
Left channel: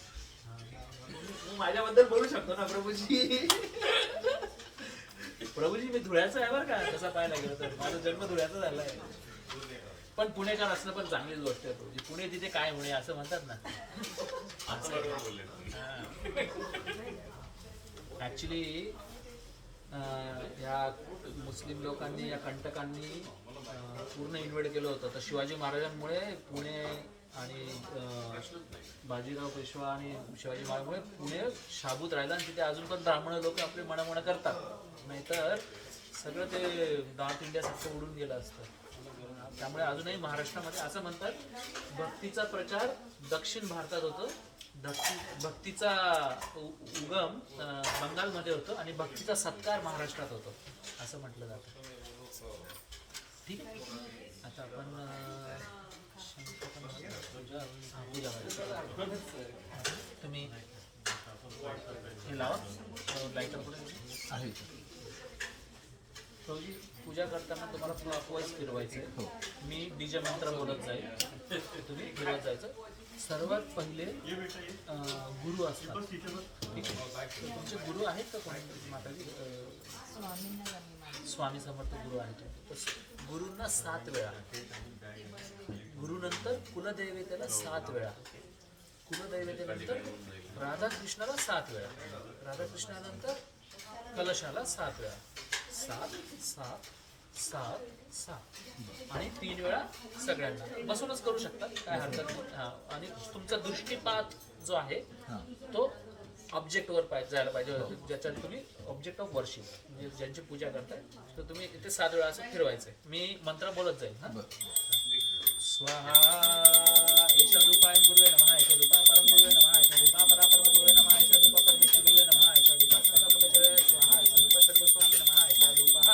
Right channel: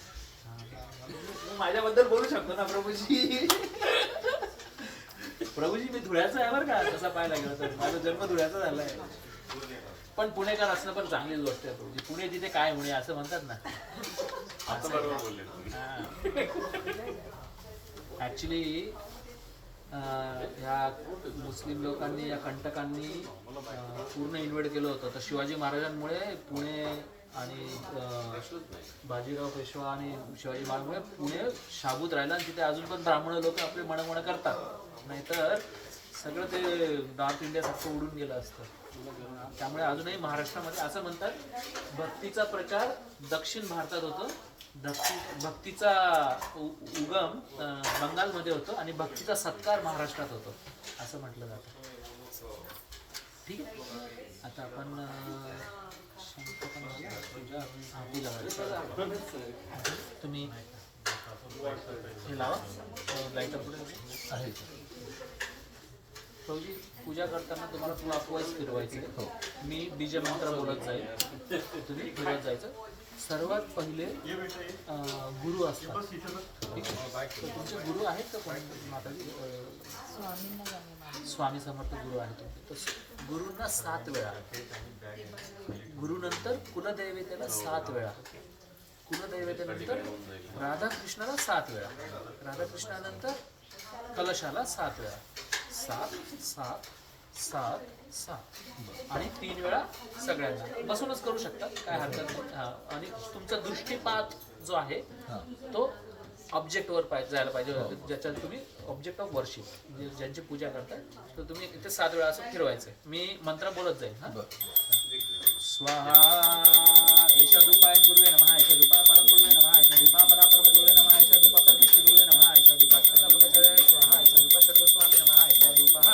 मी माझ्याबद्दल बोलू शकतो ना प्रभूजी. प्रभूजी मी धुळ्याचा आहे बरं का, तसा पाहायला गेलं तर माझा जन्म धुळ्याचा झालाय. पण पुणेकर असणं पण चांगलीच गोष्ट आहे प्रभूजी. पुणे तिथे काय म्हणे असं म्हणतात ना, आता बरोबर बोलले तुम्ही. ऍक्च्युली या मुस्लिम लोकांनी, या कंटकांनी पूर्ण इन्व्हेड केलं होतं. तर शिवाजी महाराजांमुळे पुणे आणि बाजीराव पेशवा आणि शिवाजी महाराजांमुळे पुणे शाबूत राहिलं आणि तिथे अजून पण ब्राह्मण लोक आपले मणमण करतात. नाहीतर सगळं ते नॉर्थ इंडियासारखं उडून गेलं असतं. त्यामुळे अजूनही महाराष्ट्रामध्ये असं म्हणतात, भक्तीचा प्रचार दक्षिण भारतात होतो, भक्तीचा उगम बंगालमध्ये होतो आणि भक्तीचा सत्कार महाराष्ट्रात होतो असं म्हटलं जातं. ठीक आहे, आता आपण तुम्ही हे लावा लाईट आहे. प्रभूजी पूजा करताना तुम्हाला क्लॉकवाईज फिरवायचं आहे. मी बीजमंत्र बोलत जाईल, तुम्ही फिरवत जायचं. सर्वात पहिले गुरु असतात, ठीक आहे. तुमचे गुरु आहेत का कोणी माताजी, स्वामी समर्थ गुरु आहेत. तर गुरुंना 7 वेळा, गुरुनंतर कुलदैवतेला 7 वेळा, कुलदैवतेनंतर राधाकृष्णाला 7 वेळा, राधाकृष्णानंतर कलशाला 7 वेळा, 7 7 7 7 आणि 3 वेळा सगळ्यांना. बसूनच करू शकता, काय हरकत नाही. आणि तुमचा दृष्टीपात जो आहे तो ऑब्जेक्टवर जायला पाहिजे, ज्याच्यात तुम्ही ऑब्जेक्ट ऑफ वर्शिप म्हणजे ज्यांची पूजा करताय, तर तुम्ही इथे 7 वेळा असं फिरवायचं. मी मंत्र बोलत जाईल. हा, स्वाहा एषा रूपाय गुरुवे नमः, एषा रूपा परम गुरुवे नमः, एषा रूपा परापरम गुरुवे नमः, एषा रूपा परमेश्वर गुरुवे नमः, एषा रूपा सर्वपदजय स्वाहा, एषा रूपा सर्वस्वामी नमः, एषा रूपः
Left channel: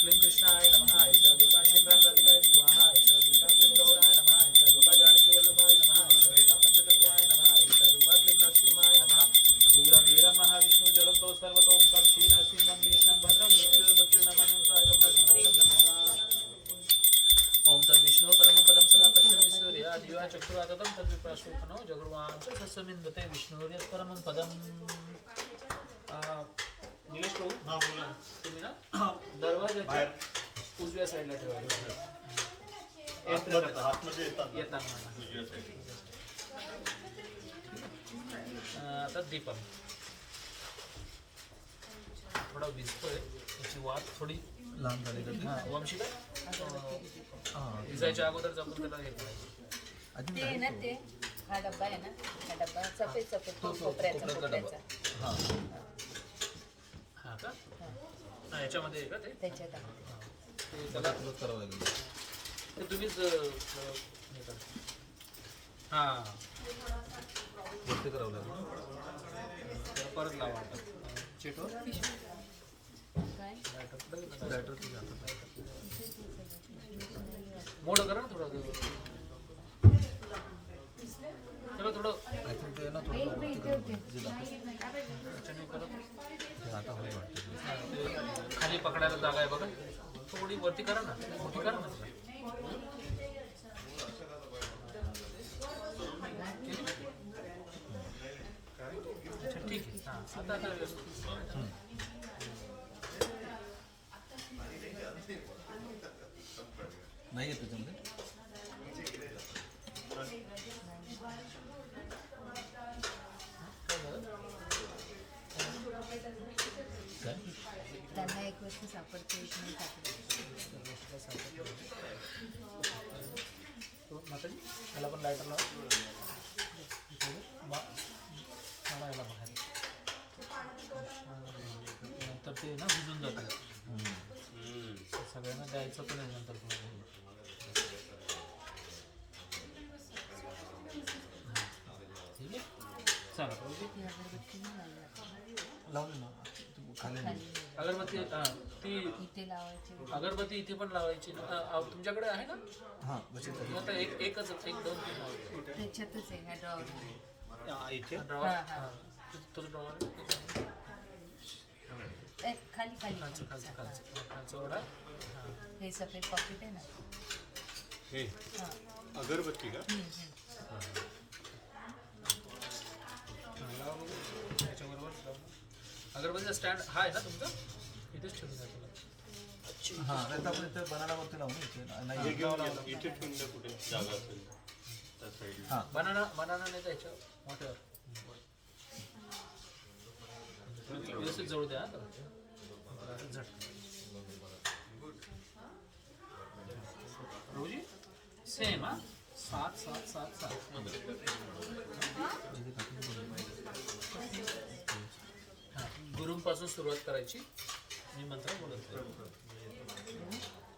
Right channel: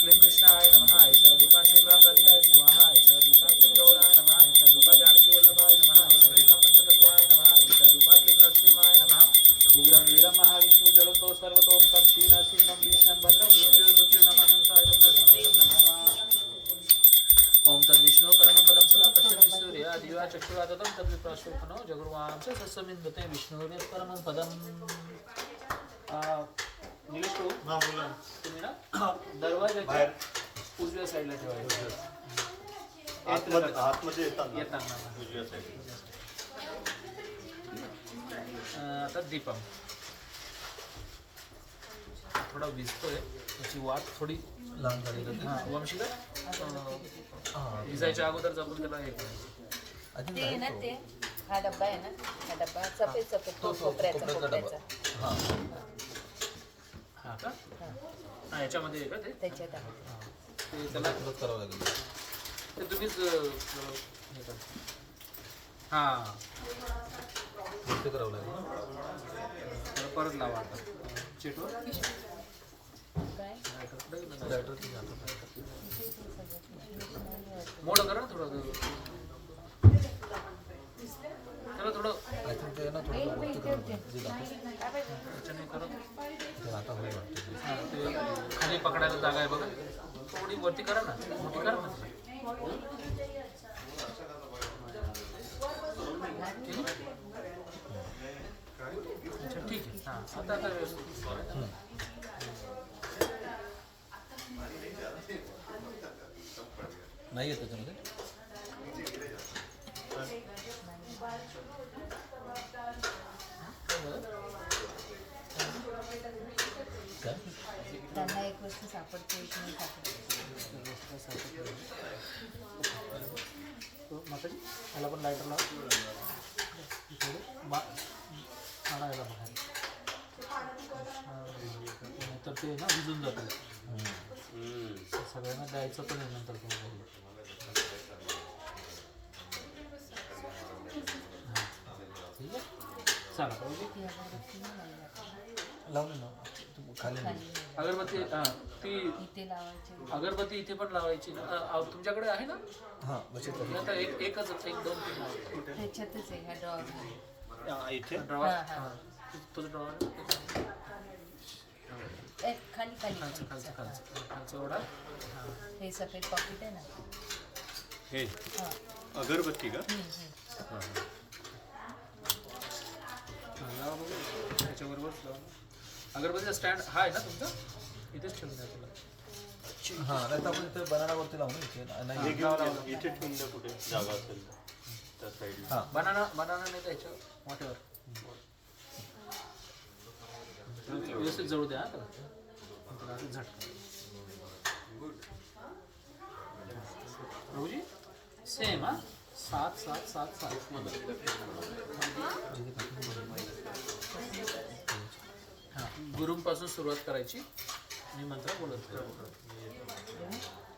क्लीं कृष्णाय नमः, एषा रूपा श्रीरामराधिकाय स्वाहा, एषा रूपा क्लीं गौराय नमः, एषा रूपा जानकी वल्लभाय नमः, एषा रूपा पंचतत्वाय नमः, एषा रूपा क्लीं नरसिंहाय नमः. उग्रं वीरं महाविष्णु जलतो सर्वतो मुखं श्रीनरसिंहं भीष्णं भद्रं मृत्युर्मृत्युर्नमनं सायं नरसिंहं नमः. ओम तद्विष्णु परमपदं सदा पश्यन्ति सूर्या दिवा चक्षुराततं तद्विप्राशोपनो जगुर्वां च सस्यमिन्धते विष्णुर्य परमं पदं. निलेश भाऊ, तुम्ही ना दरवाजाच्या उजव्या साईडला ठेवायचं. आतमध्ये येताना उजव्या साईडला. आता दीपम थोडा भिजतोय, त्याची वाट थोडी लहान झाली का हां वंशीला विजायच्या अगोदर आपण त्याला हे करायचं. ते आहे ना, ते हा डब्बा आहे ना, हा डब्बा सफेद सफेद कोपऱ्याचा. हां का, हां याच्यामध्ये आहे का ते, त्याच्यात ते त्याला परत करावं लागेल. ते तुम्हीच हे करा. हां ते करावं लागेल. त्याला परत लावा आता चेटवर. काय मोठं करा ना थोडं, त्याला थोडं आय थिंक ते ना थोडं वरती करावं लागेल. जे दाखवतं याच्याने करत. ते आता होईल वाटतं. हां, ते खाली पकडायला जागा आहे बघा, थोडी वरती करा ना, मोठी करा ना. अच्छा ठीक आहे. हां आता व्यवस्थित. नाही येत त्याच्यामध्ये. काय त्यांना एक वस्तू सापडते एक नाही सापडते. माताजी याला पण लायटर लाव. मला याला बघा. तर ते ना भिजून जातं. सगळ्यांना द्यायचं पण आहे नंतर ठीक आहे. चला ती अगरबत्ती नाही लावली. लावले ना खाली खाली अगरबत्ती ती इथे लावायची. अगरबत्ती इथे पण लावायची ना. तुमच्याकडे आहे ना? हां बचत आता एकच 1-2-3 लावायची. त्याच्यातच आहे ह्या ड्रॉवर. इथे ड्रॉवर हां, हां. तुझं ड्रॉवर खाली खाली खालचं एवढा. हे सफेद पॉकेट आहे ना. हे हां. अगरबत्ती का? त्याच्याबरोबर अगरबत्तीचा स्टँड हा आहे ना तुमचा? इथेच ठेवून द्या तुला. हां नाही तर आपण इथे बनानावरती लावून इथे हे नाही घेऊन इथे ठेवून द्या कुठे जागा असेल त्या साईडला. हां बनाना नाही द्यायच्या मोठ्यावर. व्यवस्थित जळू द्या झटका. रोजी सेम हा 7-7-7-7. हां गुरुंपासून सुरुवात करायची आणि मंत्र बोलत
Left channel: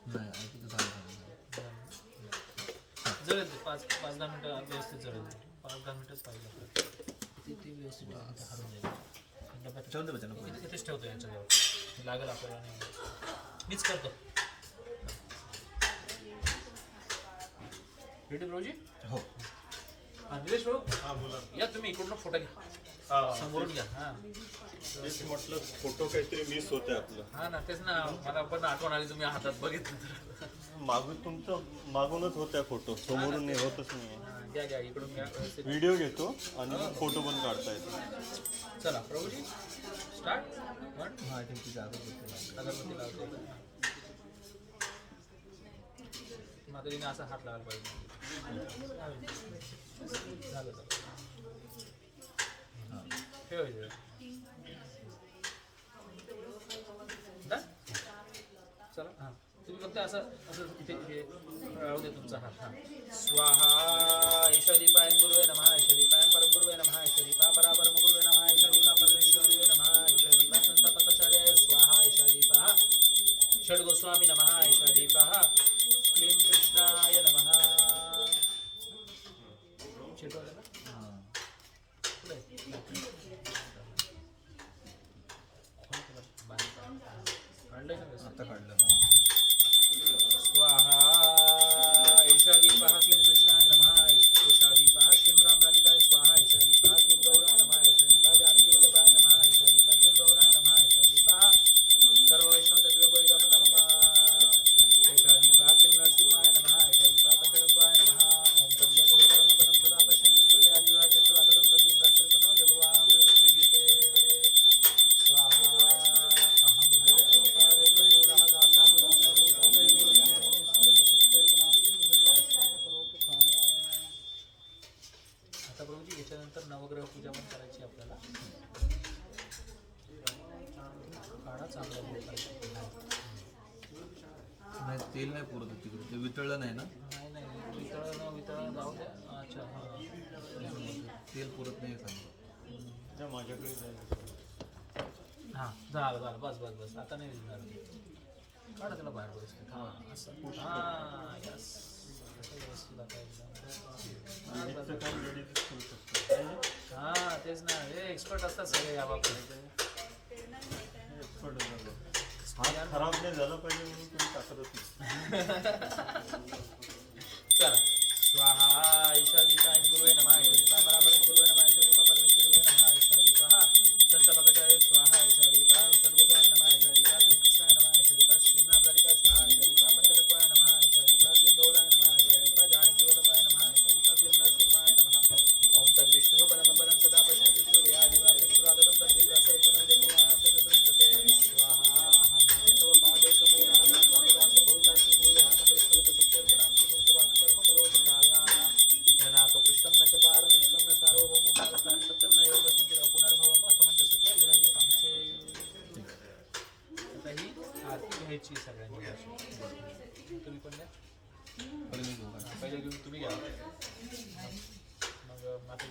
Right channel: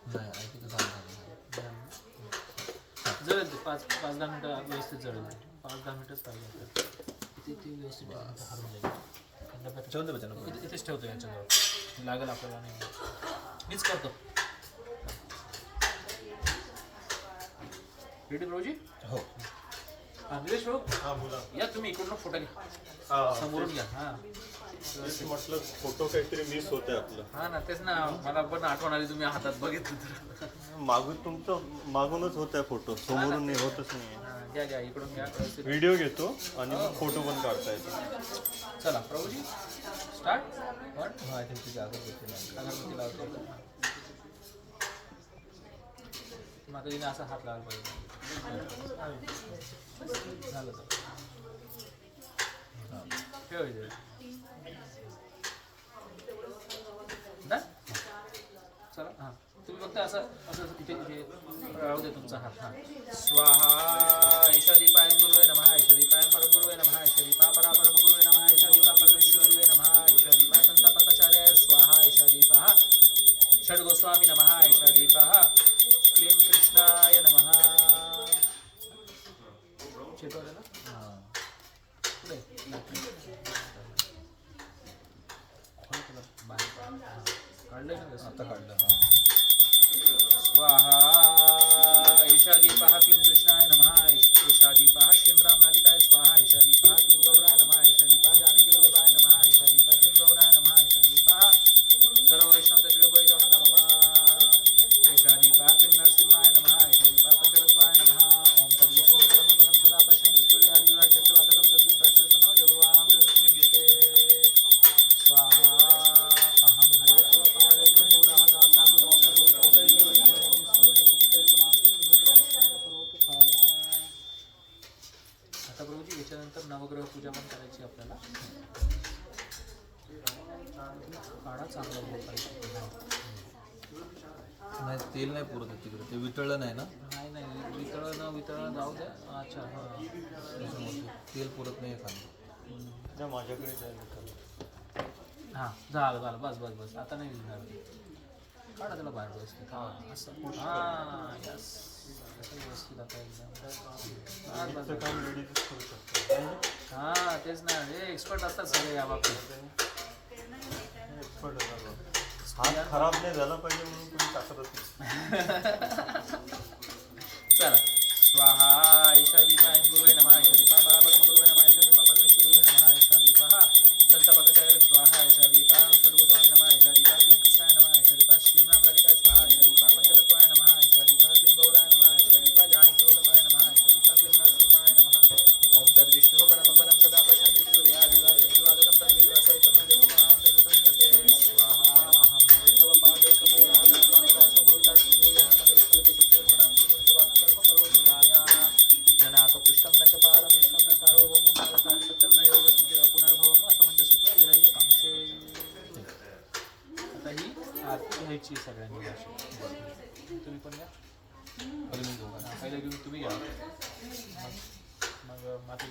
नाही ऐकू तर चालेल. जळेल ते 5-10 मिनटं व्यवस्थित जळेल. 5-10 मिनटंच पाहिजे आपल्याला. ते व्यवस्थित हरून जाईल. ठेवून दे बच्चा इथेच ठेवतो याच्याजवळ लागेल आपल्याला नाही. मीच करतो. रेडी भाऊजी? हो निलेश भाऊ हा बोला. या तुम्ही इकडून फोटो घ्या. हा समोरून घ्या. हां तेच म्हटलं फोटो काहीतरी मिस होते आपलं. हां ना तेच ना मला पण आठवण आली तुम्ही हातात बघितलं तर. मागून तुमचं मागूनच होत्या फोटो समोरून नाही होतच नाही. हां, घ्या इकडून घ्या व्यवस्थित. व्हिडिओ घेतो आणि मग फोटो पण काढता येतो. चला प्रभूजी स्टार्ट. हां इथे तिथे अगरबत्ती लावली. अगरबत्ती लावते. माताजीने असा हात लावायला पाहिजे. झालं ठेवायचं. चला हां तुम्ही फक्त असं इथे राहू दे तुमचा हात. हां स्वाहा ईशादीपाय गुरुवे नमः ईशादीपाय परमगुरुवे नमः ईशादीपा परापरम गुरुवे नमः ईशादीपा परमेश्वरुवे नमः ईशादीपा संस्थापकाचार्याय स्वाहा ईशादीपः षड्गोस्वामी नमः ईशादीपः क्लीं कृष्णाय नमः. चेतवलं ना हां पुढे काढलंय ना आता काढलं. हां स्वाहा ईशादीपः क्लीं कृष्णाय नमः ईशादीपः श्रीं रामराधिकाय स्वाहा ईशादीपः क्लीं गौराय नमः ईशादीपः जानकीवल्लभाय नमः ईशादीपः क्लीं गौराय नमः ईशादीपः सर्ववैष्णवतत्त्वबोधितो नमः ईशादीपः क्लीं नरसिंहाय नमः ईशादीपः पञ्चतत्त्वाय नमः ओम तद्विष्णु परमपदं सदा पश्यन्ति सूर्यादिवाय चतुर्वादनं तद्विप्राश्रयसनो जगुवां प्रसन्नते स्वाहा अहं हरे अवपादे मूलः आता प्रभूजी याच्यानंतर नवग्रह पूजा पण करायची आपल्याला. काढा चांगला नाही तेल नाही पुरत आहे तिकडे ते वितळलं नाही ना. नाही वितळण जाऊ द्या. अच्छा हां तेल पुरत नाही सांग. माझ्याकडे जायचं. हां झालं बस आता नाही विजणार. काढा त्याला बाहेर व्यवस्थित. हां असं हां यस व्यवस्थित आता एकदम काम लेडीज करू शकतो. हां तेच ना हे एक्सपर्ट असतात सगळे या बाबतीत. हात खराब नाही झाला पाहिजे म्हणून तुम्ही टाकतच नाही. चला स्वाहा ईशादीपाय गुरुवे नमः ईशादीपा परापरम गुरुवे नमः ईशादीपा परमेश्वरुवे नमः ईशादीपः संस्थापकाचार्य स्वाहा ईशादीपा षड्गोस्वामी नमः ईशादीपा क्लीं कृष्णाय नमः ईशादीपा श्रीं रामराधिकाय स्वाहा ईशादीपा पंचतत्त्वाय नमः ईशादीपा क्लीं गौराय नमः ईशादीपा जानकीवल्लभाय नमः ईशादीपा क्लीं नरसिंहाय नमः ओम तद्विष्णु परमपदं सदा पश्यन्ति सूर्यादिवाय चतुर्वादनं तद्विप्राश्रयसनो जगुवां प्रसन्नते स्वाहा अहं हरे तव पादैकमूलः दासानुदासो भवितास्मि भूयः मदे स्फुरतु सत्यर्पणां श्रीमन्तु वाक्कर्म करोतु कायाः जनाकपृष्ठं न च पारमिष्ठं न सार्वभौमं न सत्यं न योगसिद्धिः पुनर्भवम् असमञ्जसत्व विरह्य कांक्षे. आता ही आरती घ्यायची सगळ्यांनी अशी. तुम्ही पण घ्या. पहिले मी घेऊ का? पहिले घेऊन तुम्ही घ्या. मग माती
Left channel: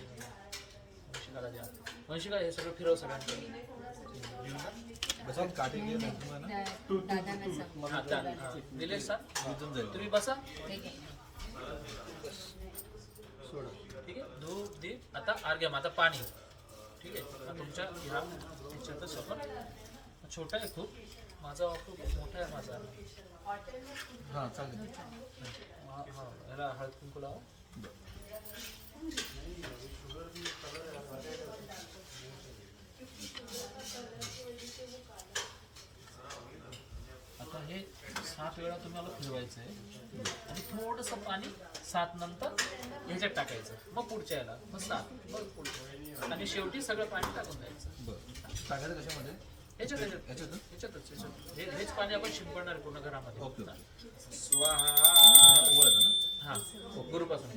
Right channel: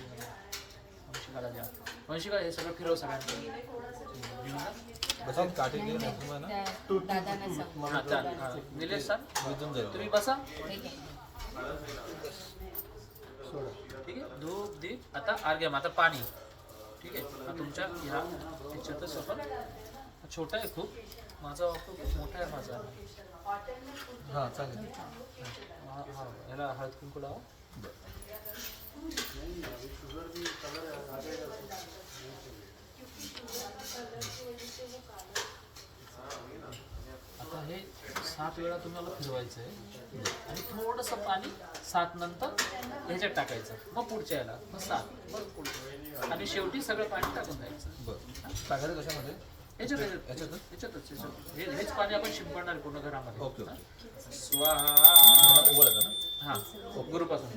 वंशिकाला द्या. वंशिका हे सगळं फिरव सगळ्यांचं घेऊन जा. बसा काठी दे ना तुम्हाला. दादांना सांग. हा, निलेश सर विजून जाईल. तुम्ही बसा. ठीक आहे. ठीक आहे. धूप दीप आता अर्घ्यम आता पाणी. ठीक आहे. तुमच्या ह्या ह्याच्यातच आपण छोटा आहे खूप. माझा वापर खूप मोठा आहे माझा. हां चालेल. हा ह्याला हळद कुंकू लावा. आता हे 7 वेळा तुम्हाला फिरवायचं आहे आणि थोडंसं पाणी 7 नंतर ह्याच्यात टाकायचं. मग पुढच्या याला मग 7 मग पुढच्या आणि शेवटी सगळं पाणी टाकून द्यायचं. बरं टाकायचं कशामध्ये? याच्यातच हेच पाणी आपण शिंपडणार पूर्ण घरामध्ये. ओके. स्वाहा. उघडायचं ना? हा गुरुपासून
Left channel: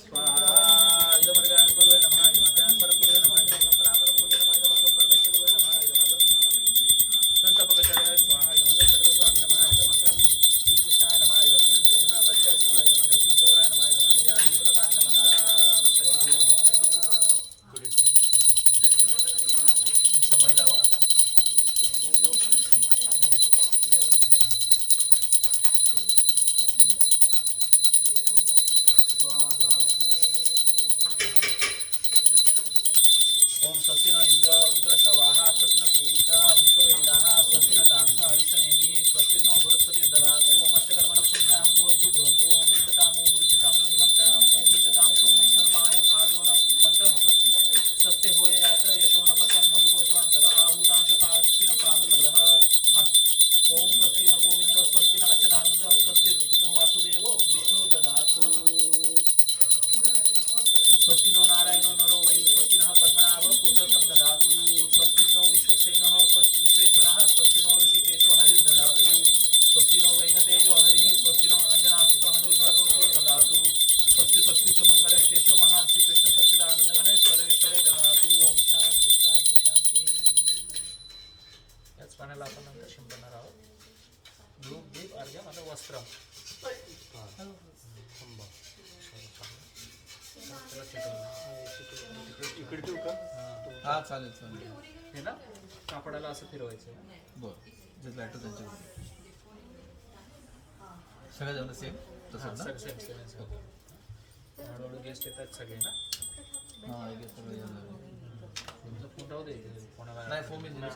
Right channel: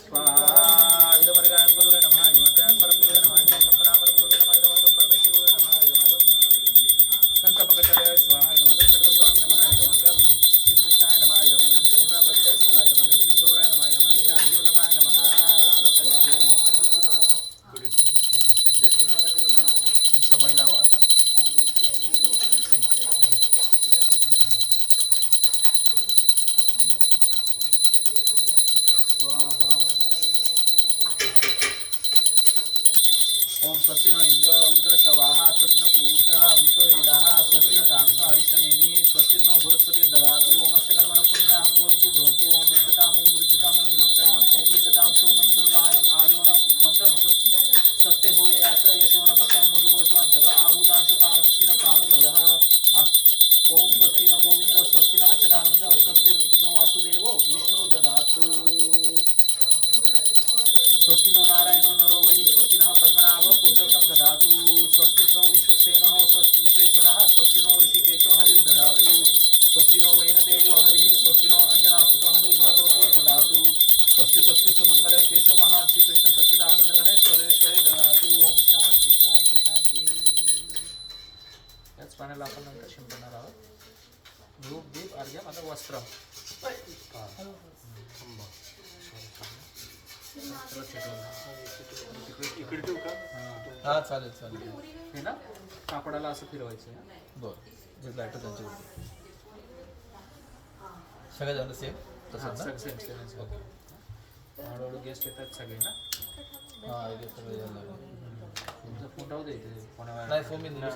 स्वाहा इदमर्गाय गुरुवे नमः इदमर्गाय परम गुरुवे नमः इदमर्गाय परम गुरुवे नमः इदमर्गाय परमेश्वर गुरुवे नमः इदमर्गाय संस्थापकाचार्य स्वाहा इदमर्गाय सर्वस्वामी नमः इदमर्गाय श्रीकृष्णाय नमः इदमर्गाय श्रीमहाप्रत्याय स्वाहा इदमर्गाय श्रीगौराय नमः इदमर्गाय ज्ञानजीवल्लभाय नमः. समय लावा आता. ओम स्वस्ति न इंद्र रुद्रश्रवाः स्वस्ति न पूषा विश्ववेदाः स्वस्ति न ताक्षो अरिष्टनेमिः स्वस्ति नो बृहस्पति ददातु ओमस्य कर्मणः पुण्याहं भवन्तु भ्रवन्तु ओम मृद्धताम् ओम मृद्धताम् ओम मृद्धताम् ओम मृद्धताम् सोमं सर्वायम् आजोन मन्त्रं सत्य होय यात्र यशोन पत्रं मधुमोषान्तर आभूतांशु काशिन कामप्रदः ओम स्वस्ति न गोविन्द स्वस्ति न अच्युतानन्द स्वस्ति नो वासुदेवो विष्णु ददातु स्वस्ति नो नारायणो नरो वै स्वस्ति नः पद्मनाभ पुरुषोत्तम ददातु स्वस्ति नो विश्वक्सेनः स्वस्ति विश्वेश्वरः स्वस्ति नो ऋषिकेशो हरिर्ददातु स्वस्ति नो वैनतेजो हरिः स्वस्ति नो अंजनासुतो हनुर्भागवतो ददातु स्वस्ति स्वस्ति सुमंगल केशव महान श्री कृष्ण सच्चिदानंद गणेश्वरेश्वरे ददातु. ओम शांती शांती शांती. याच पाण्याला आपण नंतर शिंपडणार आहोत. धूप दीप अर्घ्यम आता वस्त्र. इकडे ठेवू का? हां चालेल चालेल. हे ना कापडाला असं फिरवायचं. बरं जे लाईट त्यांची सगळ्या जण सेम तसं ना? हळूहळू गेस्ट येतात सगळे ना. हां हे सगळं यायला लागलं. तुमचा फोन राहू दे कोणाला. नाही फोन मी निलेश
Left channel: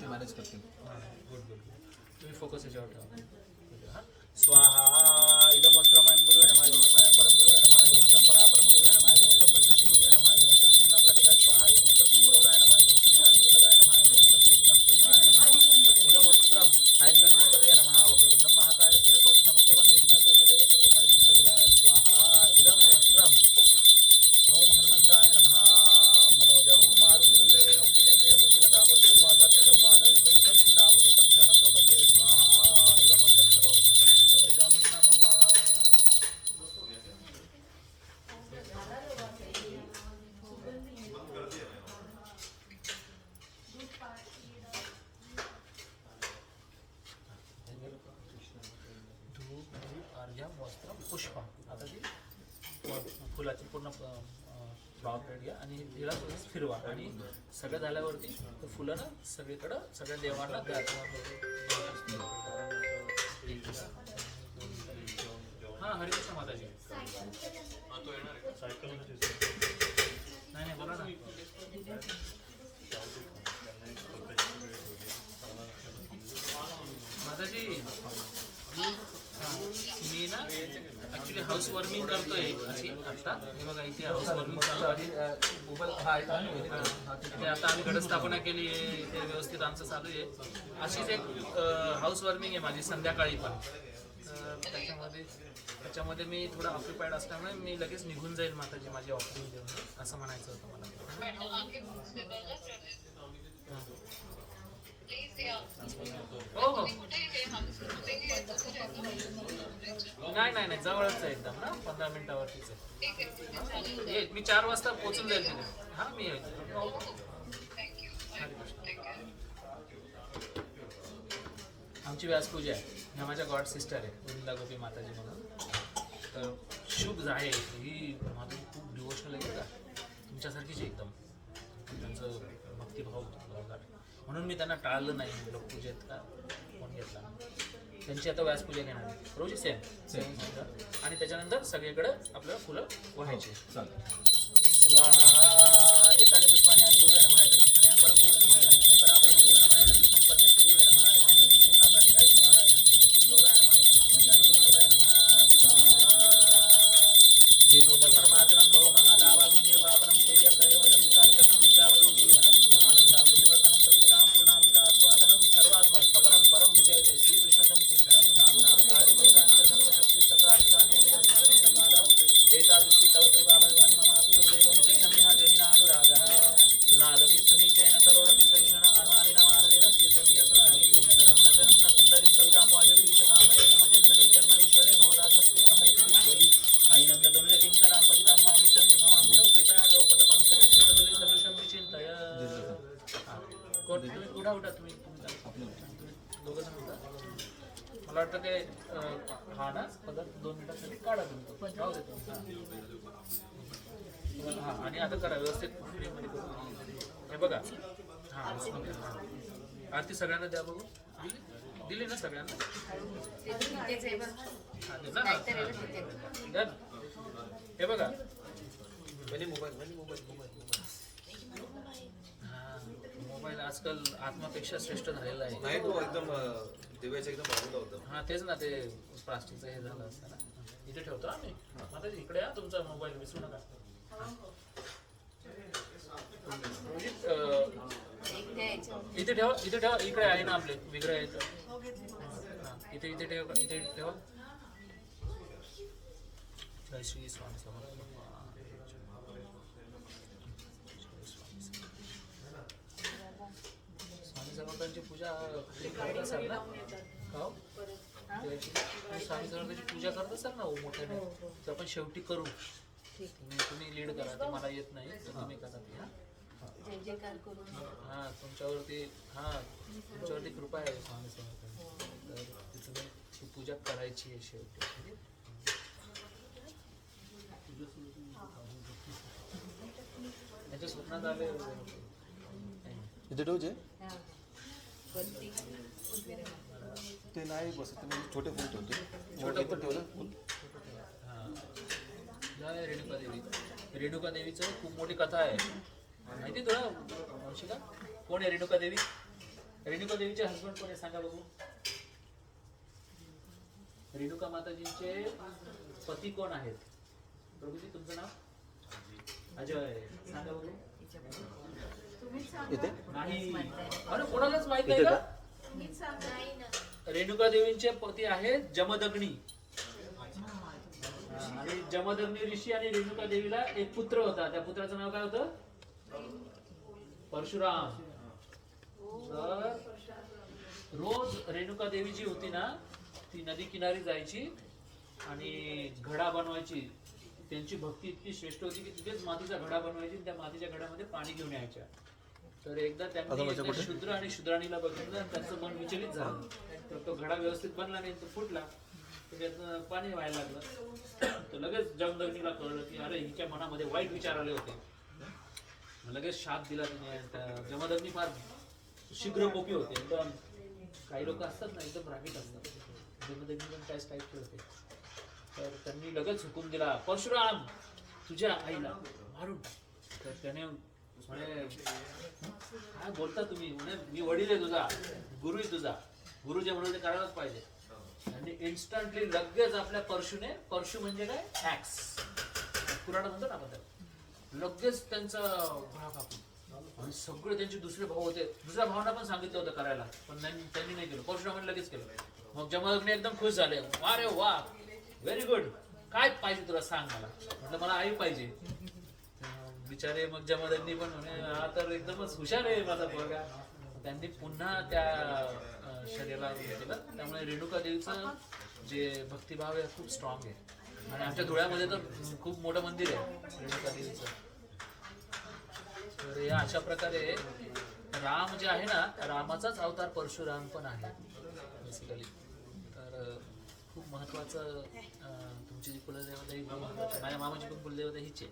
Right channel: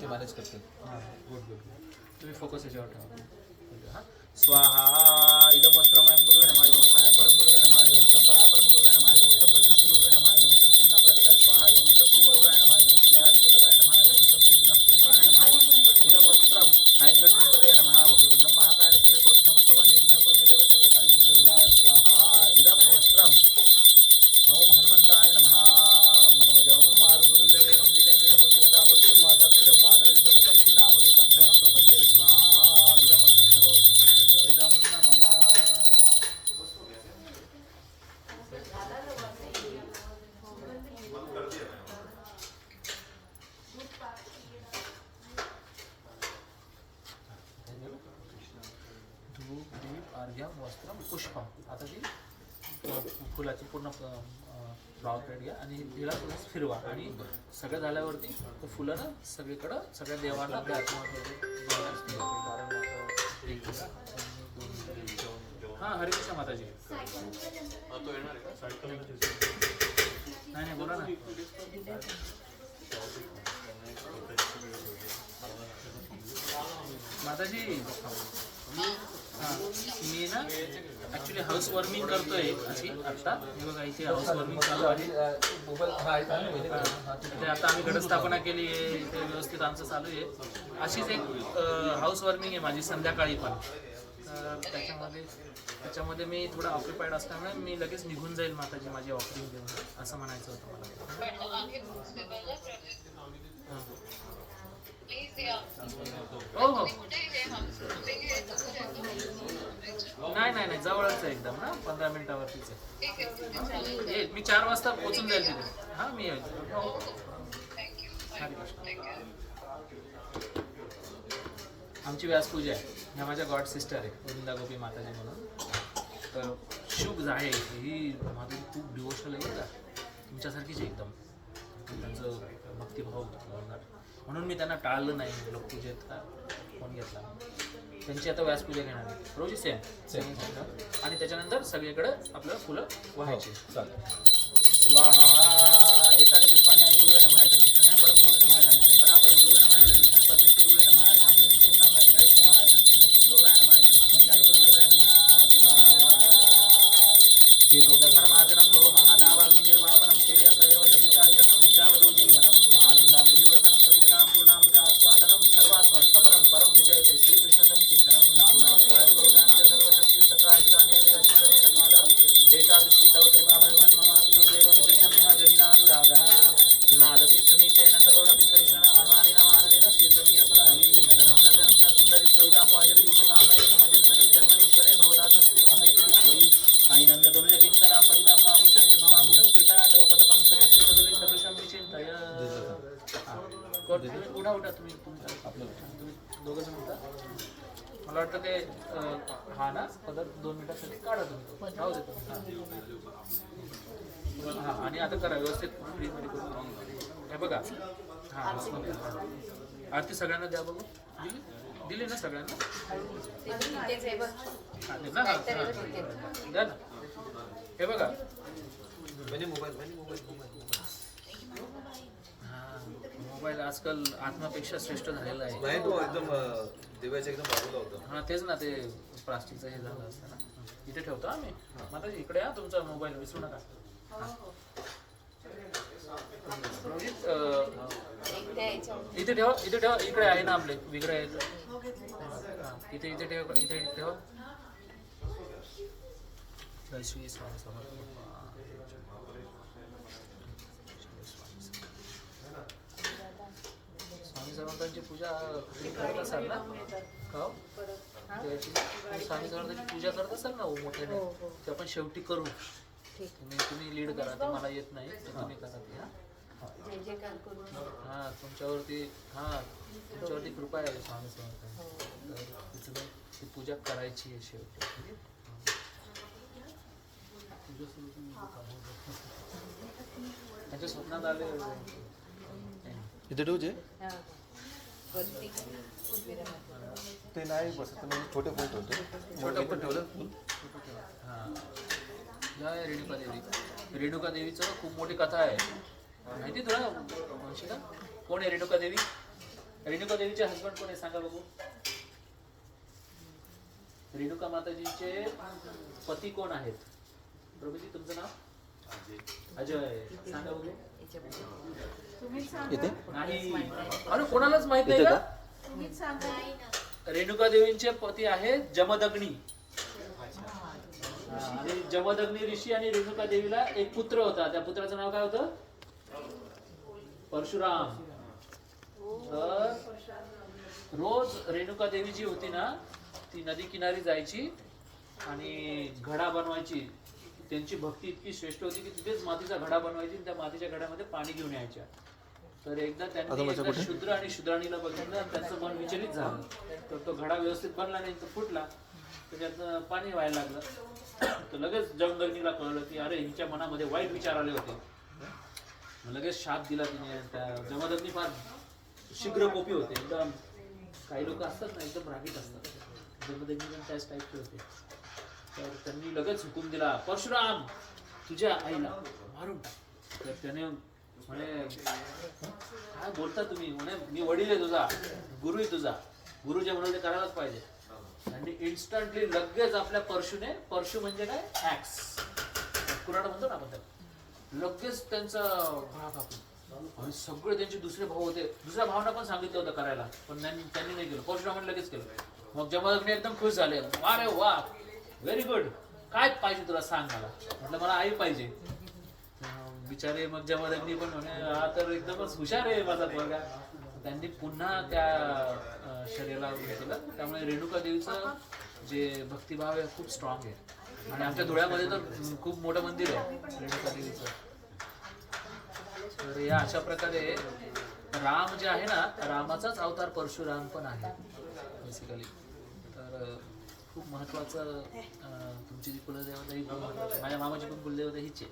ते मॅनेज करते. हां गुड गुड. तुम्ही फोकस याच्यावर ठेवा. हां स्वाहा इदं वस्त्रमयं गुरुवे नमः इदं वस्त्रमयं परम गुरुवे नमः इदं वस्त्रं परापरम गुरुवे नमः इदं वस्त्रं परमेश्वर गुरुवे नमः इदं वस्त्रं श्रीनामराधिकाय स्वाहा इदं वस्त्रं श्रीगौराय नमः इदं वस्त्रं ज्ञानजीवल्लभाय नमः इदं वस्त्रं श्रीविघ्नेश्वराय नमः इदं वस्त्रं ऐङ्गण्यन्तरे नमः वक्रतुण्डं महाकाय सूर्यकोटि समप्रभा निर्विघ्नं कुरु मे देव सर्वकार्येषु सर्वदा स्वाहा इदं वस्त्रम् ओम हनुमन्ताय नमः मनोजं मारुतुल्यवेगं जितेन्द्रियं बुद्धिमतां वरिष्ठं वातात्मजं वानरयुतं श्रीरामदूतं शरणं प्रपद्ये स्वाहा इदं वस्त्रं सर्वज्ञ इदं नमः. धूप दीप अर्घ्यम वस्त्रम पुष्पम. आता ती फुलाची पूर्ण फ्लॉवर प्लेट घ्या आणि तिला थोडं फिरवा आणि सगळं झाल्यावरती ते फुलं ना सगळीकडं सगळ्या देवांना द्या. हां हरे कृष्ण माताजी. हा तो येणार आहे का? सायकल नाही नाही बोला ना. माताजी मी ना ॲक्च्युली हाऊस वॉर्मिंग करतोय अशी आत्ता. हे बघा इथे हाऊस वॉर्मिंग चालू आहे. मोबाईल हा आहे का? इथे आता आम्ही घटस्थापना केली आहे. इथे व्यवस्थित आमचं चालू आहे. अशीच एक हाऊस वॉर्मिंग आहे माझी संध्याकाळी पण. तर त्याच्यामध्ये मी थोडा ऑक्युपाईड असल्यामुळे मी लगेच निघून जाईल माताजी माझी ऑफरिंग देऊन असं म्हणायचं होतं मला. हो हो नाही नाही नाही जवळच आहे एकदम ना 15 मिनिटावरतीच आहे. मी 4 वाजता पोहोचून जाईल तिथे. हां मी येईल. हरे कृष्ण. आमची व्यासपूजा आहे. ह्या माझ्या गॉड सिस्टर आहे वृंदा गोपी माताजी म्हणून. तर शुभ आहे ही माताजी खूप डिवोशनल आहे का, तुमच्यासारखीच आहे एकदम. त्यांचं भक्तिभाव लावणार म्हणून मी त्यांना टाळलं नाही. म्हटलं पूजेत का कोण घेतला. त्यांची आता व्यासपूजा घेणार आहे रोजी सेम आणि त्याच्यानंतर सगळीकडे आपल्याला फुलं व्हायची. स्वाहा एताने पुष्पाने आणि गुरुवे नमः एताने कृष्णाय परम गुरुवे नमः एताने कृष्णाय परम गुरुवे नमः एताने कृष्णाय परमेश्वर गुरुवे नमः एताने कृष्णाय शिवनाम लालिकाय स्वाहा एताने कृष्णाय शिव गौराय नमः एताने कृष्णाय जानकी गौराय नमः स्वाहा चेतो धर्ममाचरं भव महादावाग्नि निर्वापनं श्रेय कैरवचंद्रिकायतनं विद्यावदो जीवनं आनन्दां विधिवर्धनं प्रतिग्राम पूर्णामृत आस्वादनं सर्वात्म सपरं परं विजयते श्रीकृष्ण संकीर्तनं नामनामकारि बहुदान्य सर्वशक्ति सत्राचिदाने विदर्शनेन कालः एतादृशी तव कृपा भगवन् ममापि दुर्दैव विशेषं यः जनिनानुरागः सुनादपि सुनीतेन करोरपि सहिष्णुना अनुमानिनमानदेन कीर्तनीयसुराहि नदनं न जनं न सुन्दरीं कवितां वा जगदीशकामये मम जन्मनि जन्मनीश्वरे भवदाद्भक्ति अहैति विश्वै आई नन्ददनुज किङ्करां पतितां मामिशं भवाकुलं कृपया तव पदपङ्कजं श्रीतदुली सदृशं विचिन्तय. उठा तुम्ही दोघं जण उठा. मला वाटतं ते हा ना पदार्थ 2 मिनिटासाठी काढा तुम्ही. राहू दे तुम्ही. हां आणि आता करा व्यवस्थित फ्रीमध्ये करू. हे बघा हां आरती सगळ्यांना द्या बघू. दिली ना सगळ्यांना. हां दे ना. द्या ना. हे बघा मोबाईल आजकाल आत्मापेक्षा श्रेष्ठ झालेला आहे. नाही तो एकदम देवाच्या एकदम बाजूला होता. हां तेच ना ते प्लास्टिकचं हे झालं असतं ना. इथे ठेवतो आम्ही. माताजी इकडे या तुमचा मोबाईल विसरू नका. इथे ठेवा इथे ठेवा. इकडे आहे ना आपले वेगळे आहे. इथे इथे ठेवा इथे ठेवा. जय श्री स्वामी समर्थ. स्वामी समर्थांची पूजा करत असाल ना का? स्वामी समर्थांची पूजा करत असाल ना मोठ्याने. ते आपण शेवटी करू. तुम्ही लीड करा. ते मला येत नाही तर तुम्ही करा ते. हां तुमच्यावरती कृपा आहे स्वामी समर्थांची. तर ती पूजा करायची आहे शेवटी. त्यांच्या स्वप्नात आले इथे ठेवचे ते नाही बसत. छोटे फुल ठेवतो. छोटं फुल ठेवलं फुल. हां जय रेणुका देवी. रेणुका देवीचं खूप मोठी कथा आहे माहिती तुला वंशिका? कोण आहे रेणुका देवी? रेणुका देवीचे हसबंड कोण आहे सांगा बघू. रेणुका माताजीचे पती कोण आहेत? प्रभूजी तुमचं नाव? अजय. सांगा बघू. इथे नाही अरे कोणालाच माहित नाही का? रेणुका देवींचे पती आहेत जमदग्नी. आणि जमदग्नी ऋषी आणि रेणुका देवीला एक पुत्र होता. त्या पुत्राचं नाव काय होतं? परशुराम. तर रोज रेणुका देवी जी होती ना ती नदी किनारी जायची आणि घडा बनवायची. त्यांची भक्ती इतकी श्रेष्ठ होती की तिथेच मातीचा घडा बनवायची. त्या मातीच्या घड्यामध्ये पाणी घेऊन यायच्या. तर एकदा त्यांनी शूद्र आणि शूद्राणीला बघितलं आणि त्यांचं मन विचलित झालं. तर तो घडा व्यवस्थित बनला नाही तो फुटला. तर त्यातनं पाणी व्हायला लागलं. तर लगेच जमदग्नीला कळलं की अरे हिच्या मनामध्ये वाईट विचार आले होते. लगेच शाप दिला तिने. त्या जमदग्नी फार शीघ्र कोपी होते एकदम. काही लोक असतात ना एकदम रागीट असतात. जमदग्नी पण त्याच टाईपचे होते. तर त्यांनी लगेच हुकूम दिला परशुराम तुझ्या आईला मारून टाक. तर त्याने म्हणे काय बोलता तुम्ही? म्हणे मी वडील आहे तुझा, गुरु आहे तुझा, गुरु जे म्हणून ते करायलाच पाहिजे. आणि इन्स्टंटली लगेच आपल्या परशुने, परशु म्हणजे काय ऍक्स कुऱ्हाड म्हणतो ना आपण त्याला, लगेच त्यांचा घोडा कापून. आणि सगळे त्यांचे दुसरे भाऊ होते. दुसऱ्या भावांना पण सांगितलं होतं करायला पण त्यांनी नाही केलं. परशुरामाने लगेच केलं. मग जमदग्नी एकदम खुश झाले. अरे वा व्हेरी गुड. काय पाहिजे तुला सांग मला. म्हटलं मला आई पाहिजे. बिचारे मग जमदग्नी पण म्हणे हा तर एकदमच हुशार आहे माझा पोरगा. त्यांनी पुन्हा त्या शरीराला हे केलं. त्यामुळे रेणुका देवीचं जे भक्तिभाव आहे खूप स्ट्रॉंग आहे. आणि आमच्या धुळ्यामध्ये तर खूप मोठं मंदिर आहे रेणुका देवीचं. तर या अशा प्रकारे राम जे आहे ना रामाचाच अवतार परशुराम पण आहे. बेसिकली. तर खूप महत्त्वाचं तुमची जी कुलदेवता ही खूप महत्त्वाची. माझ्या मामाची पण कुलदेवता हीच आहे.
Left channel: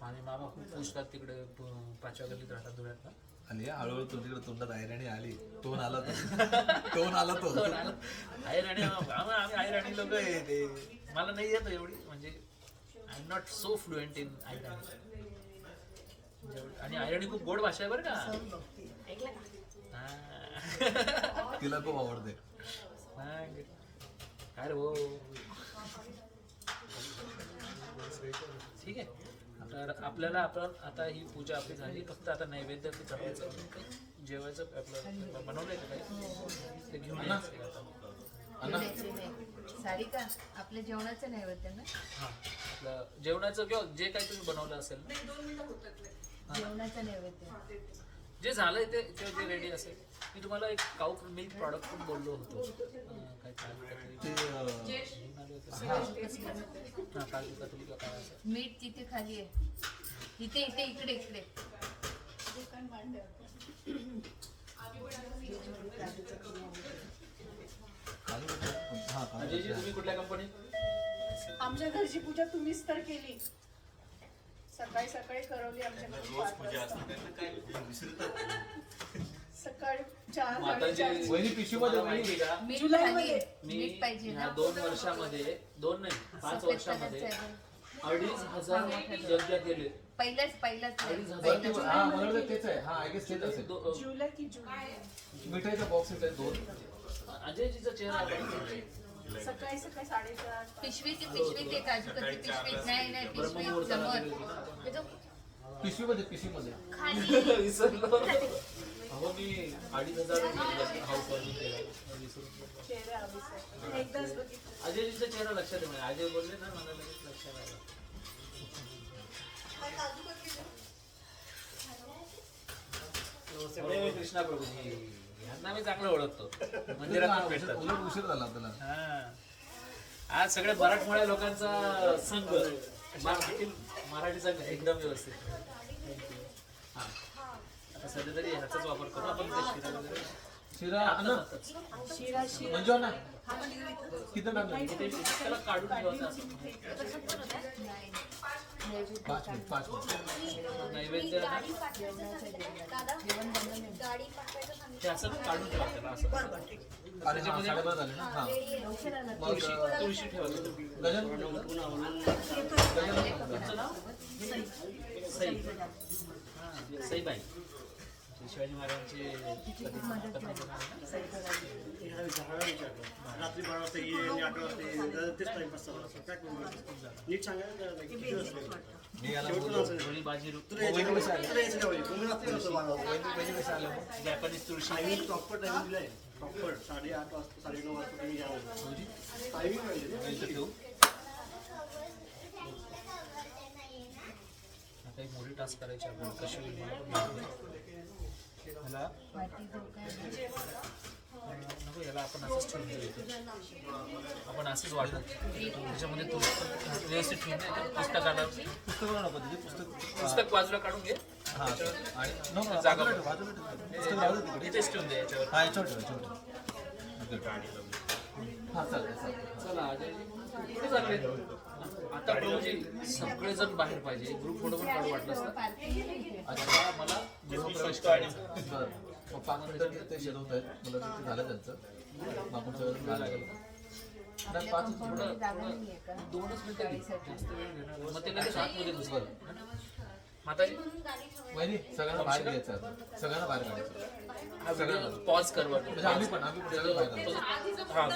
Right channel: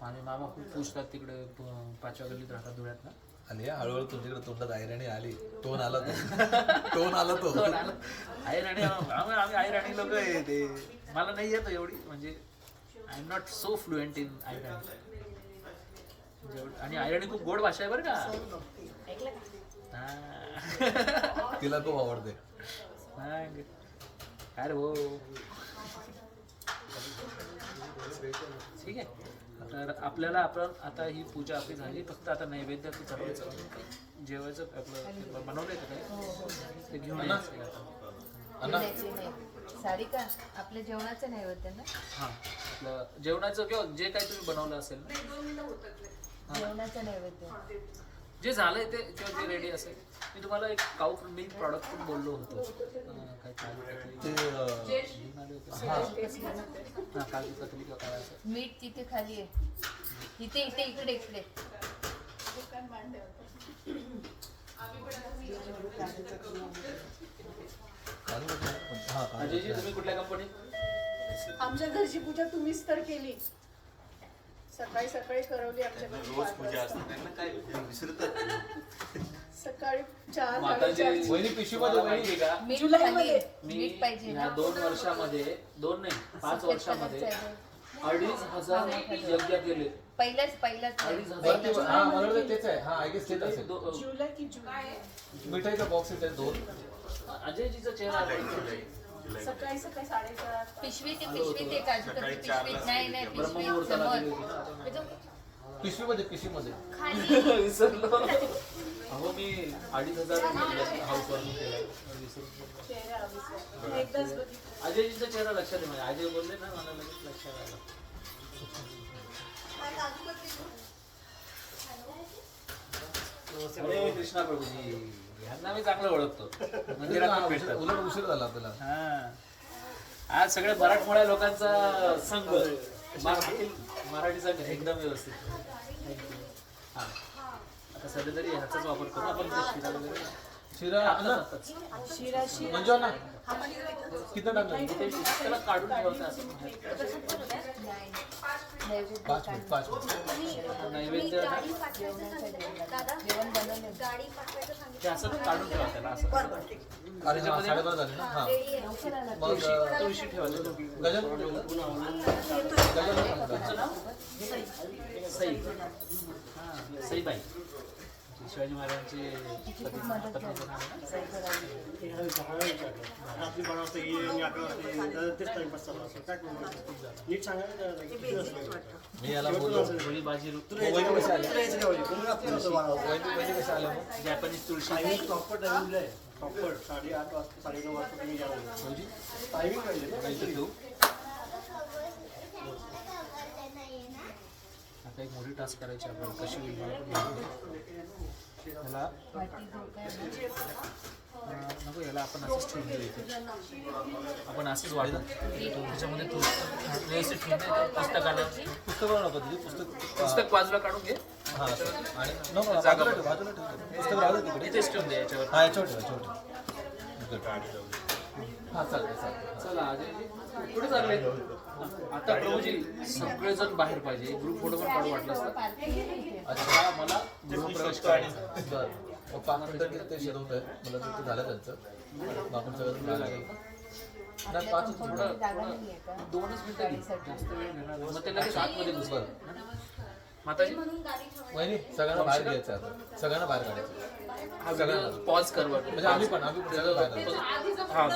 माझे मामा खूप पूजतात तिकडे 5व्या गल्लीत राहतात धुळ्यात ना. आणि हळूहळू तुमच्याकडे तोंडात ऐराणी आली, टोन आला तो टोन आला तो आयराणी आम्ही आयराणी लोक आहे ते. मला नाही येत एवढी, म्हणजे I am not so fluent in Irani. आणि आयराणी खूप गोड भाषा आहे बरं का. हा. तिला खूप आवडते. अरे हो ठीक आहे. तर आपल्याला आपण आता ही पूजा आपली झाली, फक्त आता नैवेद्य की चढवायचं, जेवायचं आपलं बनवलंय का काही ते घेऊन यायचं आता. साडी का आपल्या जेवणाचं नाही होत ना. हां आपलं जेवणाचं किंवा जे काही तुम्ही बनवलं असेल ना, जेवणाचं नैवेद्य जे झालंय ते किंवा जे रेडी असेल. मी तुम्हाला एक काऊ मिल्क प्रॉडक्ट पण बोललो होतो. काजू कतली किंवा काय असं. मीठ तिथे खाली आहे. इथे इथे इकडे इकडे. अजयजी तुम्ही कुठल्या कंपनी? आमच्या घरची पूजा तुम्हीच तर केली. सकाळी सकाळी करवली आमच्या घरी रोज 5 पूजा वाजता. असते त्यांना काय विसरतात. सकाळी 4 माताजी वहिनी पिशवीमध्ये माहिती का, मीठ जुलैमध्ये. खाली. मी मीठ पाहिजे ह्या ना. 2 वर्षामध्ये 2 नाही 5 सफेद वर्षामध्ये कलरचं आहे. 2,500 यज्ञ केले. पहिल्याच वरती हा मला वाटतं तेच आहे. हा आय गेस तेच असेल. जुलै की जुलै. मिठाईचा बॉक्स येत आहे 2. अजयजीचा चेहरा सकाळी सकाळी 4:30. पिशवी ते पिशवी ते काजू कतली पिशवी नाही नाही पिशवी ब्रह्ममुहूर्ताला समोर. दिली होती ना. पिशवीमध्ये विसरलो. अहो मी 2,500 हाऊस वरून केला विसरून गेलो. चेहरा आवीस. एकदाच बघितलं. अजयजीचा चेहरा लक्षात आहे. म्हणजे अजय बोलले ना, मला लगेच लक्षात आलं. अरे कृष्णा प्रभूजी ह्यांना मी चांगलं ओळखतो. मंदिरात पण भेटतात. उलट उशीर झाला आपल्याला. हा. आज सगळ्या मराठमोळ्या लोकांचा संघ. मराठी संघ एकदम व्यवस्थित. हा आता सध्या तरी ह्याचाच वापर करू आपण. शिरा वगैरे शिरा ना शिरा म्हणजे ना किती टाकलं? त्याला काढून ठेवतं असं. नैवेद्य 5 मिनिट नैवेद्य ना जेवण बनवलं. गाडी पाठवायचं सांगितलं. ते असं काढून ठेवा त्याला असं. अरे हा 12:30 झाले ना. हा मग तुळशी ठेवायची. गजल ठेवलं? गजल सांगता. सई. हां सईबाई शिवाजी महाराजांची पत्नी नाव आहे ना? रात्री 12 वाजता ये आणि 8 वाजता तेच टाइमपास चालू असतो. काय करू नीट सांगायला. मी याला बोललो गोळी बाजी वहिनी कशी आली? कोणी रात्री नव्हतं 12 वाजता. वहिनी कशा आल्या मग? जॅपनीज तुळशी. टायमिंग प्रॉपर टायमिंग दिलाय. प्रॉपर 8:30 वाजता 9:30 वाजता तुम्ही या. टायमिंग म्हणजे इथं ठेवू. आता एक मोठी टास्क करायची आपल्याला. कशी होईल मला पण माहिती नाही. ह्याला नको, याला आपण असंच ठेवून देऊ इथे. आपण असंच वाटू त्याच्यामध्ये व्यवस्थित ठेवून दे. पुस्तकाला पुस्तक नको तिथे पुस्तक बाजूला काढून घे. हा आणि नको जागा बाजूला ठेव, बाजूला ठेव. पुस्तक राहू दे तिकडे. इथेच ठेवून दे याच्यावर. हा याच्यावर ठेव, याच्यावर ठेव. हा चालेल चालेल. चला अजयजी कुठे चालले? आता प्रभूजी सगळेजण बाहेर पाहिजे. ग्रुप फोटो पण काढू वाटलं असतं. अच्छा मला गृहप्रवेश करायचा. बरं मग 5 मिनिटं ते शिजवतोय. मला तिथे झालं त्यांचं. मग आपण सगळं बाहेर लागेल. नाही 5 थोडं 2च मिनिटं घे. जास्त वेळ घेणार नाही. मग ते लगेच आतमध्ये घुसवर. माताजी म्हणून गाडी ठेवायची. वहिनी सगळ्यांना बाहेर घ्यायचं आता. सगळ्यांना बाहेर काढायचं. हा पॉज कर बरं. म्हणजे आम्ही पण सगळं बाहेर काढायचं. हा